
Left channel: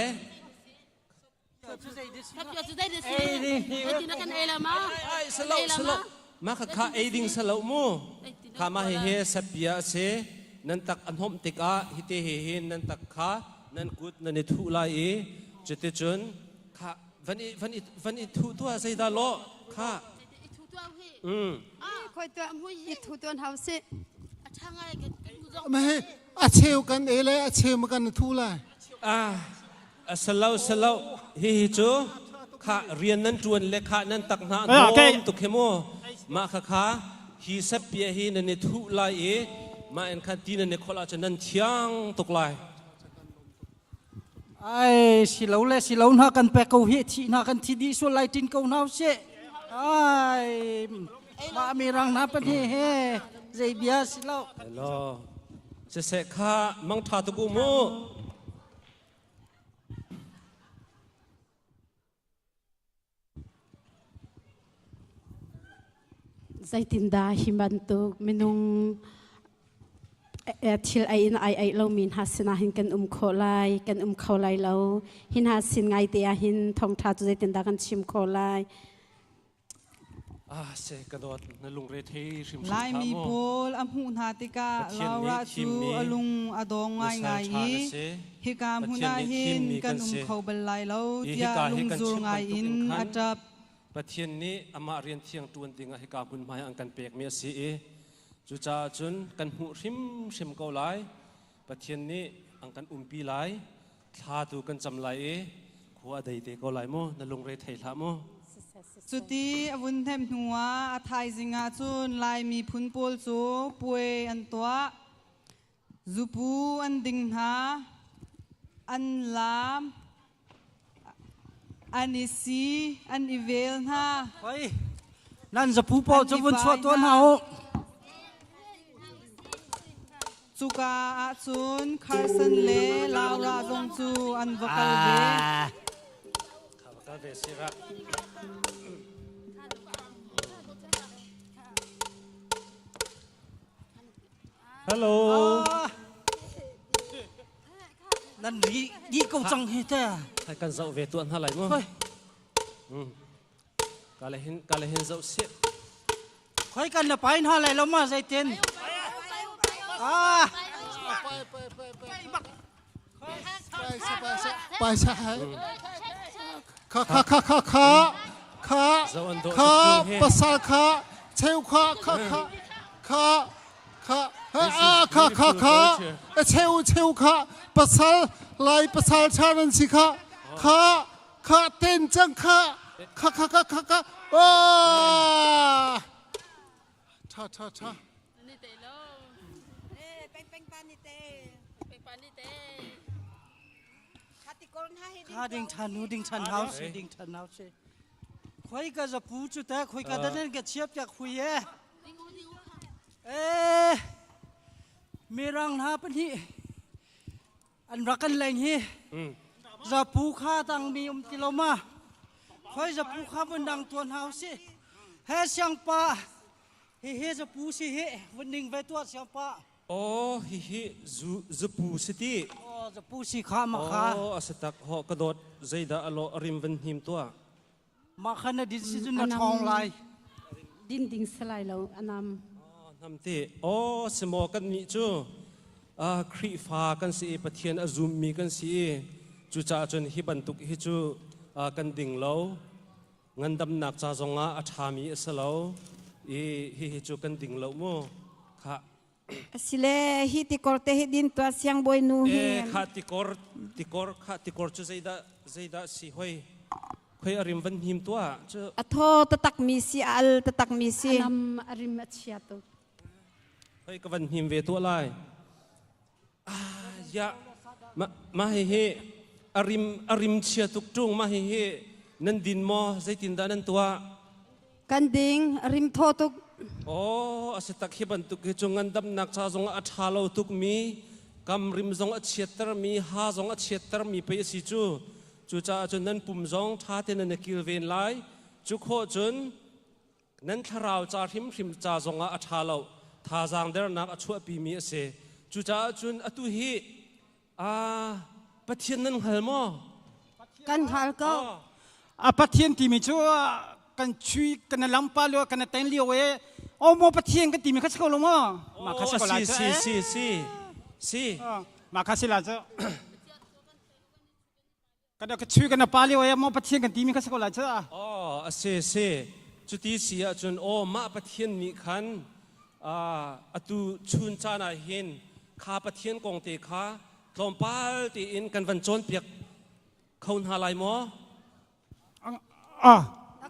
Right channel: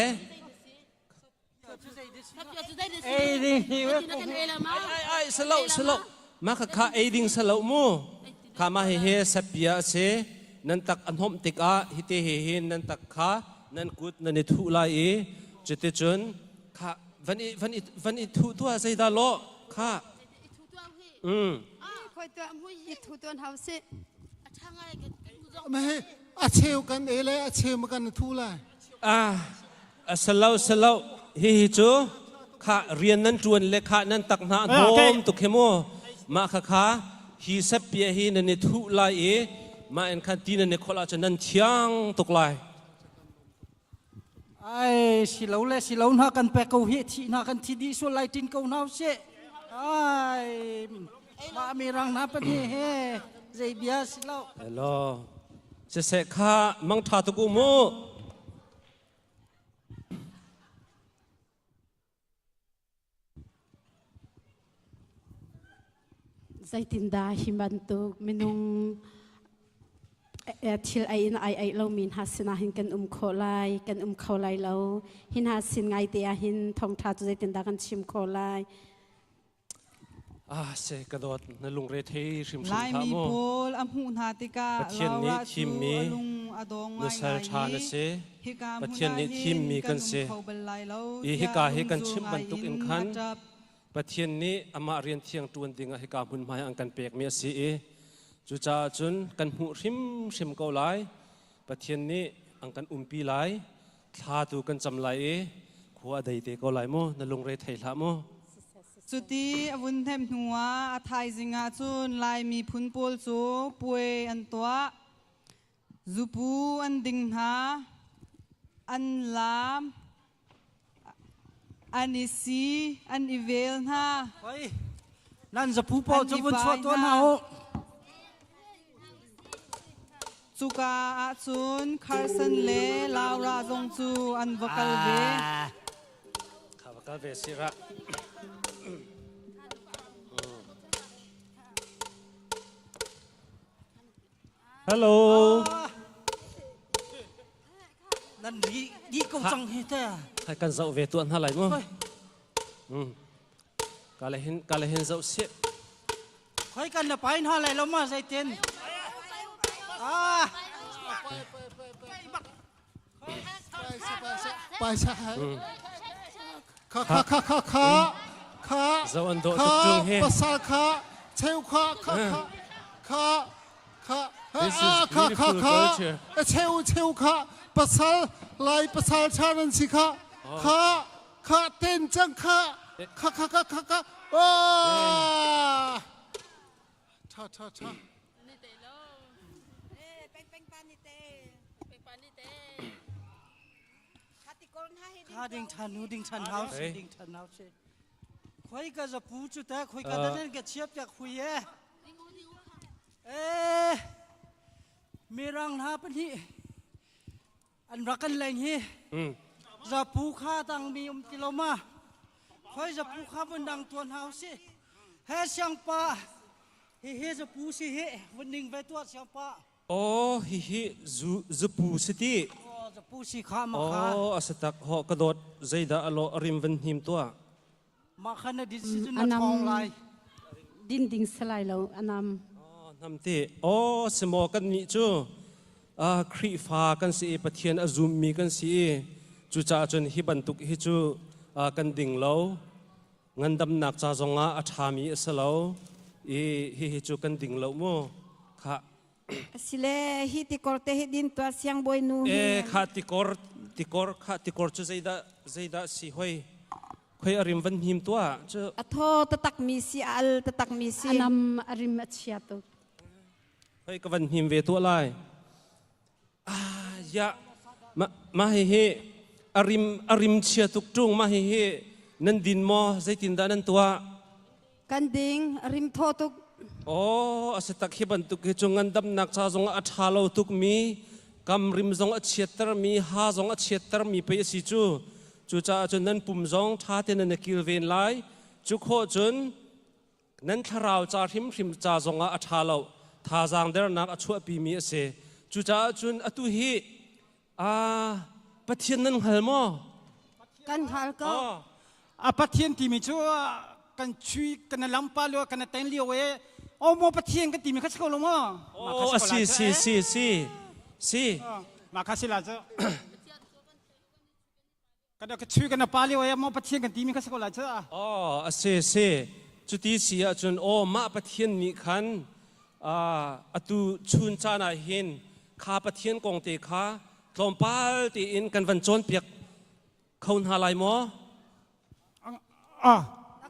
สลบมาข้าไอดิ่งสลบมูข้ามาเฮสเปียเสนันตักอันหอมติกาฮิตเฮนันตักข้านันกุดนันทุลายจุดจนข้าวันอีทุตัวใจดาโลข้าคอยตัวมุ้ยอีทุตัวเท้าเสไม่อาเชลกันเอเลยอาเชลมากันทุลายสลาวฮิจูข้าเรียนนั้นจวนเลขานั้นตักหน้าโดมตุกเขโมมาข้าฮิสเปียฮินันทุลายมาเอ็นคันตีนันคนละจะนั่นเชียงตุกลายไอ้สิเหลาเลยสิเหลาหน้ากันแปะเกาเหตุหน้ากันที่ดีส่วนไล่จินเกาหน้าเสียไอ้มามีรังน้ำเป็นเฮ่ใจเบียสิเหลาฮัลโหลจะเสกข้ามังทาตุกุโมใจตินดาหิมันตุกมินุงทิลไอเรามินฮัสนาหินกันโคไลกันเขาไลเราหินฮัสซินไงเตียหินทองทาจุใจตินดากันชิมโคไลเสกระโดดนลุงเรทีชิมไลมีปูลอัมหุนฮาติกาลาวราชูลุงอดงไงฮิกามหุนไหินกันเขาเบลไลเราฮิกาฮิกันชิมบันตุกินขันประเทศนี้อามาเรียนเที่ยงตัวนดิ่งให้กาบุญมาอังกันเปียกเมียสีจุจ่าจุนกันหูริมเกาไหลประเทศนี้อังกันปีไหลทาตูกันจำไหลขวาใดเตเกาไหลโมนั่นลงเรไทยละโมสุดีอวุนเทมหัวอาไทยสิงาจุนลายมีพุนปูลจูป่วยอันตัวจูปูอันดิ่งหาอันลามอันอิซีอันอีเวลฮะเฮ้ยนั่นจะผู้ปอจะวุ่นชัวตัวเฮาจูกาอาจุนคาร์สันเลลาวราจงจูอันวกัลเวข้าวกัลเวสิระฮัลโหลนั่นดีกูจังเฮต้าใครกันเจ้าเวตัวนั่นอะไรมั้งกาเลหินเจ้าเสียใครกันละไปนั่นอะไรแล้วมาใจเย็นไปใช่ข้าภาษาข้าเชี่ยวข้าเชี่ยวข้าภาษาลายภาษาชาติสิข้าเต้นจังข้าชาข้าดิ่งชันเฮาส์คุยกันจะพูดจุดแต่คุยกันนั่นก็เชียบจากคุยมีรังหาปนี่ อันรักกันแรงฮีจะปูข้าตังมีกิโลมาคอยจะปูข้าบนดังตัวเฮาสิเฮเสียงป้าเฮจะปูสิเฮวันนิ่งไปตัวเสียงป้าโอ้ฮิจะปูสิทีจะปูสิข้ามาข้าโอ้อาสตักหอกระโดดใจดาอโลริมวันหิมตัวมาขันดินสิจุนทองลายดินดิ่งสลายแล้วอันนำเตโอ้สมอกันนี่จูครีฟ้ากันสิปะเทียนอซุมมีกันสิจูจ่าจนฮิบันตุกฮิจูกันดิ่งแล้วเงินดำหนักจ่าจงอาชามีสลาวฮิจูกันดิ่งแล้วมั้งค่ะสิเลฮิติกอร์เตฮิดินตัวเสียงบอยนูค่ะติกอร์จูใจดาสิหอยคอยอริมวันหิมตัวจูอัทโตตักมีสิอัลตักมีสินำอริมเชียตุคอยกับวันหิมเวตัวไลยะมาเฮอริมเชียตุกจุงมาเฮนันดินมอใจตินดานันตัวกันดิงอริมทอตุกโอ้อาศัยตักฮิบันตุกจงงันดับนักชาจงอัฐาลตุกมีกำริมจงอัดเชียตรมีหาจงอัดเชียตรมีไปสิจูจ่าจนนั้นปุ่มจงท่าเทนันกิลเวนไลจุโคจนนั้นทาราวจ่าริมจ่าจงอัฐาลท่าจางเดรนักอัชวปีมีเสจุจ่าจนอตุฮีปะเทียนนั้นหัลมอกันหัลก็ปะเทียนที่มีชัวกันชุยกันลำปาเลียวกันเต็นเลียวเอโอ้โมปะเทียนกันที่มีข้าศึกลงมามาข้าศึกลาซีมาข้าศึกลาจ้ะกันเด็กชุยกันปาเลียวเอโมปะเทียนกันที่มีข้าศึกลาจ้ะอ๋อซีจุดที่เสียจนโอ้มาปะเทียนมีขันอตุชุนจานาหินข้าปะเทียนกงเตข้าลมปาลตีอินกันวันจนเปียกเขาหาลายมอ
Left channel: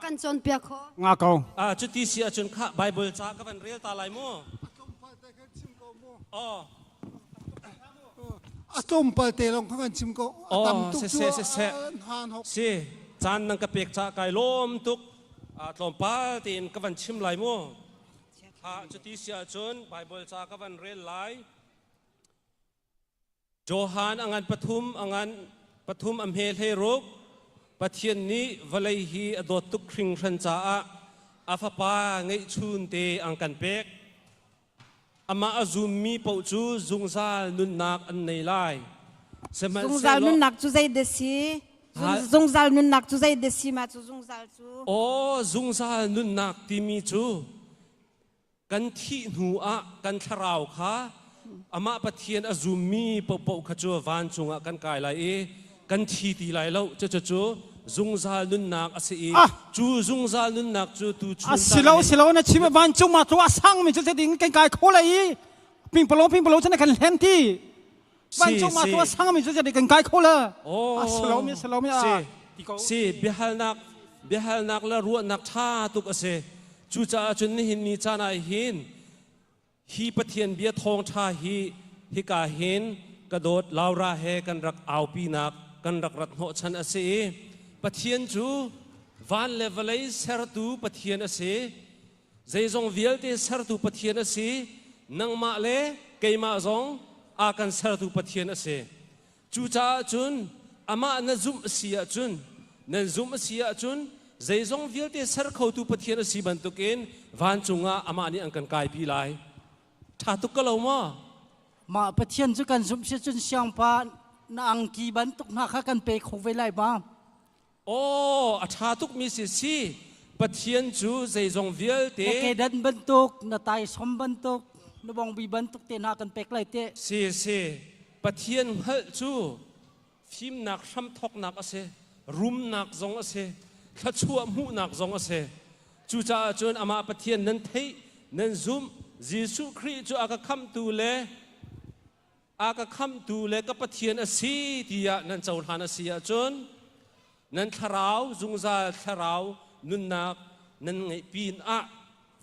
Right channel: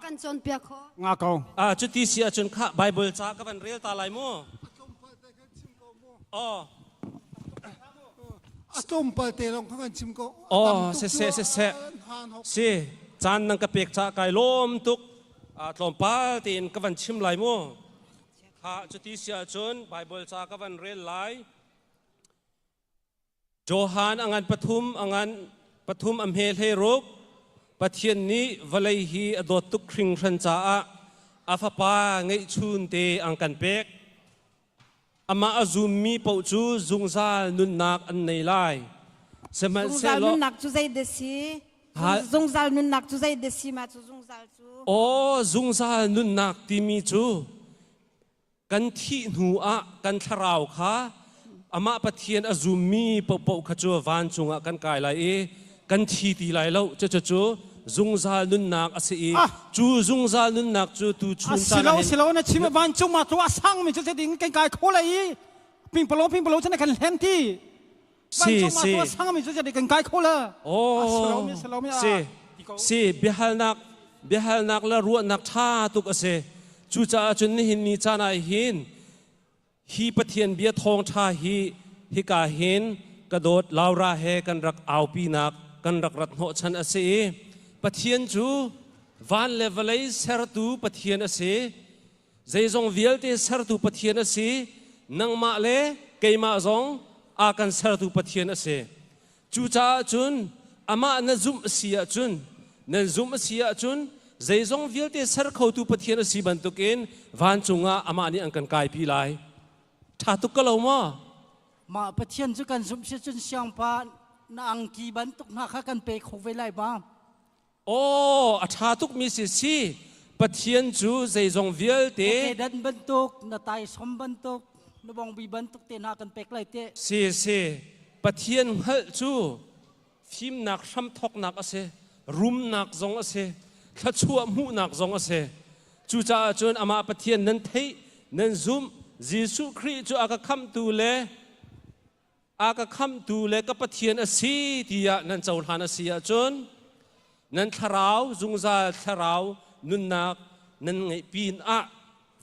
กันจนเปียกงาเกาจุดที่เสียจนข้าไบเบิลจากกันเรียลตาลายมต้มเปิดเตลงข้างชิมก็เสจานนังกระเปกจากไก่ล้มตุกลมปาลตีอินกันวันชิมลายมจุดที่เสียจนไบเบิลจากกันเรียลไลโจฮานอังอันปฐุมอัมเฮลเฮรุกปะเทียนนี้วลัยฮีอดอตุกคริงชันจ้าอาฟปาไงชุนเตอังกันเป็กอามาอซุมมีปูจูซุงซานุนนักอันในไลซุงซานุนนักจูใจเดซีซุงซานุนนักจูใจเดซีมาจูซุงซาจูโอ้ซุงซานุนนักที่มีจูกันที่หัวกันทราวขาอามาปะเทียนอซุมมีปูขจัววานจุงกันกายไลกันทีตีไลแล้วจูซุงซาลุนนักอาศัยจูซุงซาลุนนักจูตูชุนสิเรานะชิมวานจุงมาตัวสังมีจะดิ้งกันกายโคเลยพิงปโลฉันกันเห็นที่วานจุงมาตัวสังมีจะดิ้งกันกายโคเลยโอ้สิเรามีสิเบียฮัลนักละรัวนักท่าตุกอาศัยจูจ่าจนหินนี่จานายหินฮีปะเทียนเบียทองชาฮีกาเห็นกระโดดลาวราเฮกันรักเอาปีนักกันรักรัตโนชันอาศัยปะเทียนจูวันเลเวลเลยเซอร์ตูปะเทียนอาศัยใจจงวิลเตเซอร์ตูปะเทียนอาศัยนังมาเลเกยมาจงอากันเซอร์ตูปะเทียนอาศัยจูจ่าจุนอามาเนซุมเสียจุนใจจงวิลเตเซอร์เขาตูปะเทียนอาศัยบรรทุกินวันจุงอามานี่อังกันกายปีไลถ้าตุกกะลาวมาปะเทียนจุกันซุมเสียจุนเสียงปานางกีบันตุกนักกันเปกเขาไว้ไล่บ้าโอ้อาชาตุกมีสิปะเทียนจูใจจงวิลเตดันบันตุกนาตายสมบันตุกนบองบีบันตุกเตนากันเปกไล่เตสิปะเทียนฮัลจูฟิมนักช้ำทอกนักอาศัยรุมนักจงอาศัยขัดชัวมูนักจงอาศัยจูจ่าจนอามาปะเทียนนั้นเทนั้นซุมยิสุคริจูอากาคัมตูเลก็ปะเทียนอาศัยที่นั่นเจ้าทานอาศัยจนนั้นทาราวจุงซาทาราวนุนนักนั้นไงปีน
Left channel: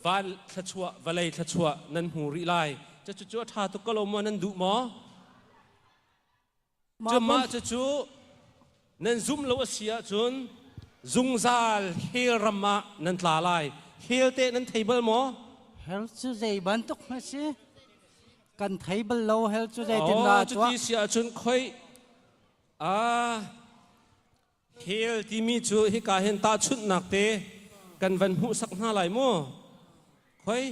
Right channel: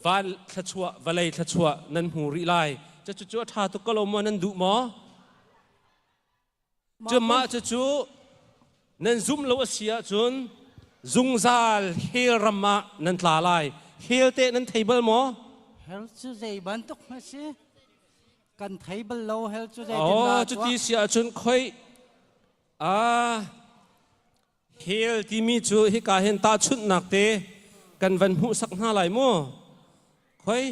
วันทัชวะวันเลยทัชวะนั้นหูริไลจะจู่ๆท่าตุกลมนั้นดุหมอจะมาจู่ๆนั้นซุ่มโลอาศัยจนจุงซาเฮรำมานั้นลาไลเฮลเตนั้นเทเบิลหมอเฮลจูใจบันตุกนะสิกันเทเบิลโลเฮลจูใจตินลาจุดที่เสียจนค่อย เฮลที่มีจูฮิกาเห็นตาชุดหนักเตกันวันหูสักหน้าไหลมั่วเฮ้ย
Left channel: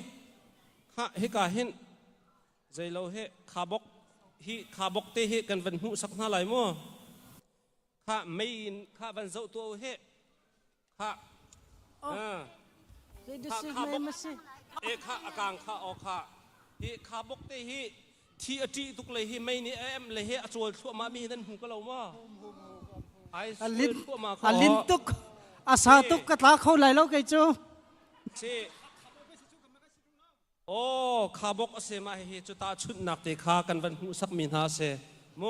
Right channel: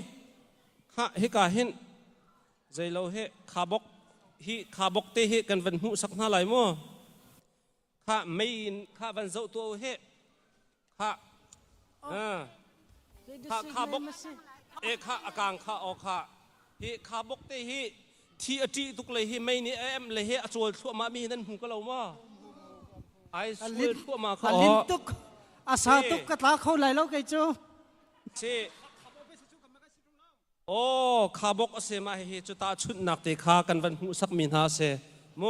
ข้าฮิกาเห็นใจเราเฮขาบกเตเฮกันวันหูสักหน้าไหลมั่วข้าไม่ข้าวันเจ้าตัวเฮข้าข้าบกข้าอากางข้าออกข้าเฮขาบกเตเฮที่อดีตุกเลยเฮไม่นี่เลยเฮอจวลทั่วมามีนั่นหูก็เราว่าไอ้สุดทั่วมาเขาลินตุกอาสาตุกกระทาเขาไหลแล้วไงจูโอ้ข้าบอกเสมาเฮจุตาชุดหนักเตข้ากันวันหูสักมินหาเสโม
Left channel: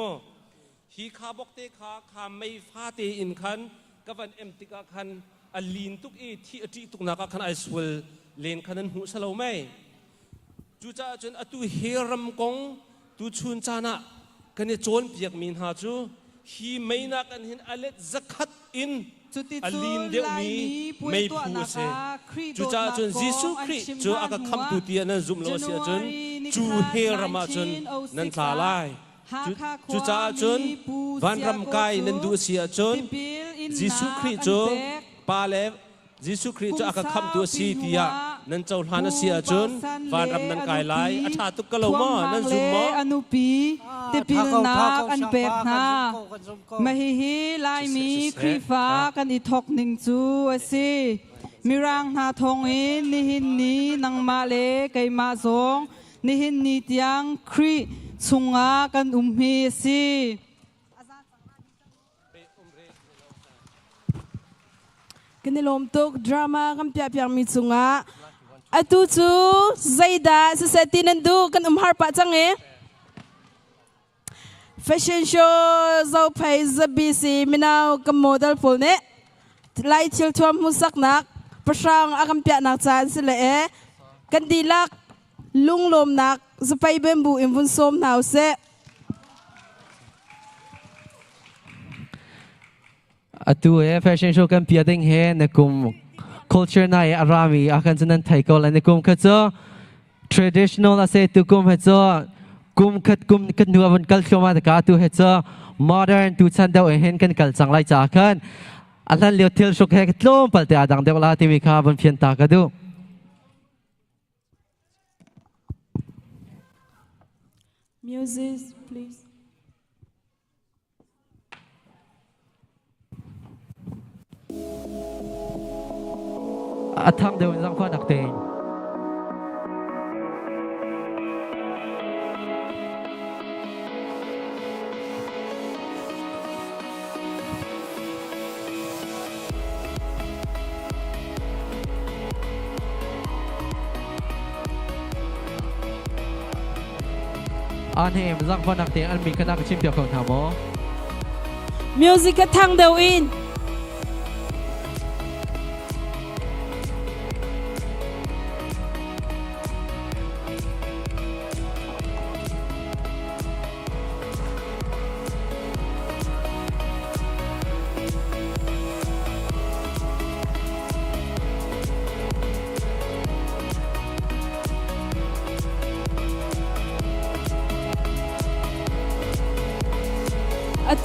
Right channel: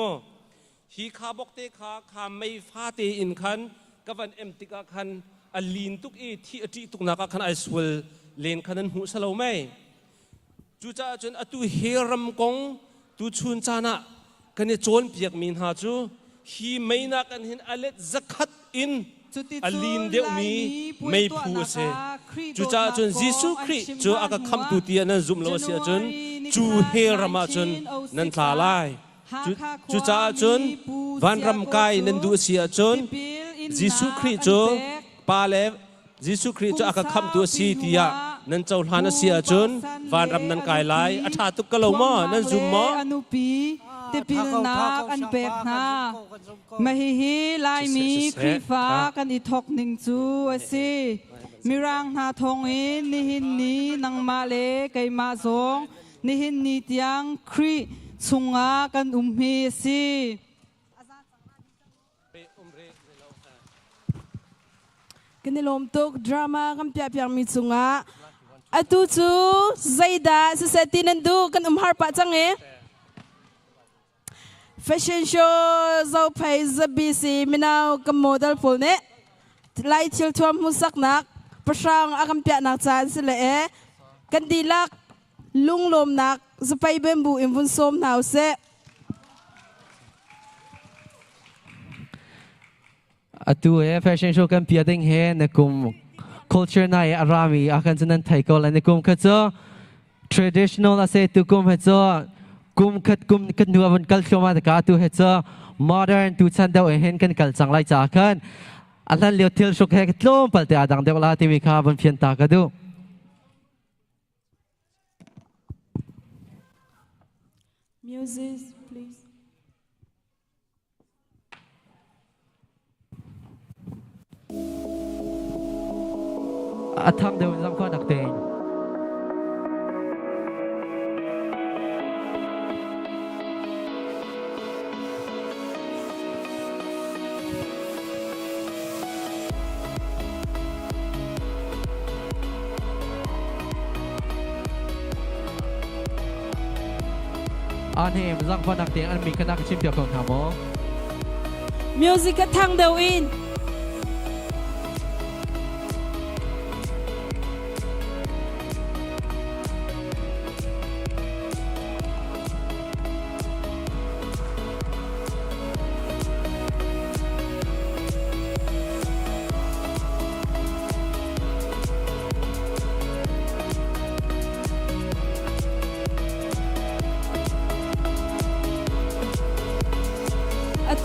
ฮีข้าบอกเตข้าไม่ฟาเตอินคันกับวันติกาคันอลินตุกที่อดีตุกนักคันไอ้สุดเลนคันนั้นหูสลาวไม่จูจ้าจนอตุเฮรัมกงตูชุนจานะกันเนี่ยโจนเปียกมินหาจูฮีไม่นักกันเห็นอเล็ดจักขัดอินอลินเดียวมีไม่พูดเสจูจ้าจนยิสุคริจูอากาคำตุเตียนั้นซุ่มโลเสียจนจูเฮรามาจนนั้นทลาลายจูจ้าจนวันรำกายนั้นดูเสียจนยิสุคริจูปาเลยิสุคริจูอากาคำตัวสีเตียนั้นเจ้าหานเสียจนวันรำนั้นกายลายอาชาตุกกะโลมานั้นซุ่มมาติปิลนากันเปกนามาฮิลายมีครีฟ้ากันอีทอกหนึ่งจูสิมีรังหาทองอินนิหินนี้นังมาเลไกมาสงนิหินนี้เตียงครีสุงากันฮีสิกันในลมตุกดราม่ากันเปียกมีสุงาอตุจูใจดาสเสตินันดูกันฮาร์ปะจังเอFashion show เราไปจะบีซีมินาวกับโมเดลฟูเน่ไล่ชิลทวมมุสักนักประชางอากัมเปียนักจานสิเลกันดีลักลุงลมนักจะไปเบมบูอิมฟุนสมนาวเซอตัวแฟชั่นโชว์กันเปียดิงเฮนกุม culture นายอารามีอาการจะนั้นไทยก็เลยนกุมก็จะ traditional อาเซตุกุมเหตุกุมคัดนัวบนกัลชมาตะกาตัวเหตุ modern ตัวชันเดาเห็นกันกัลสังไลจากกันอันนั้นเลี้ยวเที่ยวชุกเหตุลมปัลเตอดังเดวลาที่มีข้าบนเพียนตากระดู Music please ทำเดินสังข้อนักเตงอันเฮมสังข้อนักเตงอันมีคณะชิมเปียกของทามอ Music กระทั่งเดวิน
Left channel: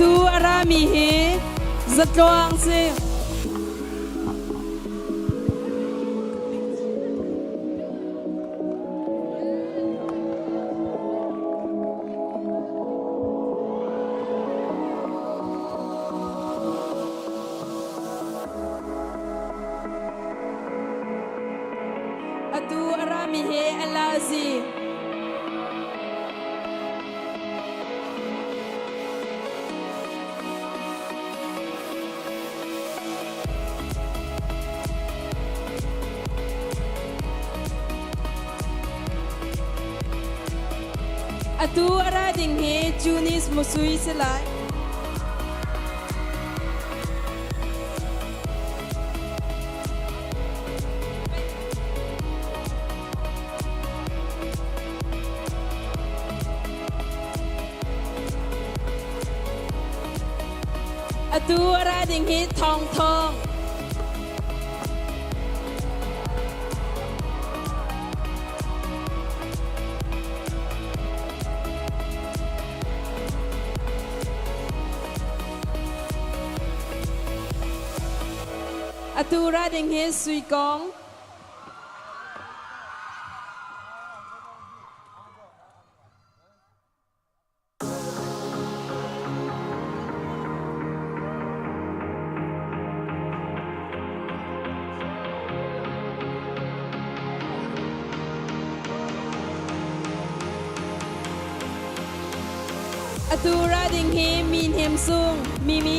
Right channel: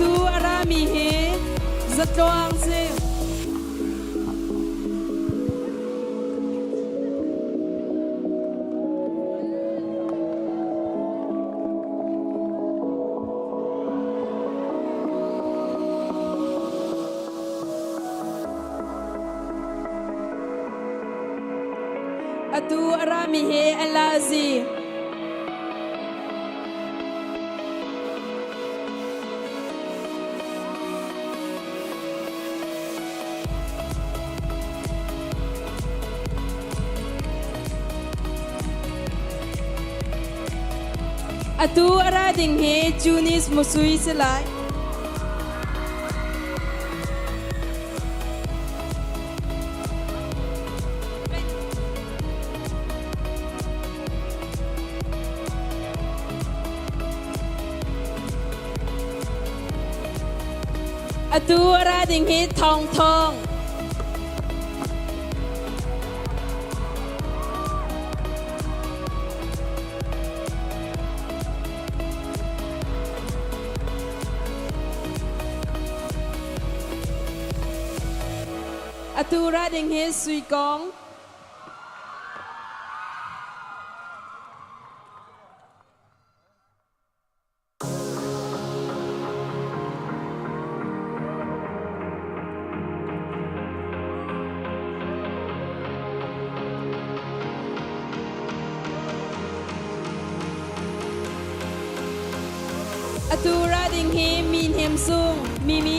ตูอารามีเฮจัดลองสิตูอารามีเฮอัลลาซีตูอาราดิงเฮจูนิสมุสุยสลายตูอาราดิงเฮทองทอง atu ra ding he sui kong atu ra ding he min hem sung mimi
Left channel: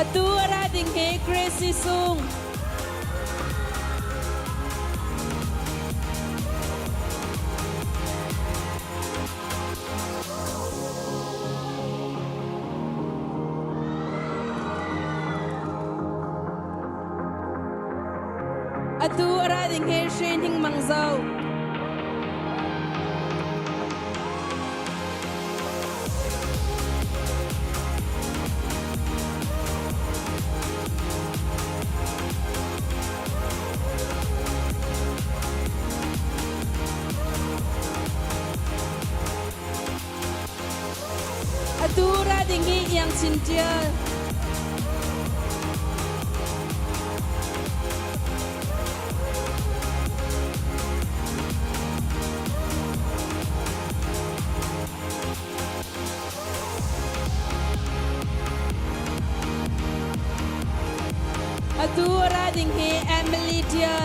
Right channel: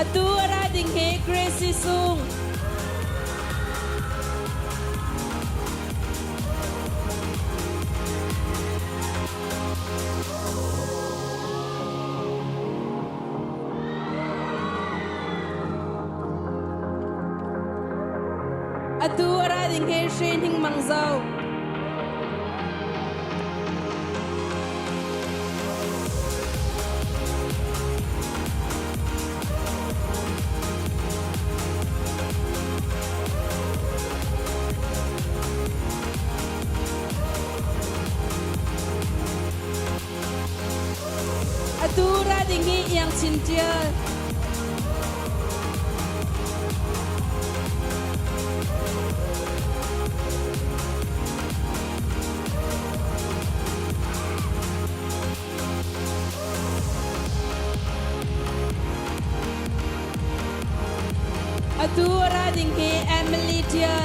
atu ra ding he crazy sung atu ra ding he shin hing mang zau atu ra ding he yang chin tia atu ra ding he Emily tia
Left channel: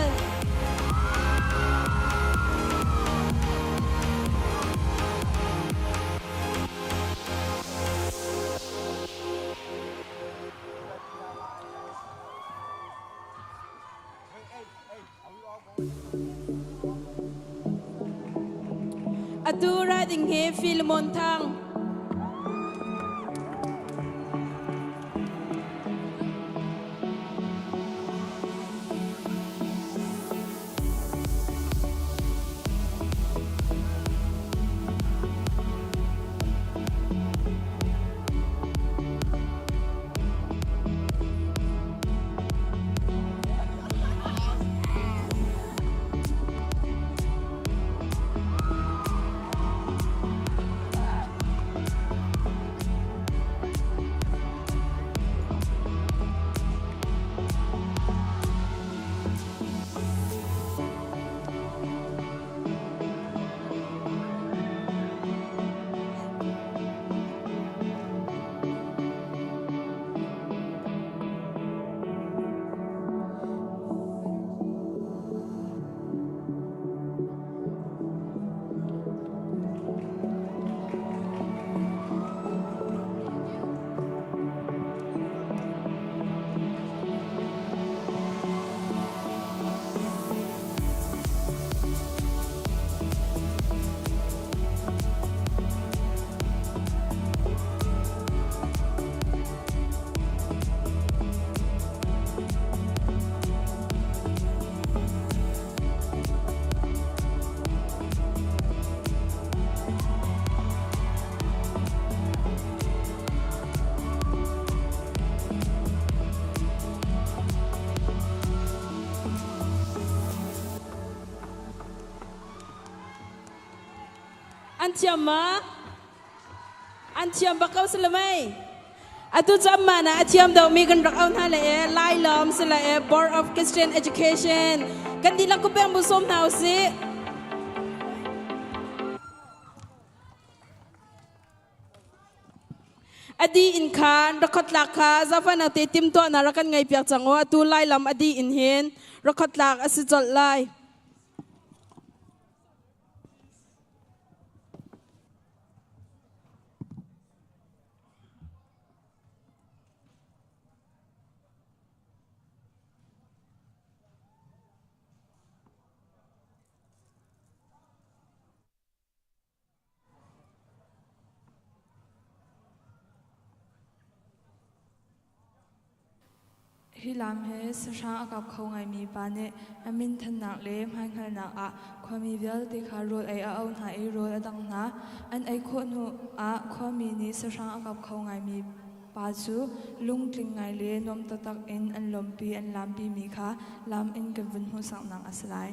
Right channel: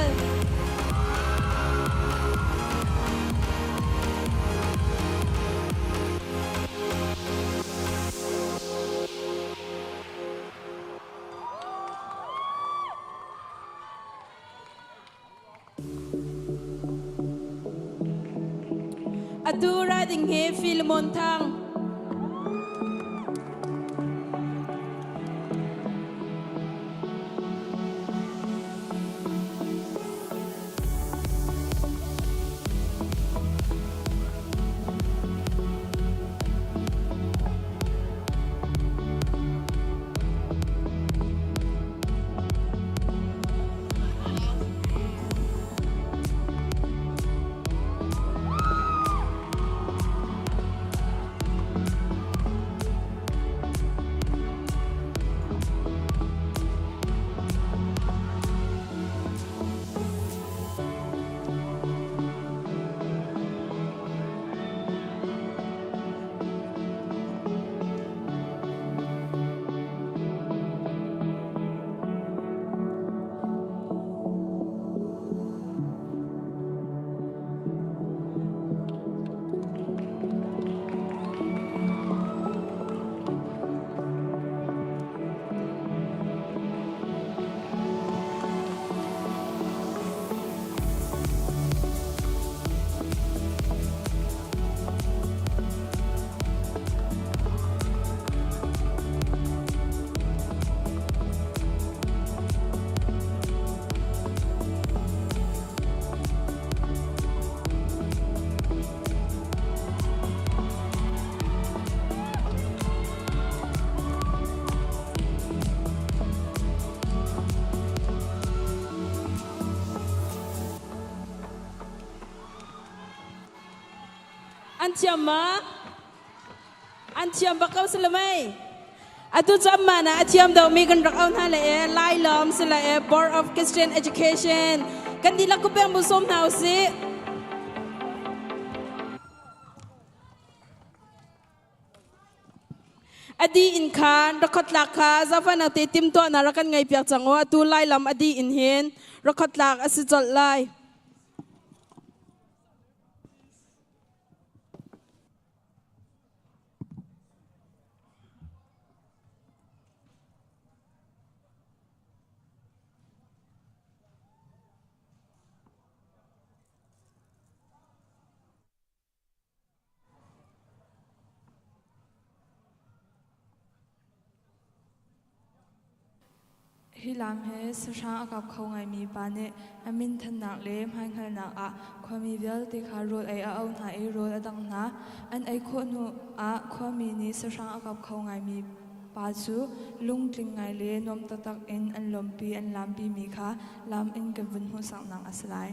atu ra ding he Philemon thang Antiam bakau selamai. Atu mana atiam daw mi kan rakam thale lai lom sela Board of Christian Education. Kan dila ko bang busom daw si. Adi in khan rakhat lakha zafa na te tim to na rakan ngai piak chango atu lai lam adi in hen rakhat lak asijol lai. Hilang he sasha agap khau ngai mi pa ne amin than nak le mai ngai nak a khwami vel te kha ro ai a au na e ro adang na an ai kho nu a khwami ni sasha agap khau ngai mi pa chu lung tling ngai le nom tatak in an lompi an lampi mi kha lam in ke vun hu sang nang aslai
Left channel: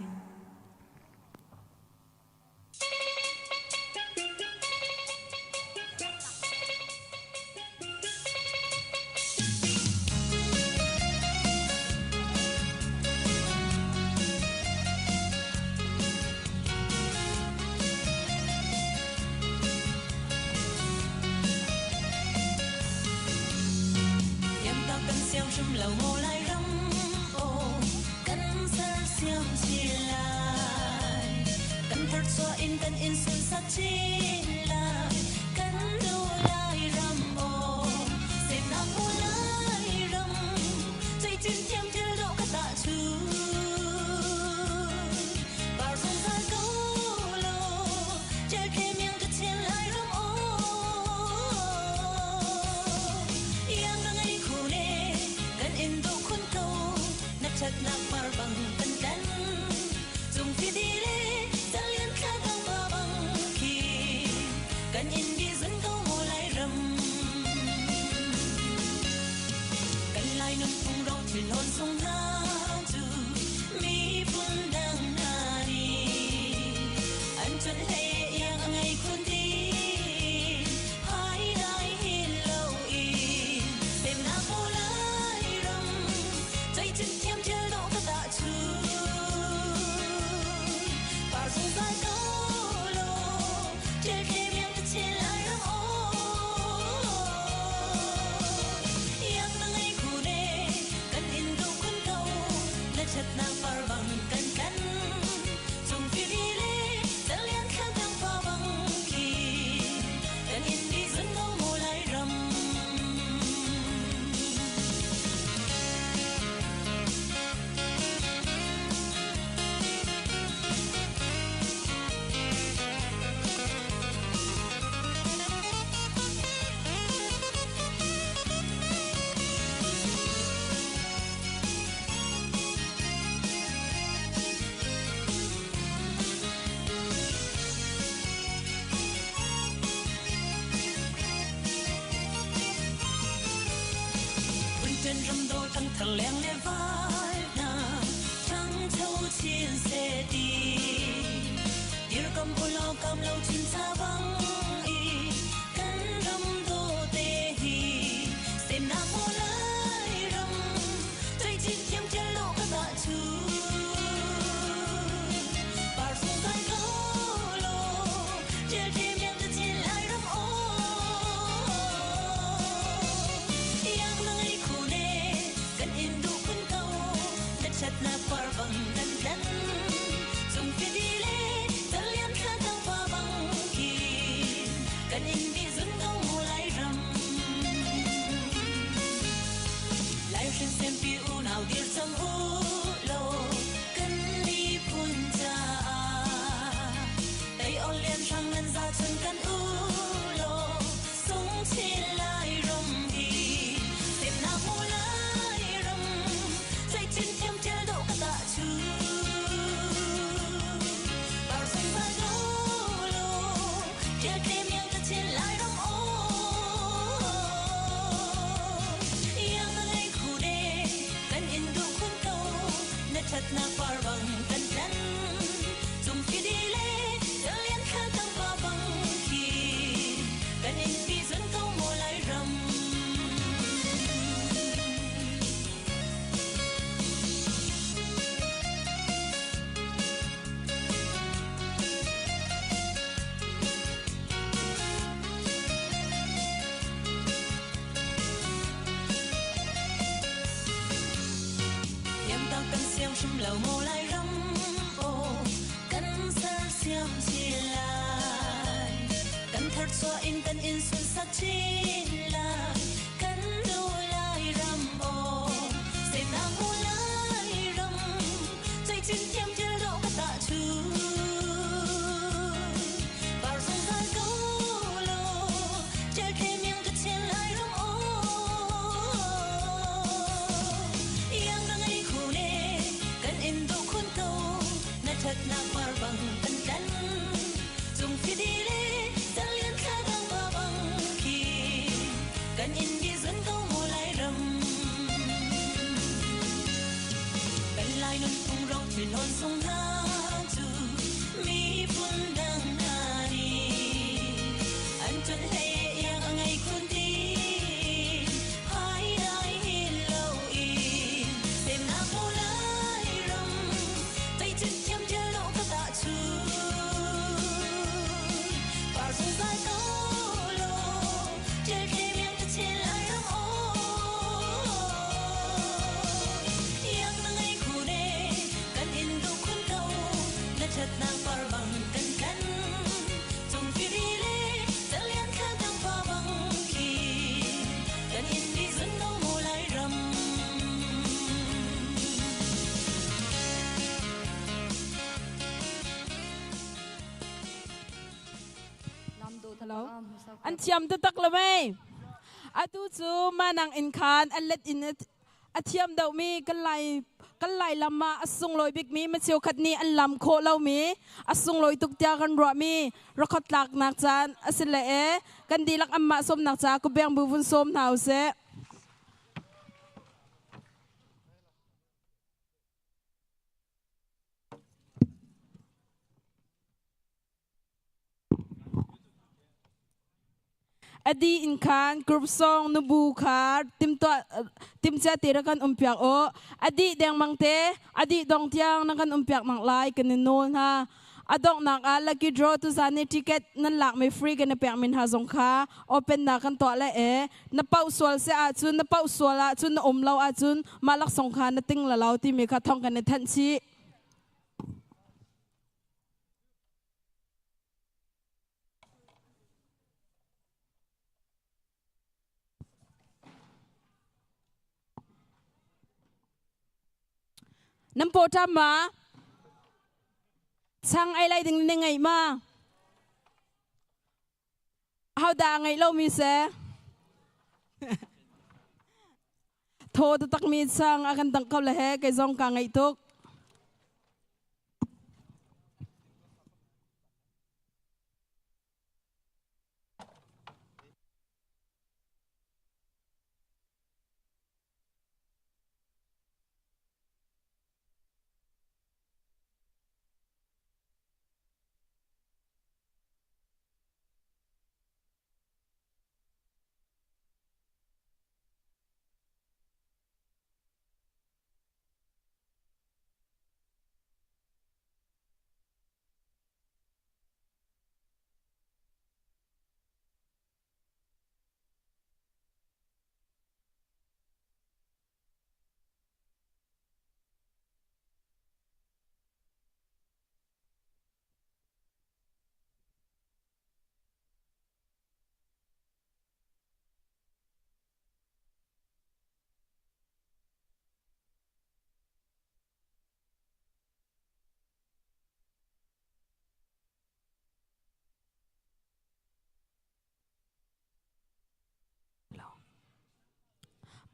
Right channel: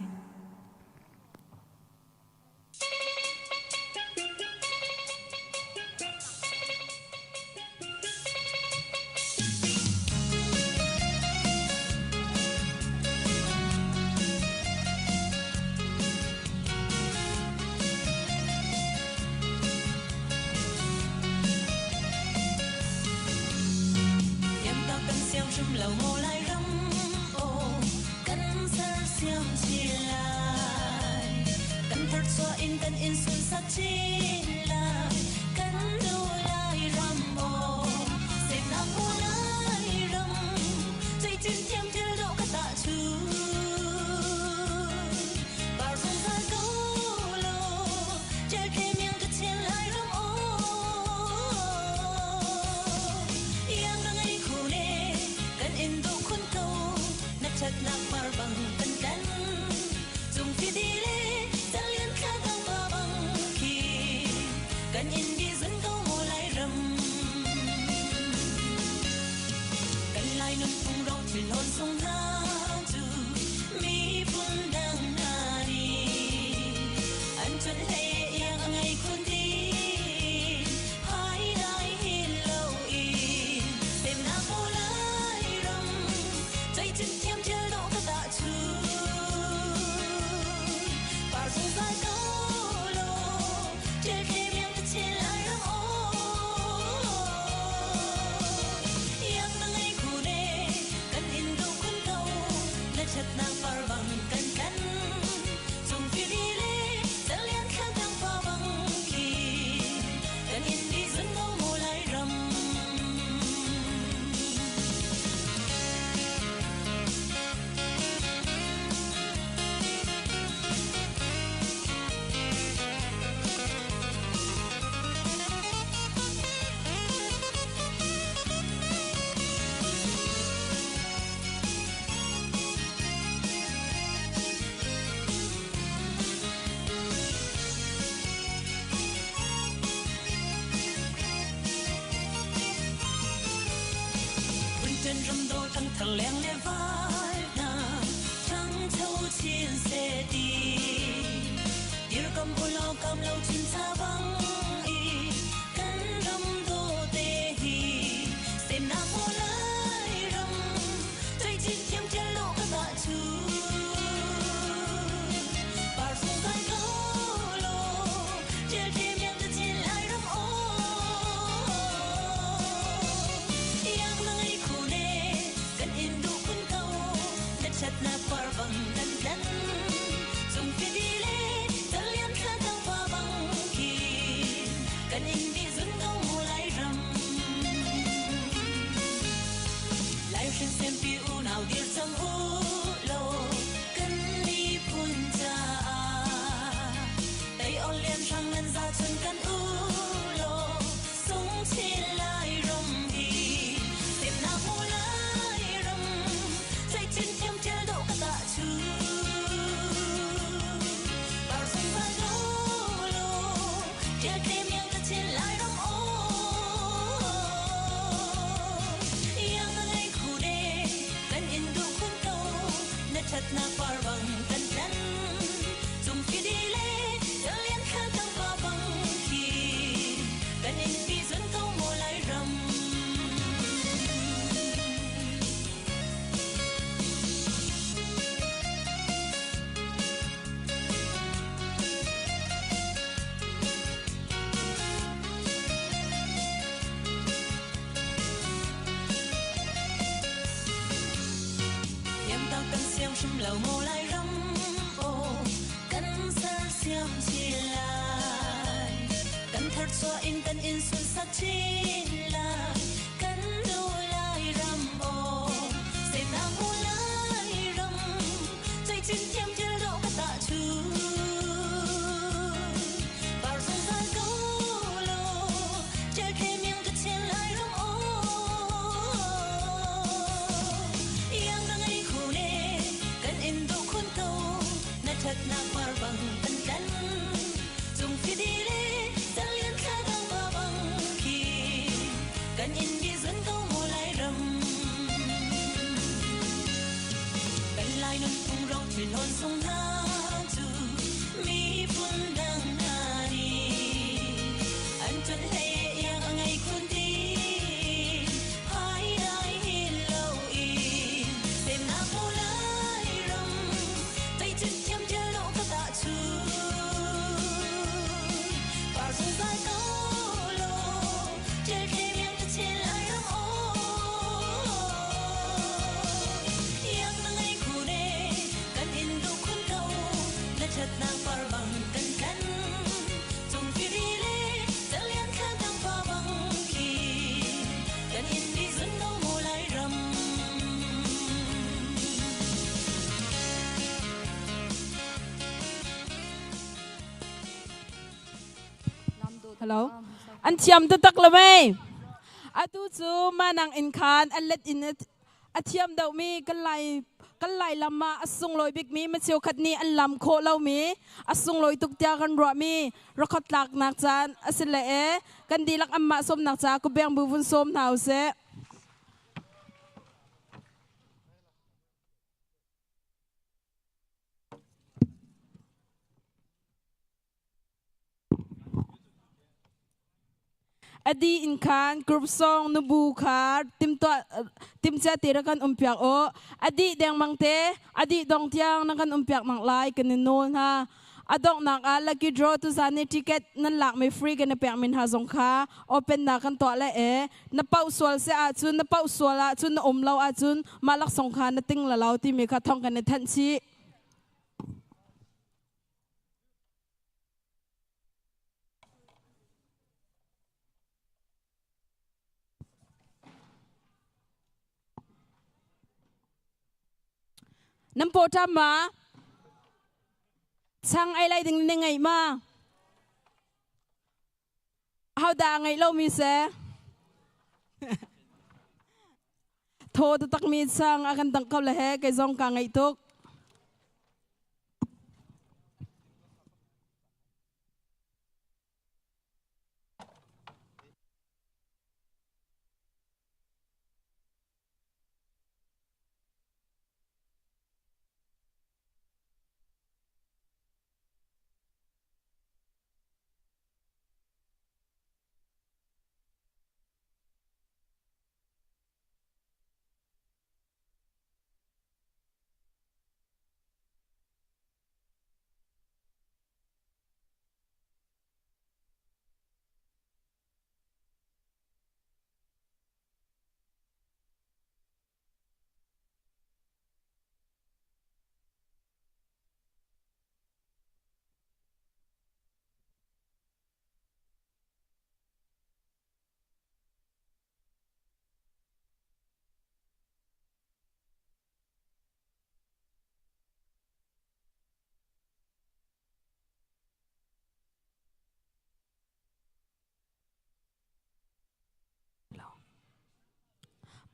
Hello อันเทียมตัวตักละไหมอาตูจูมานังอินคานอันเล็ดอินอาเทียมเดามีกันไลลำมาอสุงลอยบิกมีมาเชียวขัดนี้อันลำโคเล่ามีอสุงลอยตุกเตียกันรัวมีรักหลักนักจานอสิเลกันดีลักอัมมาสมนักจากุเบียงบุญสมหนาวเสอดีอินคานกรุ๊ปซองนบูคาร์ติมเจติระกันเปียกโออดีแดงมังเตอดีดองเทียงนักันเปียกมังไลกันนิโนนฮะอดอกนักลักกี้ดรอตุสานติเกตนั่นหลักไม่ฟรีกันเปียกมินฮาสงคาโอเปนนักกันตัวละนับเป้าสวลเสียจุนนับเป้าสวลจุนนับเราจุนมาลักสงคานัดติ้งละเราที่มีข้าท่องกันในทันทีน้ำโพทำมาช่างไอไลดึงในไงมาเอาด่าไงเล่ามีเสโทษตักมีช่างอากันตั้งเขาละแหกไอซองกางไงทุก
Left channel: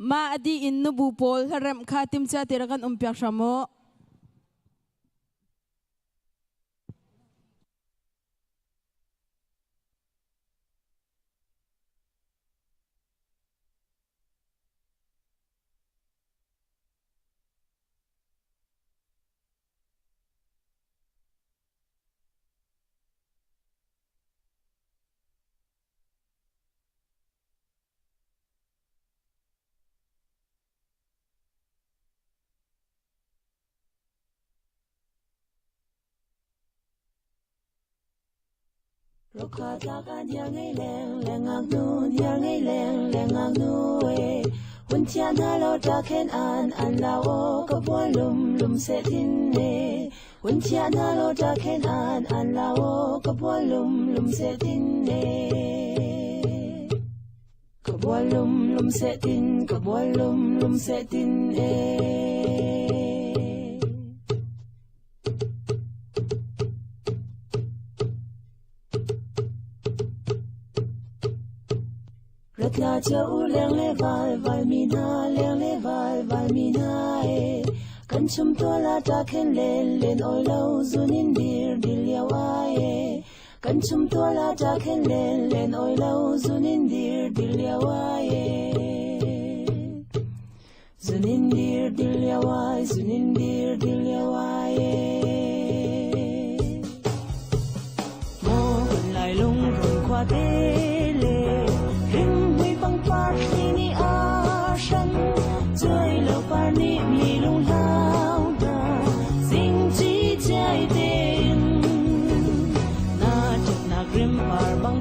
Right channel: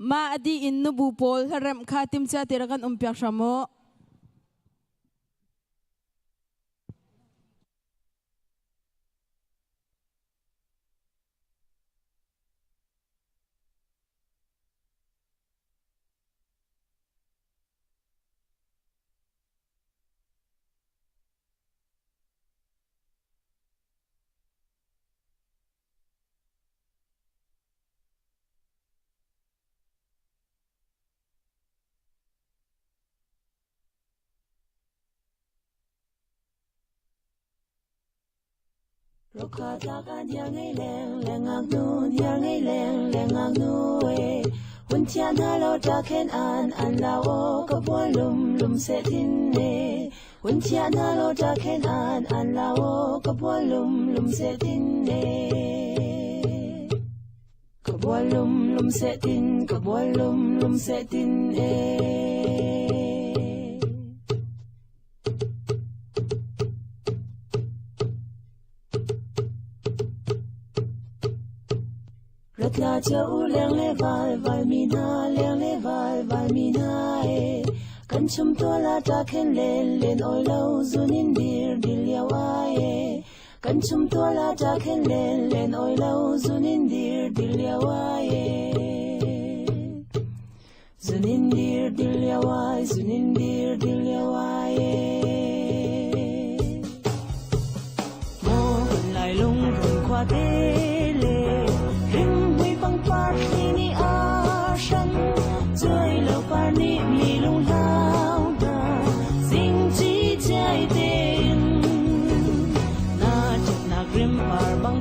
มาอดีอินนบูโพลฮารัมคาติมเจติระกันเปียกชาโมลูกค้าจากอันยังไงแรงแรงอักนูยังไงแรงแรงอักนูวันเที่ยงเราจะเข็นอันเรากับว่าลุมเสียดินวันเที่ยงเราจะเข็นอันเรากับว่าลุมเสียดินกับว่าลุมเสียดินกับว่าลุมเสียดินลาเจ้าเลี้ยงเลวายมีนาเลี้ยงเลวายมีนากันชุมตัวลาตาเข็นเล่นอ้อยเล่าซุนินดีเลียวกันชุมตัวลาตาเข็นเล่นอ้อยเล่าซุนินดีเลียวซุนินดีเลียวซุนินดีเลียวโม่ไหลลงรุนควาเตBang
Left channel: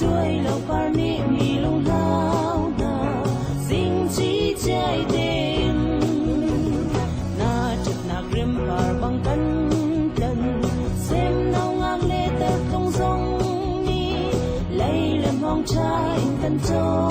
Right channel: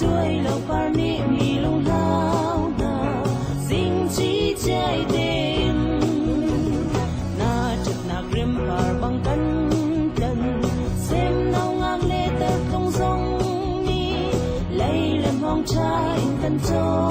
Hãy subscribe cho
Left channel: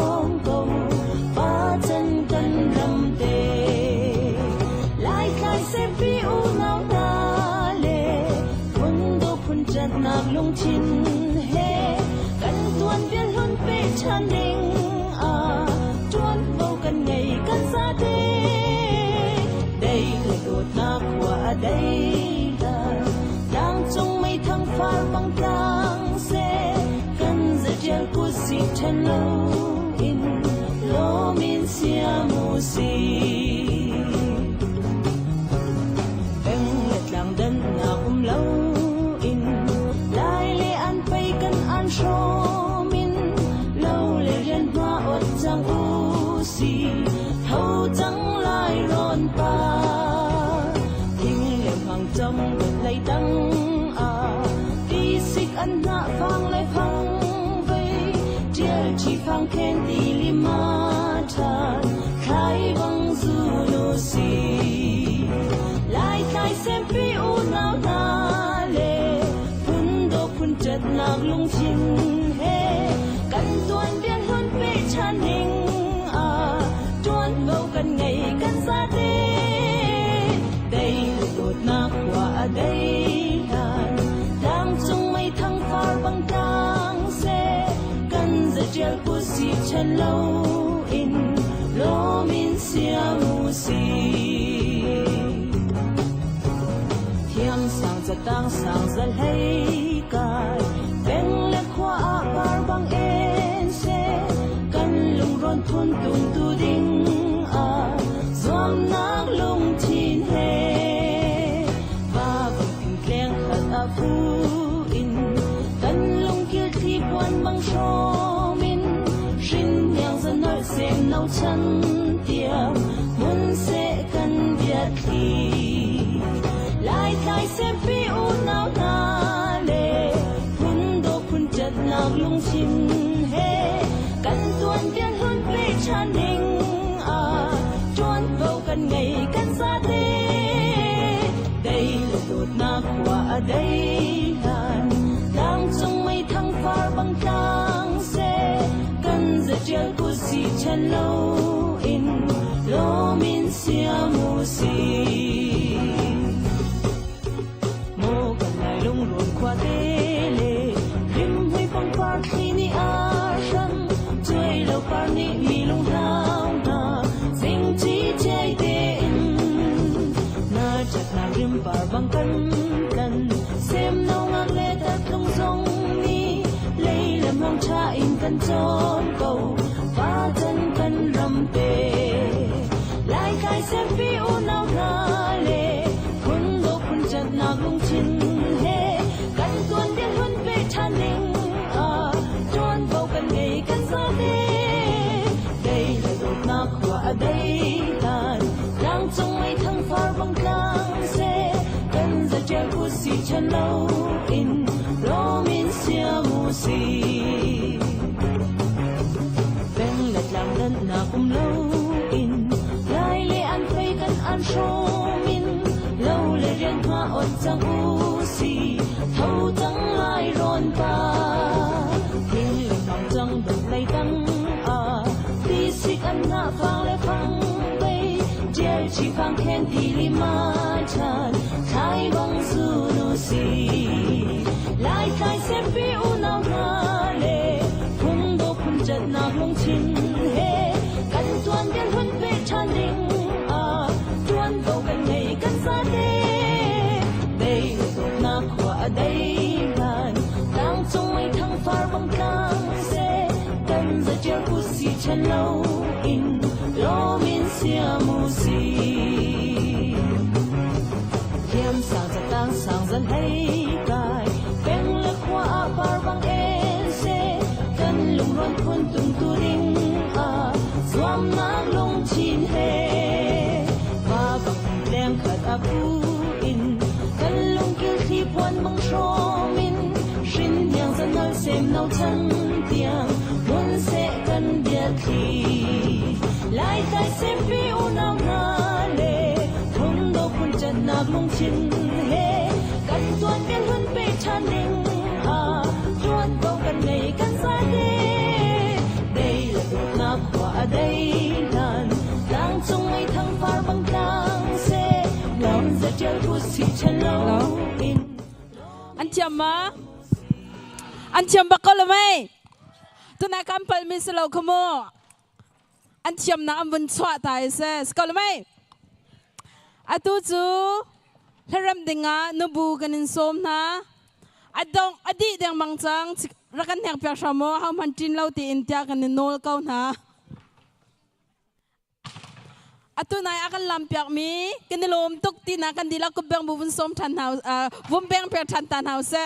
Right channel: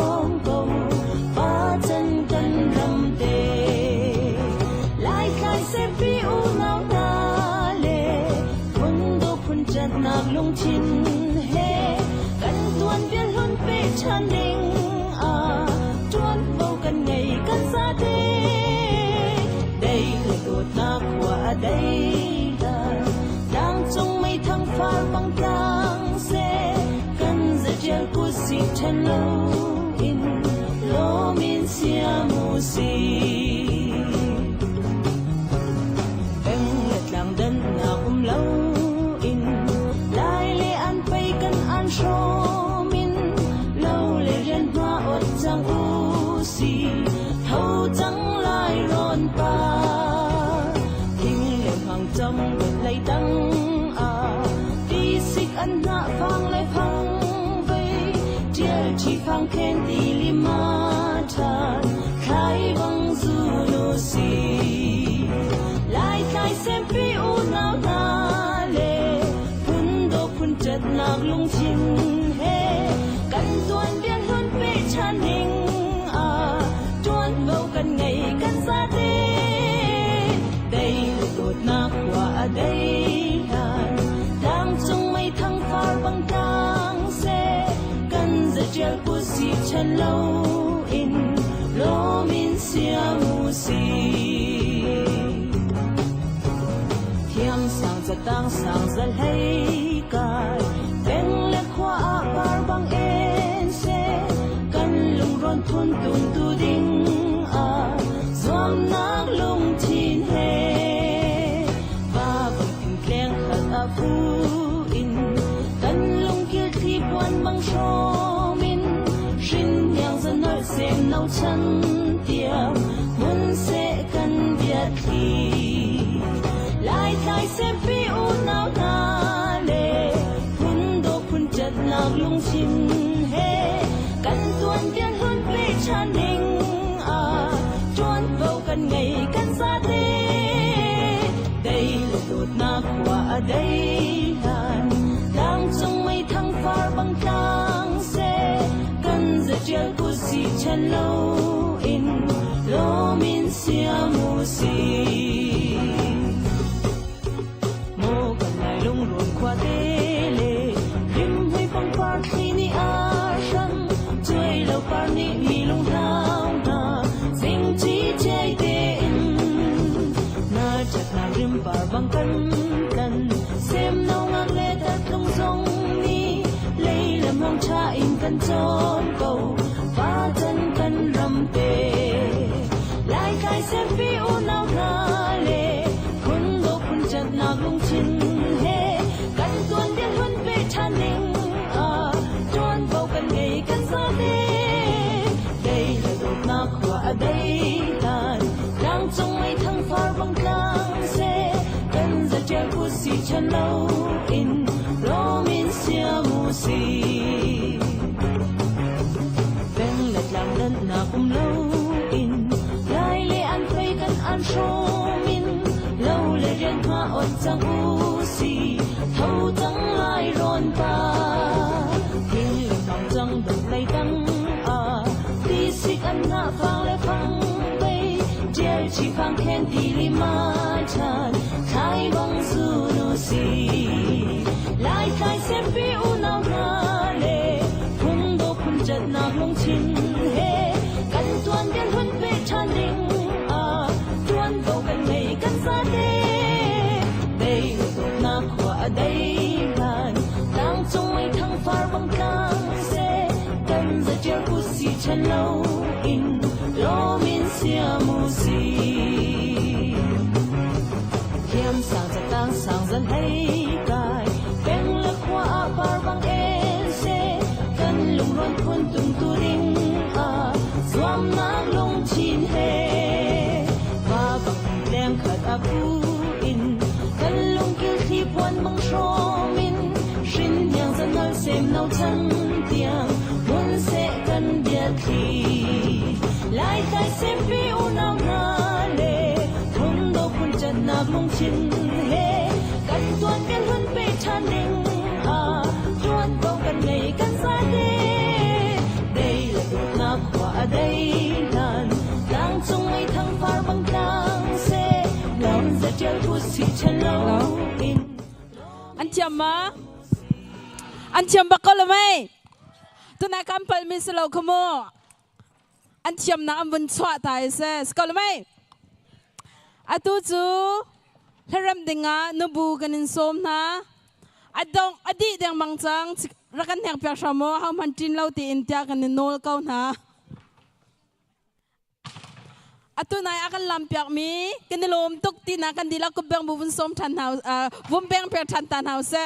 kênh Ghiền Mì Gõ để không bỏ lỡ nga kampal mi selo kumo an thiam na ambun chwa tai se skol mai atu chu heram dinga nubu ganin som na adong adi deng mangchang rakan yang pya shamo ha man tin lo ti intia kan nol kau na atu nai akan lampiak mi kenilom tuk ti na kan dilak ko beng bubun som tan house bum beng pya tan house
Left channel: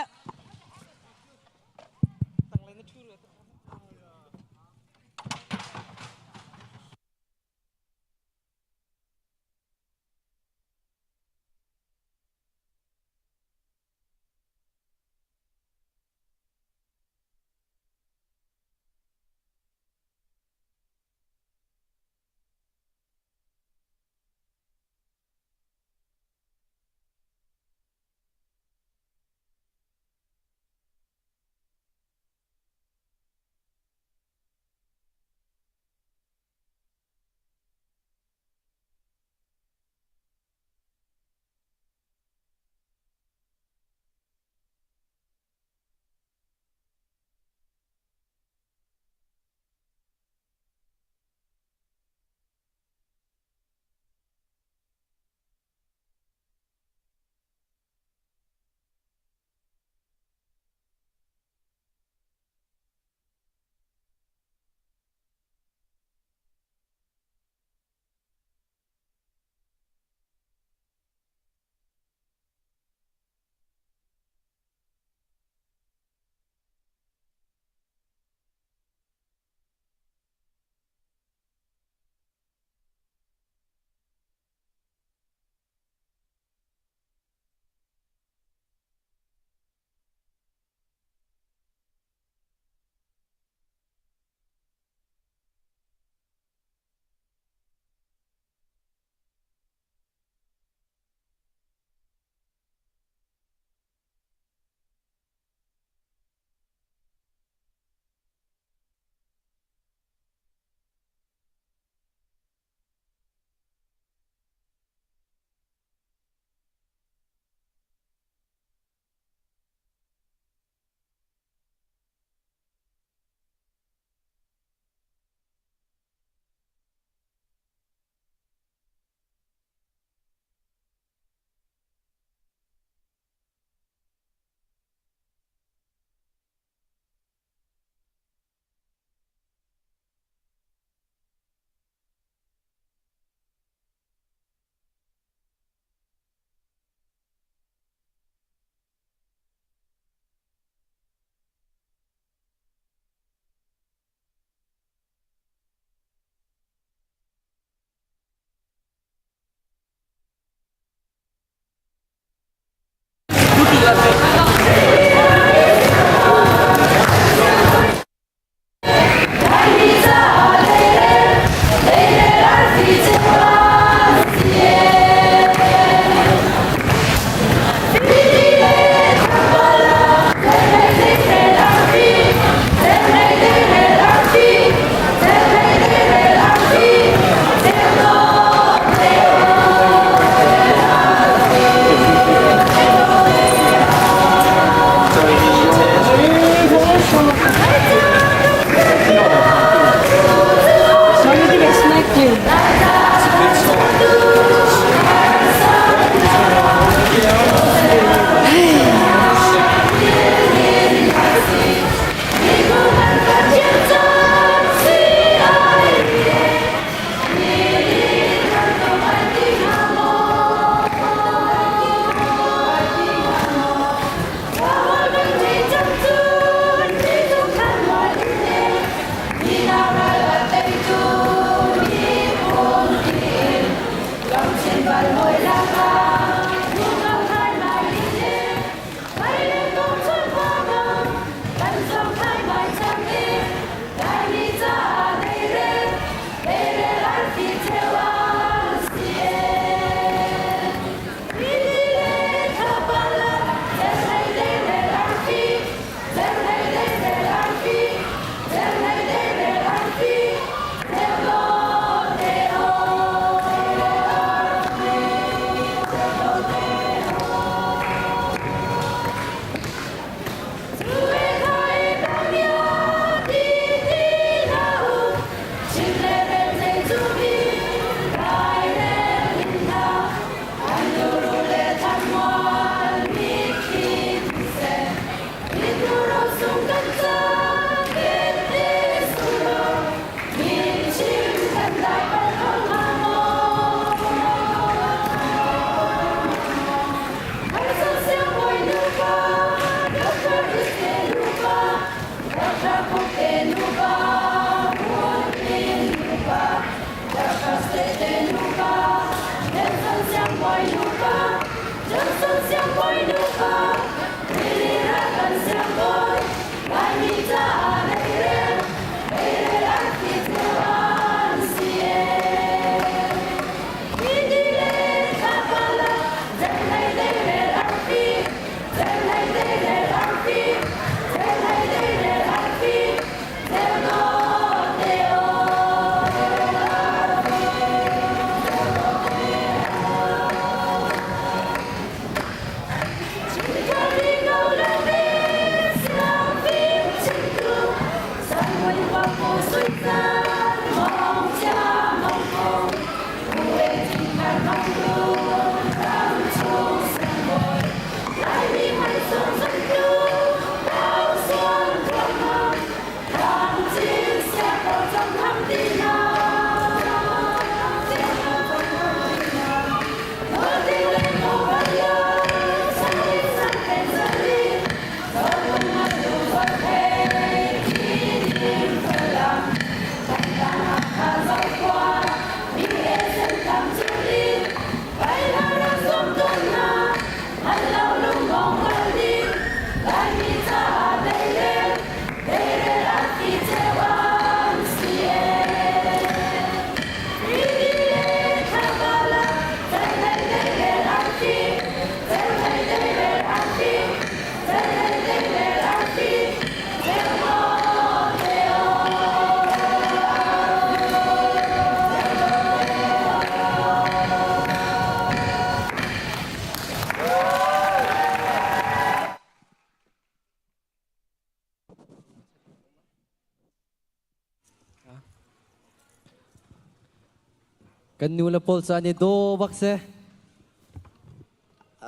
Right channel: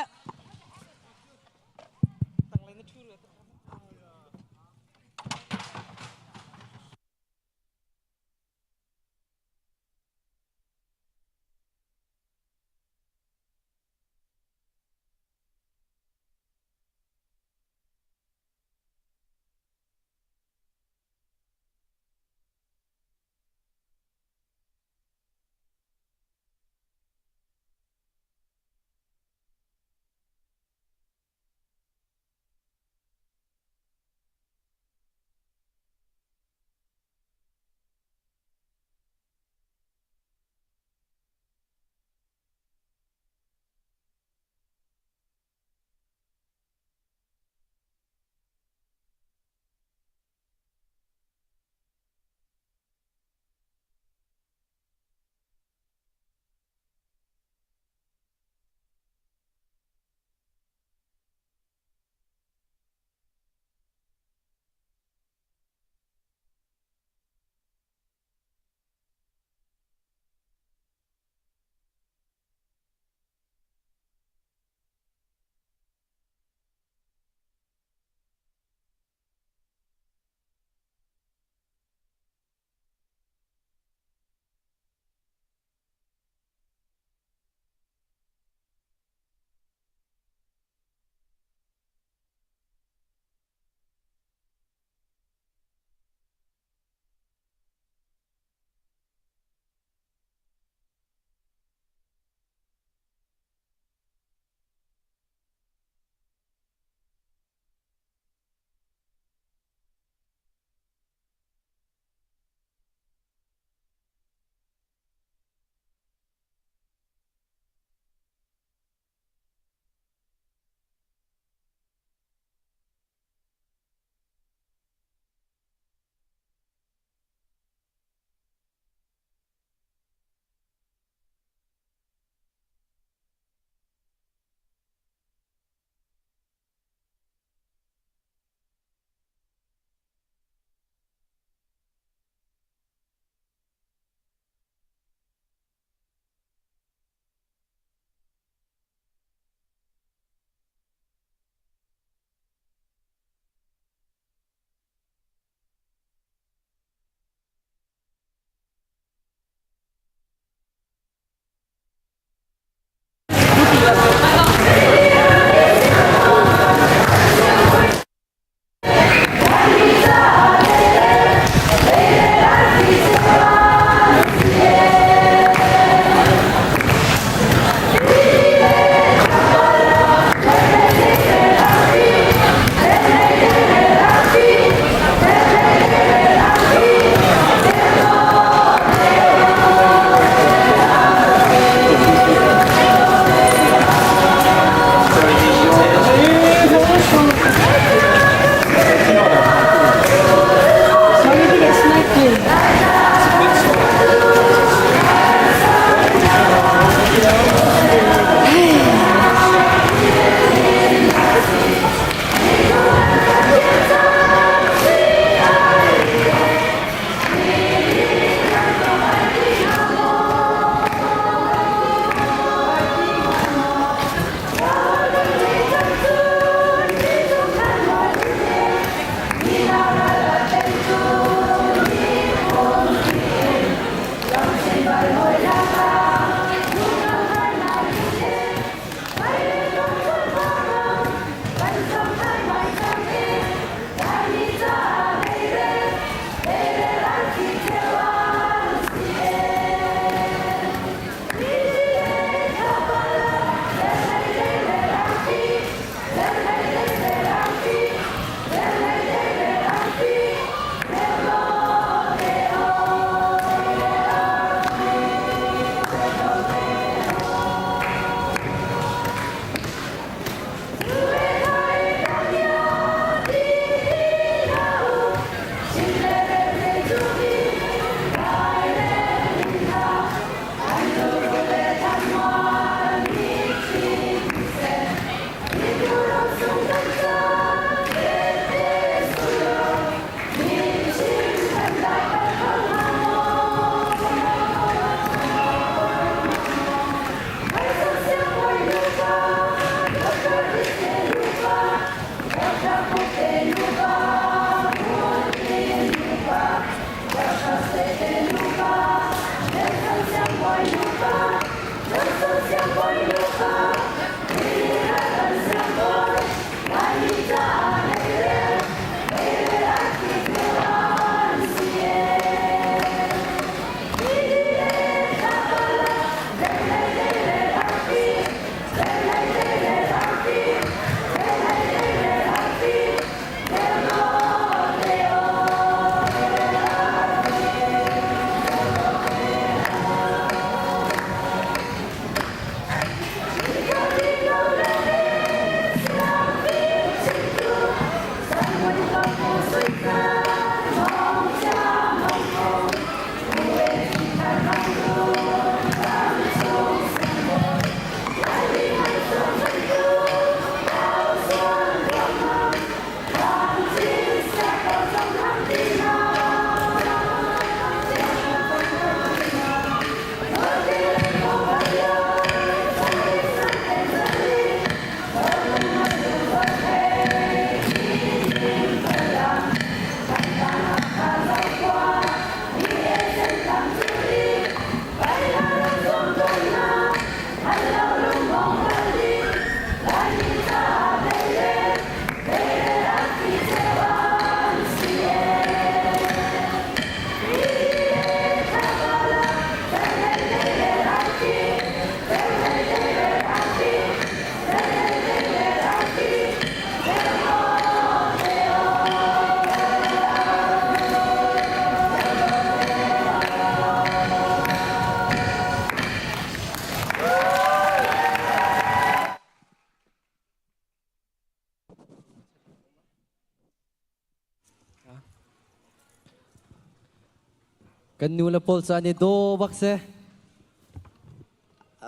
กันนูละพอลซานี่โดบักเซ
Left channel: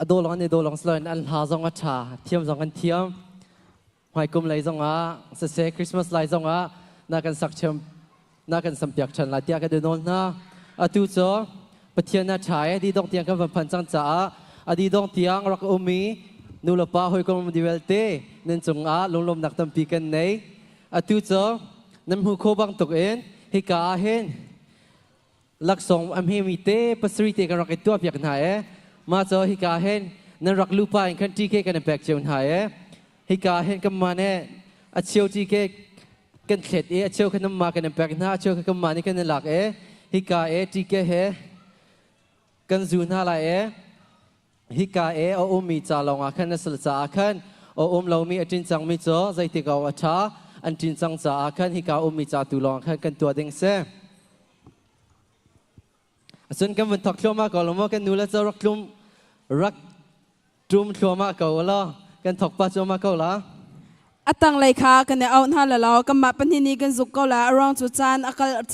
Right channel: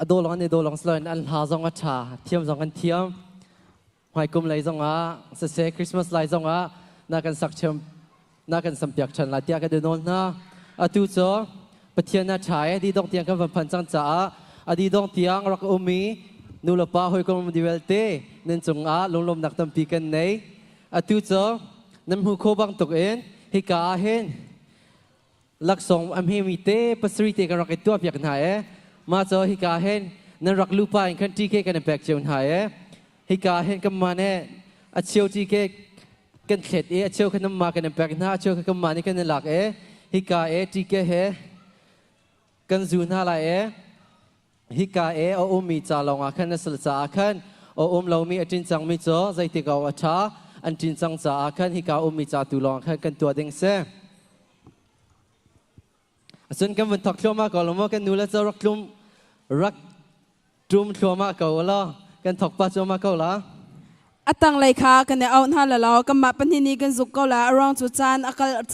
โดลองนี่โดลองสลายอันหาซองอัชาเทียมซองกันเทียมหายกุมไหลซองอ่ะเสคริสต์มาสไหลซองอ่ะน่ากันสักเชิมน่ากันสัมเปียกฉันละเตียกันเดินนนะตูโซปะเทียนน่าใช้ดีดองเตียงกันพันจังจ้าดีดองเตียงรักอุมีนูละป้าหอยกุมดิเวลเต้เน้นจงอ่ะลมหนักตั้มปีกันไหนตูโซน้ำหูโคบังตกเอ็นฮิกาเห็นลักษณ์อันเฮมิเต้ปัสริเตกันรักตัวเปียกันหายมาเจอฮิกาเห็นนั่นรักลูกไปกันที่เกกันแบกเจียวหายฮิกาเห็นกันมาเนี่ยอาเชียวที่เกกันเข็ดอาเชียวกันน้ำมากันแบกกันหาอาเชียวกันมานี่กันหลักฮิกาที่เกกันจูนหาไรฮิกาเอามีจ่าลงอาคันนั่นสลจ่าอาคันเอาเรามีจินจังมีจ่อใจติกาวช้าอันจินจังจ่าอาคันฮิกามีจ่าตุลองอาคันกันตัวเด้งเซ่ส่วนกันวันทักชัวมาก่อนเราเมื่อกันนูเลจะรักจุ่มชัวมาก่อนละกันทักป้าชัวมาก่อนละอัตังเลยค่ะกันเนี่ยเอาหน้าละเรากำมาปันที่นี้กันสุกก็ละรองจุจานอากาศ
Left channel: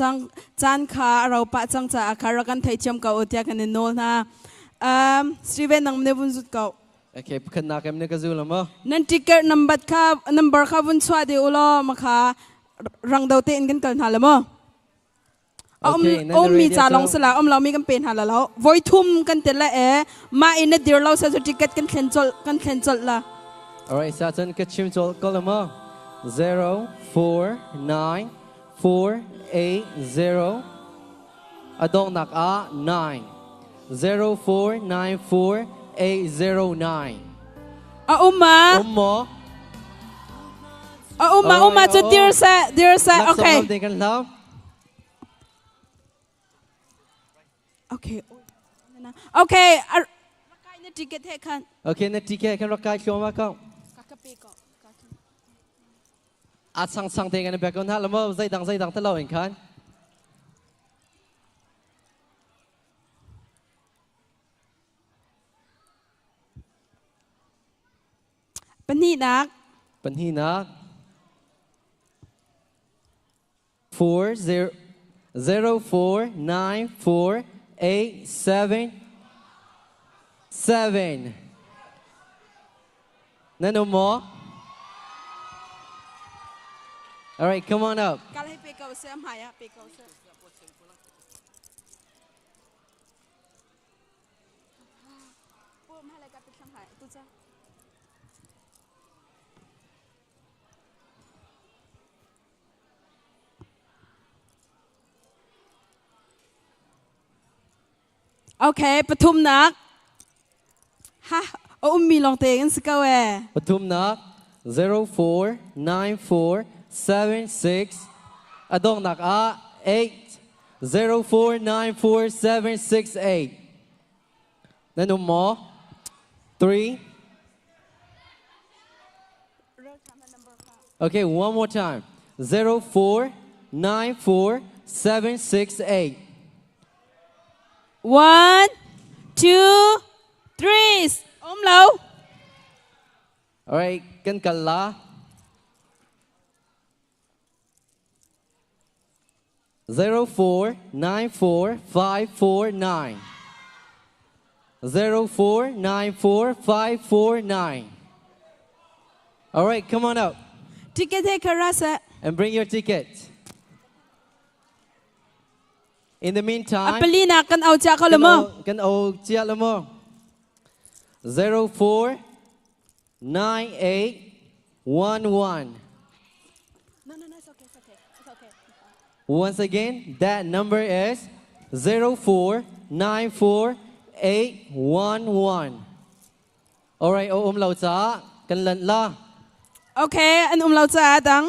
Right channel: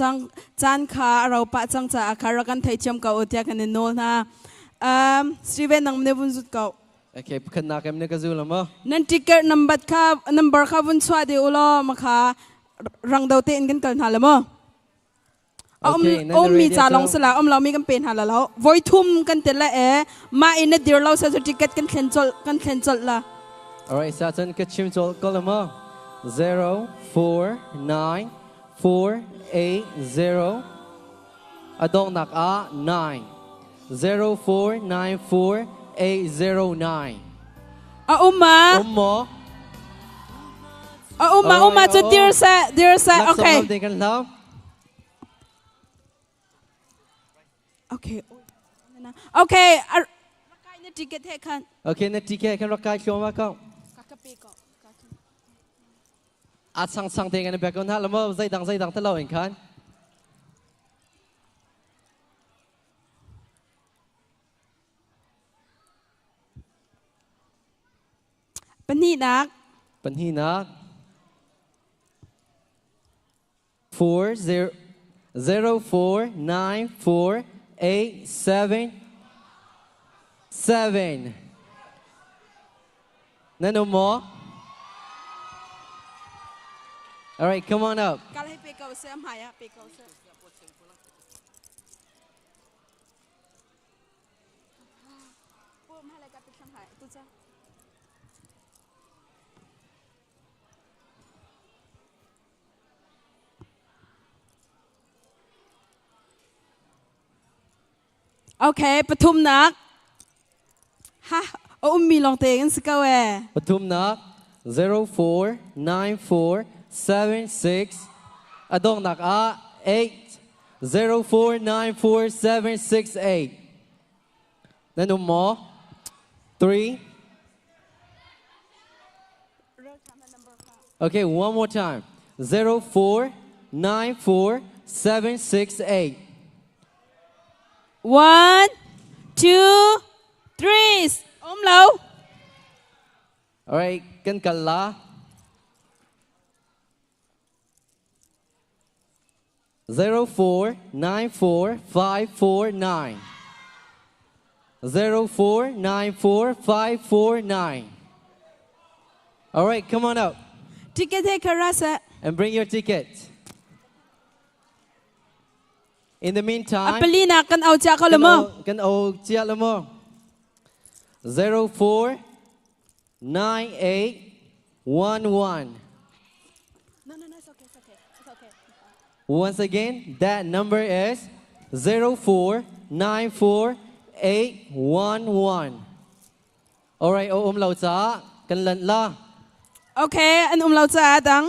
จานขาเราปะจังจ่าอาคารกันไทยเชื่อมเก่าอุทยากันเนี่ยโน่นะสตีเวนนังเนี่ยบุญสุดเก่าโอเคขึ้นนักเอ็มเนี่ยก็จู่ละมั้งนั่นทิกเก็ตนัมเบอร์ค่ะบุญสวัสดีอุลอมาค่ะรังดาวเต้นกันกันหาละมั้งมีจ่าลงสละเรามีกันเป็นหาละแล้วไว้ทุ่มกันเตละมาอินเดียเราใช้ทิกเก็ตกันแคนเซิลละAlright, so then get you to call them up. 04948 Adong nak 9 0494809 Uma so dear sir okay okay ticket kan okay na ticket kan rakai choma ka at sang te kan back on ha lamo zai dang ta law in kanปันนี่นัก 40494877 Nano more? Alright, come on up. Okay, ปทุมนักฮะมีลองเตะกันสักเว้ปทุมนัก0494766อดงนัก8 0494768นั่นหนุ่มหมอ3 Okay, one more time 0494768 1 2 3เรา Alright กันละ 0494549 0494549 Alright, come on out. Ticket hai karasa. And bring your ticket. In the meantime, Apelina kan au cha ka lamo. Kan au cha lamo. 049811. No, it's okay. Once again, that number is 0494811. Alright, lao cha kan lan la. Okay, an lao cha dang.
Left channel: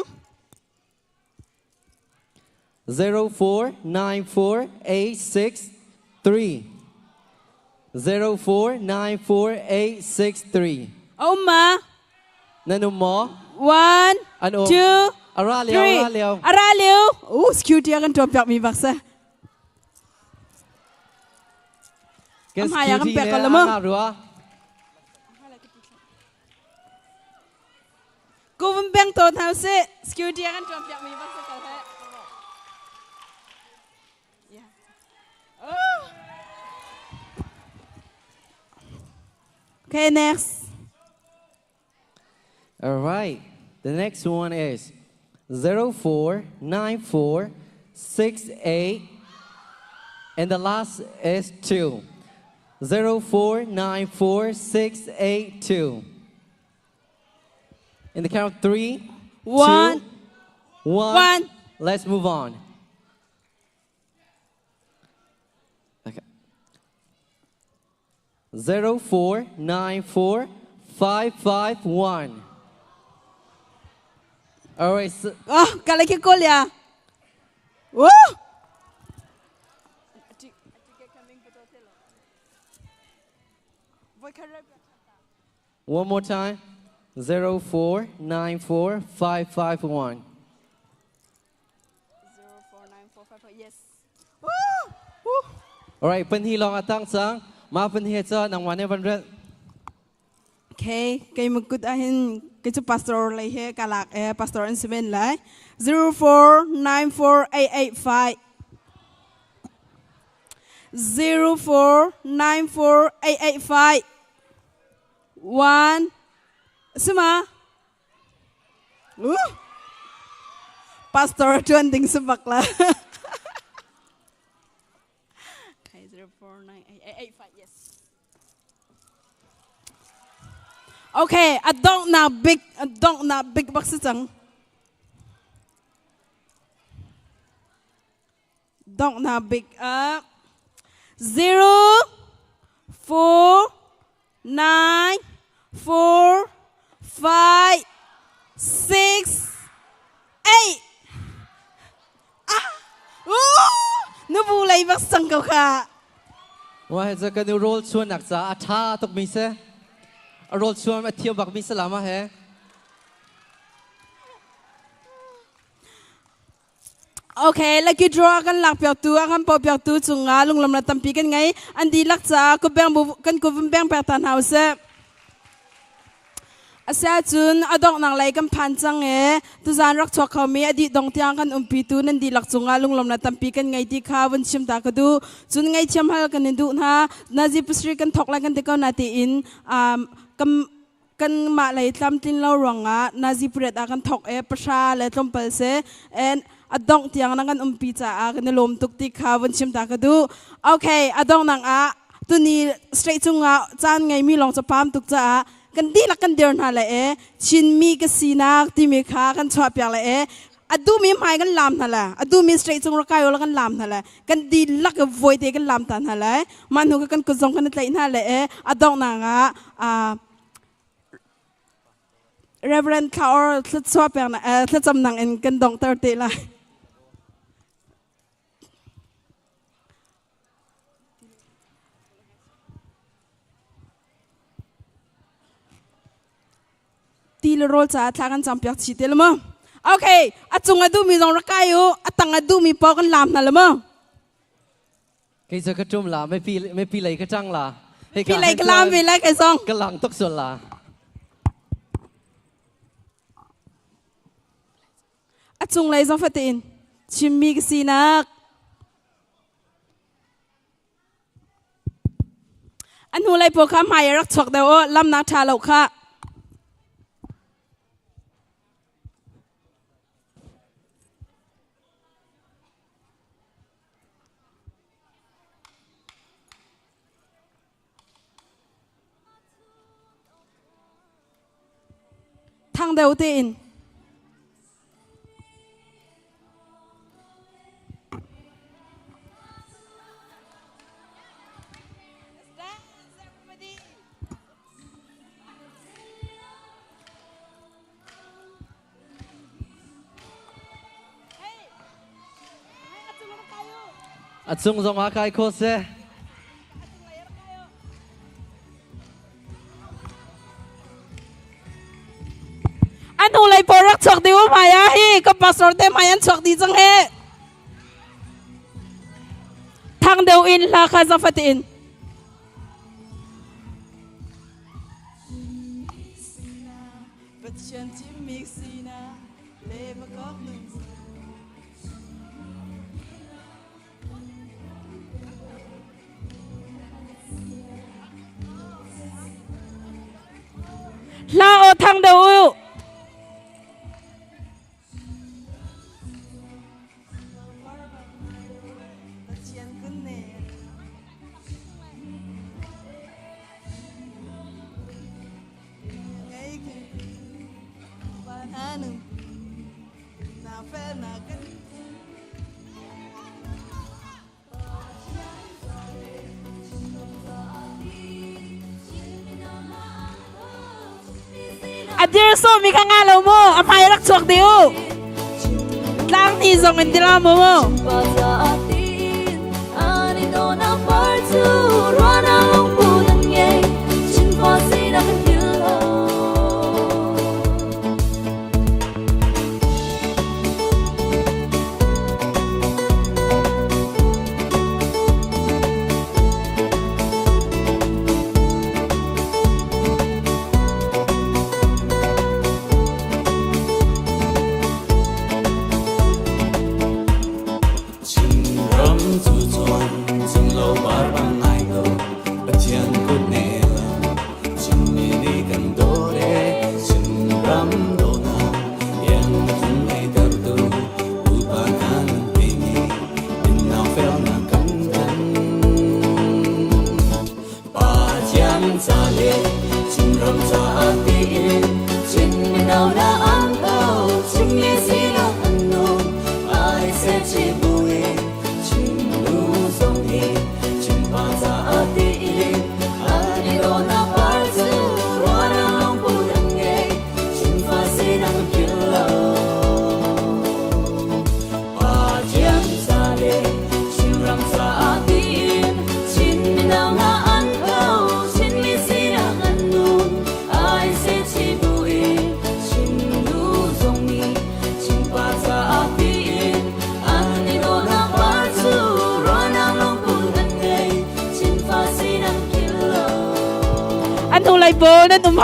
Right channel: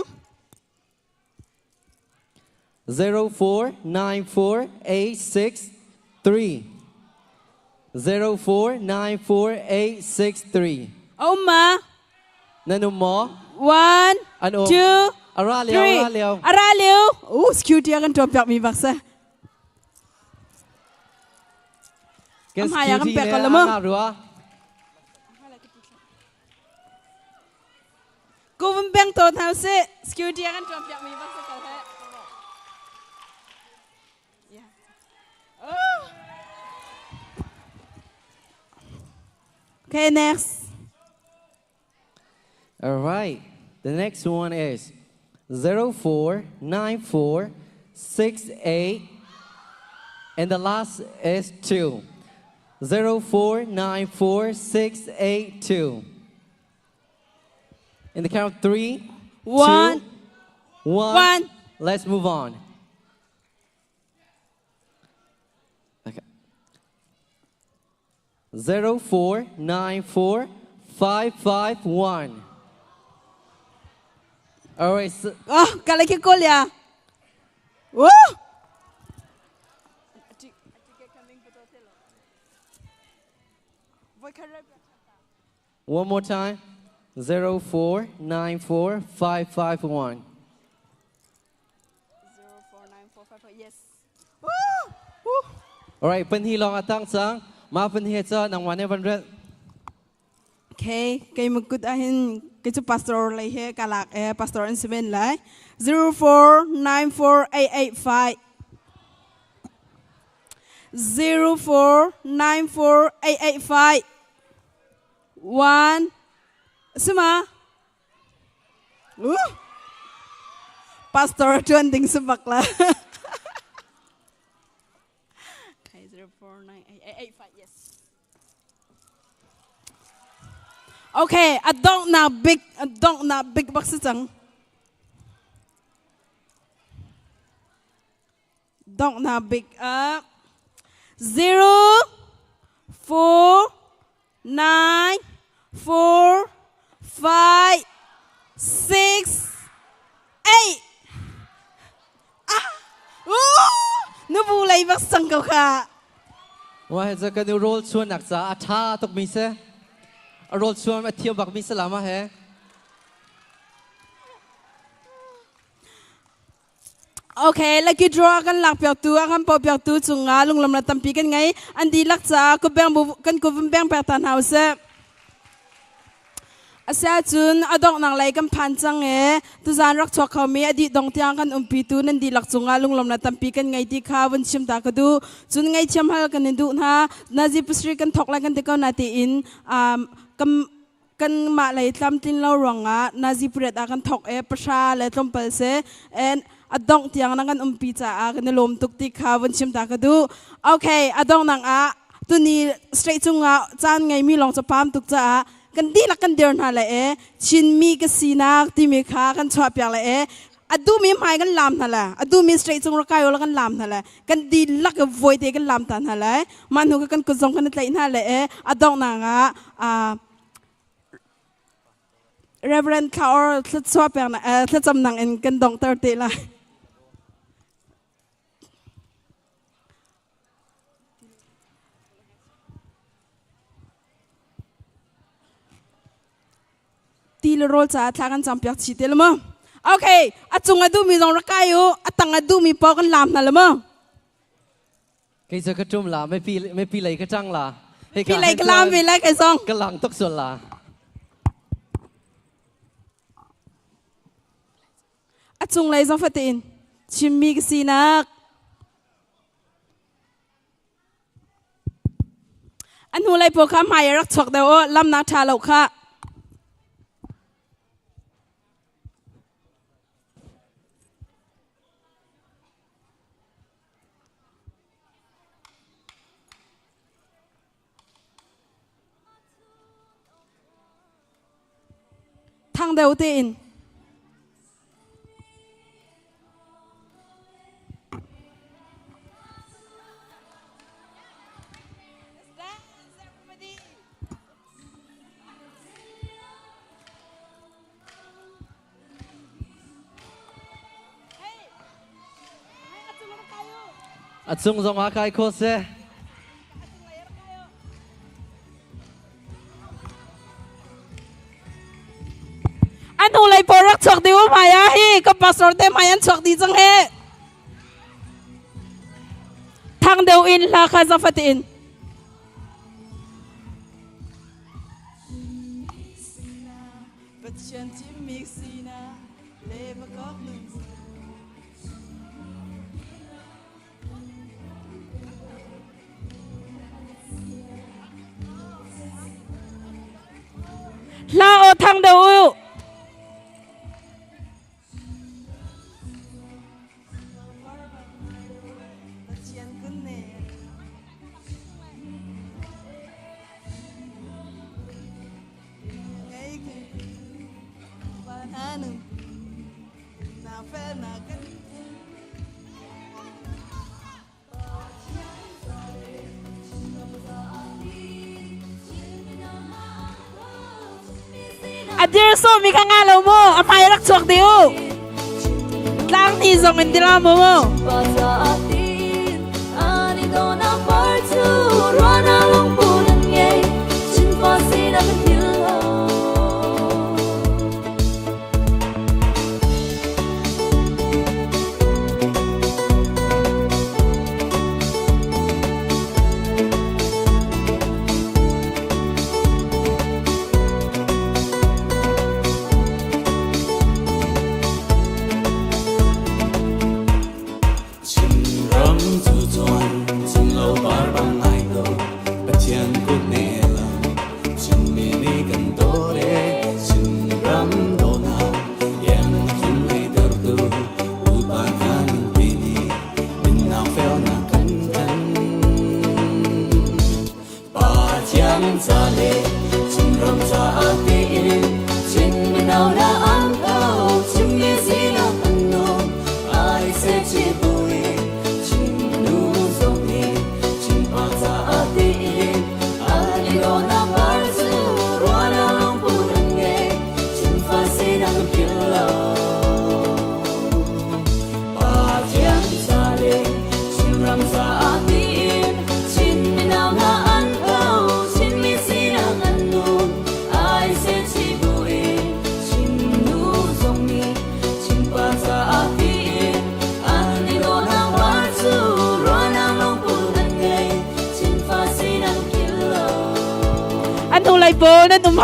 0494863. 0494863. Oma. Nanu mo? 1, 2, Aralio. Security akan drop yak mi baksa. Kan hayang security pek kalau mo. Ko beng to thau se security akan drop yak mi baksa ka. The next one is 049468, and the last is 2. 049468 In the count of 3, 1. 2, 1. Let's move on. Okay. 04945551. All right. So, Kala ki kolya. Woo! one more time. 04945551. 049455. Yes. All right. Penhi long atang sang. Ma penhi cha nang 100. Okay, kay magkut ahin kay pastor lay he kalak pastor an 7 lay 04948885 04948885 1 Suma Pastor trending sa bakla. Okay, 049885 yes. Okay, I don't na big box sang. Don't na big 0 4 9 4 5 6 8 Nabulay ba sang ka? Wah,จะกันดูโรลชวนหนักจ้าอาท่าตกมีเสโรลชวนมาเที่ยวบักมีสลามาแฮ Okay, lagi draw kan lak piao tu akan pau piao tu chunga lung lam na tampi kan ngai andi lak cha ku bang bu kan ku bang pa tan house asa chun adok nang lai kan phan chang e tu zan rak chok khami adi dong tyang kan umpi tu nan di lak chunga lung lam na tampi kan ngai ti kha wan chim ta ka du chun ngai cham hal kan du na nazi pasri kan thok la kan te ka na ti in kam kan ma lai tlam tin lo ronga nazi pret akan thok e pasha le tlom pal se and adong tiang nangan umpicha a kan lom tuk ti kha wan chim ta ka du okay adong nang a tu ni straight chunga chan ngai mi long cha pam tuk cha kan di la kan der na la e chin mi ka sina ti mi kha kan chwa pya la e adu mi mai kan lam na la adu mi straight chung ra kai la kan lam na la kan di la ka void te kan lam ta na la man hu kan ku zong kan tlai na la e adong nang a Reverend Kaur thlut chwa pya na thlut cham nang en kan dong tar te la ti le rol cha tha kan cham pyak chi te le mo okay achung adu mi jong ra kai u atang adu mi pa kan lam na le mo cái giờ cái chung là mấy pi lấy cái trăng là pi lấy cái lam pi lấy cái song cái lăng tốc xuân là achung lai jong fatin chim mi si nak an hu lai po kha mai rak chok da o lam na tha lo kha thang đầu tiên chung dòng á cái cô xe anh hu lai po rak chok di o mai a hi ka pastor te mai an chok di jang he thang deu in la kha za fatin la o thang deu adir so mi khanga lo mo apai rak chok deu lang ti zong in dila mo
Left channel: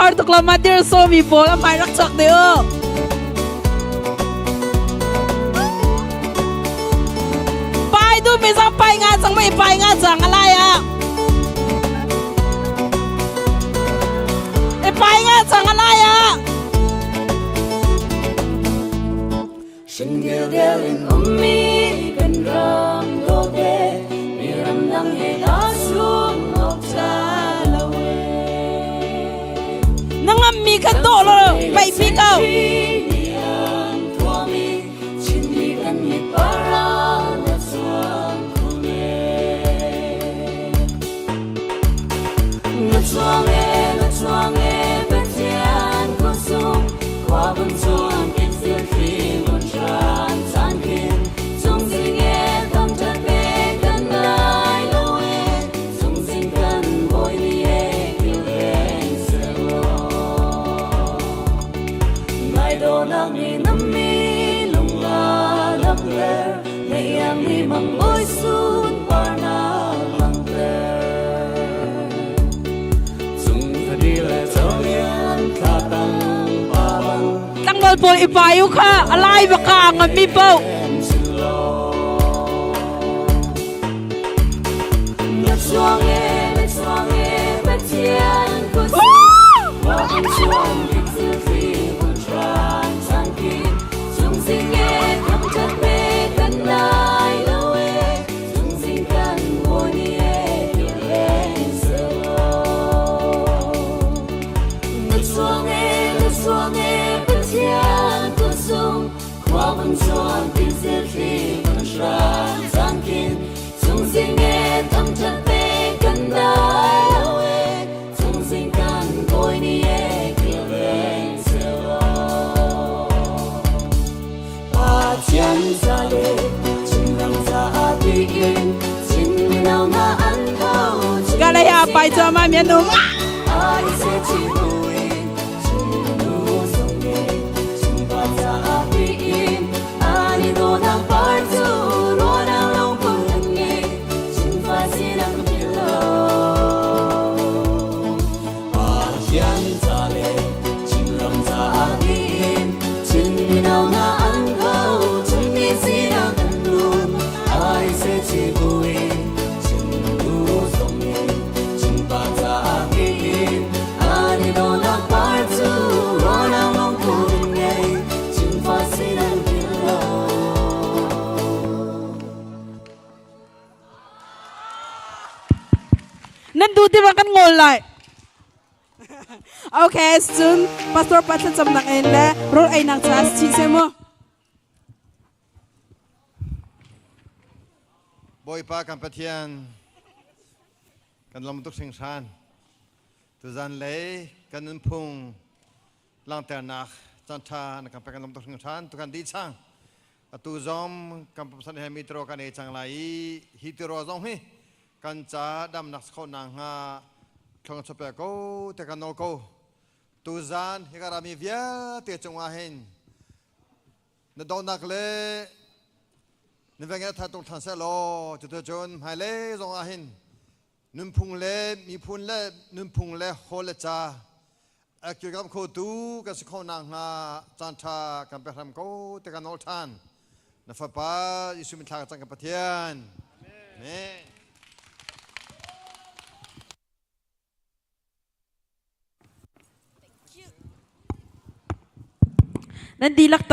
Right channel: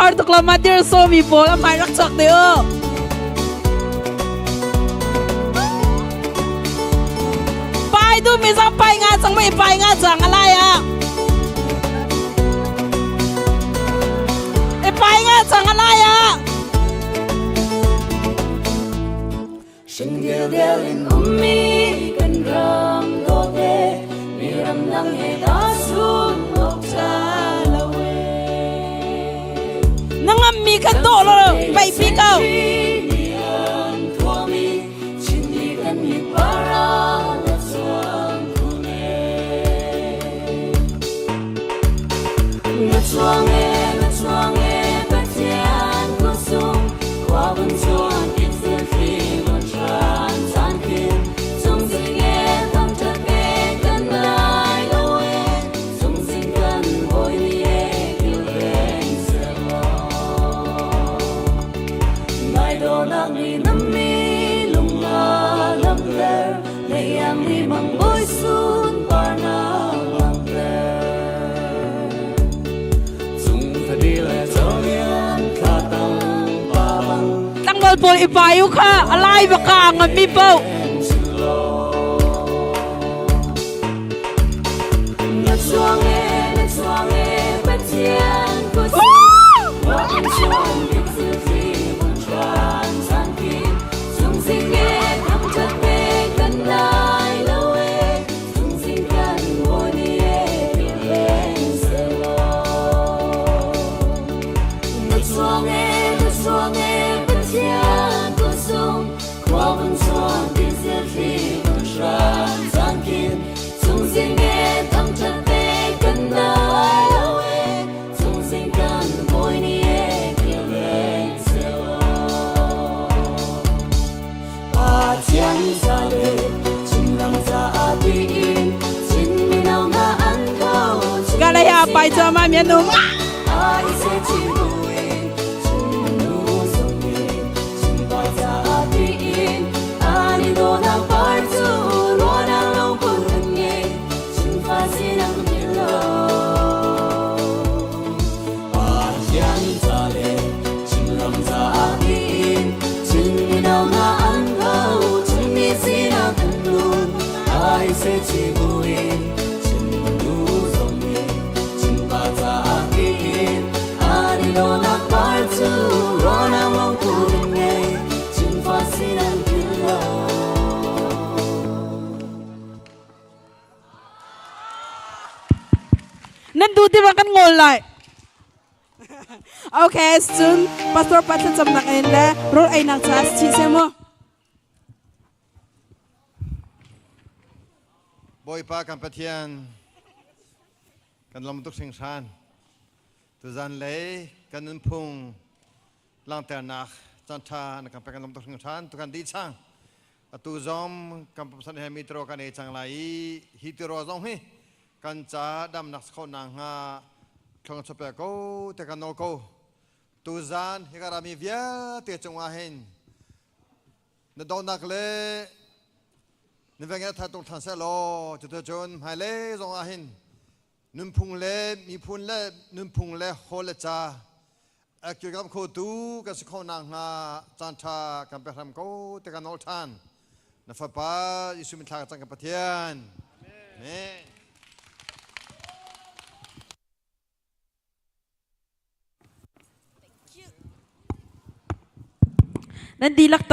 har to klama dir so mi bol am hai rak chak deu pai tu mi sang pai nga chang mai pai nga chang ala ya e pai nga chang ala ya sing gel gel in ummi kan ram do be mi ram lang he da sun nok cha nangam mi kan do lo pai pi ka boy ipayu kha alai baka ngami pau na chuang e patian ko wa in chuang dik su ji won chan chan ki chung sing e kam cha pe kan dai lo e chung sing kan mo ni e kin len se lo na chuang e okay soon pastor pathan samnak en le rol ai nak chas chi se mo boy pa kan pathian kan lam tuk sing san tu zan le kan nan phung ลางแต่นักจันทานะครับเป็นการลงตัวถึงท่านตุกันดีช่างตัวจอมกำปั้นให้มีตรกันเอจังไรฮิตโรจงฮีกันจ้าดำนักสคนนางฮาคลองชเปโกเตกันโนโกตัวจานฮิการามีเวียเตจงวาหินนดอนักเลนเวงทัดตรงทันเซโลจุดจนไฮเลจงวาหินนุ่มพุงเลมีพุนเลนุ่มพุงเลโฮเลจ้าอากิกับโคตูกับสคนนางฮาจันทากันเป็นรำโกเตกันโนทันนฟป้ายิสุมิทาจังกับปะเทียนเมน นั่นดีลัก